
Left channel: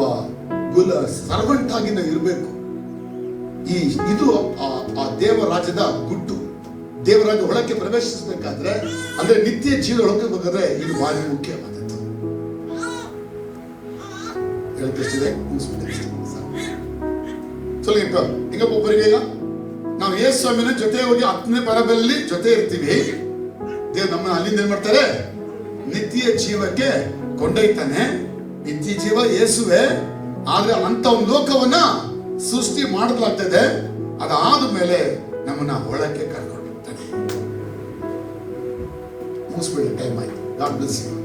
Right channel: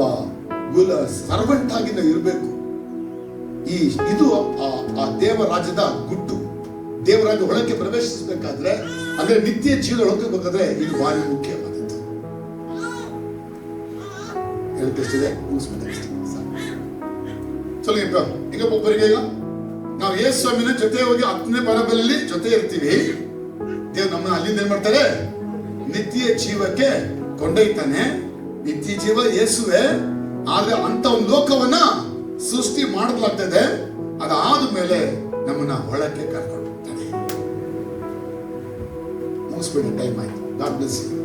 ಸರ್ವೆಂಟ್ ಆಗಿ ನಾವು ಇರಬೇಕು. ಇದು ಆ ದೇವರಾಜ್ಯದ ಗುಟ್ಟು. ದೇವರಾಜ್ಯ ಒಳಕ್ಕೆ ಪ್ರವೇಶಿಸಬೇಕಾದ್ರೆ, ಅಂದ್ರೆ ನಿತ್ಯ ಜೀವನ ಒಳಗೆ ಬೇಕಾದ್ರೆ ಇದು ಭಾರಿ ಮುಖ್ಯವಾದದ್ದು. ಹೇಳ್ತಿದೆ ಸ್ವಲ್ಪ ಈಗ ಒಬ್ಬರಿಗೆ ನಾವು ಯೇಸು ಸ್ವಾಮಿನ ಜೊತೆ ಹೋಗಿ 10ನೇ ಪರಬೆಯಲ್ಲಿ ಜೊತೆ ಇರ್ತೀವಿ. ದೇವ್ರು ನಮ್ಮನ್ನ ಅಲ್ಲಿಂದ ಏನ್ ಮಾಡ್ತಾರೆ? ನಿತ್ಯ ಜೀವಕ್ಕೆ ಕೊಂಡೊಯ್ತಾನೆ. ನಿತ್ಯ ಜೀವ ಯೇಸುವೆ. ಆದ್ರೆ ಅಂತ ಒಂದು ಲೋಕವನ್ನ ಸೃಷ್ಟಿ ಮಾಡಲಾಗ್ತದೆ. ಅದಾದ ಮೇಲೆ ನಮ್ಮನ್ನ ಒಳಕ್ಕೆ ಕರ್ಕೊಂಡು ಹೋಗ್ತಾನೆ. ಮುಗಿಸ್ಬೇಡಿ, ಟೈಮ್ ಆಯ್ತು. God bless you.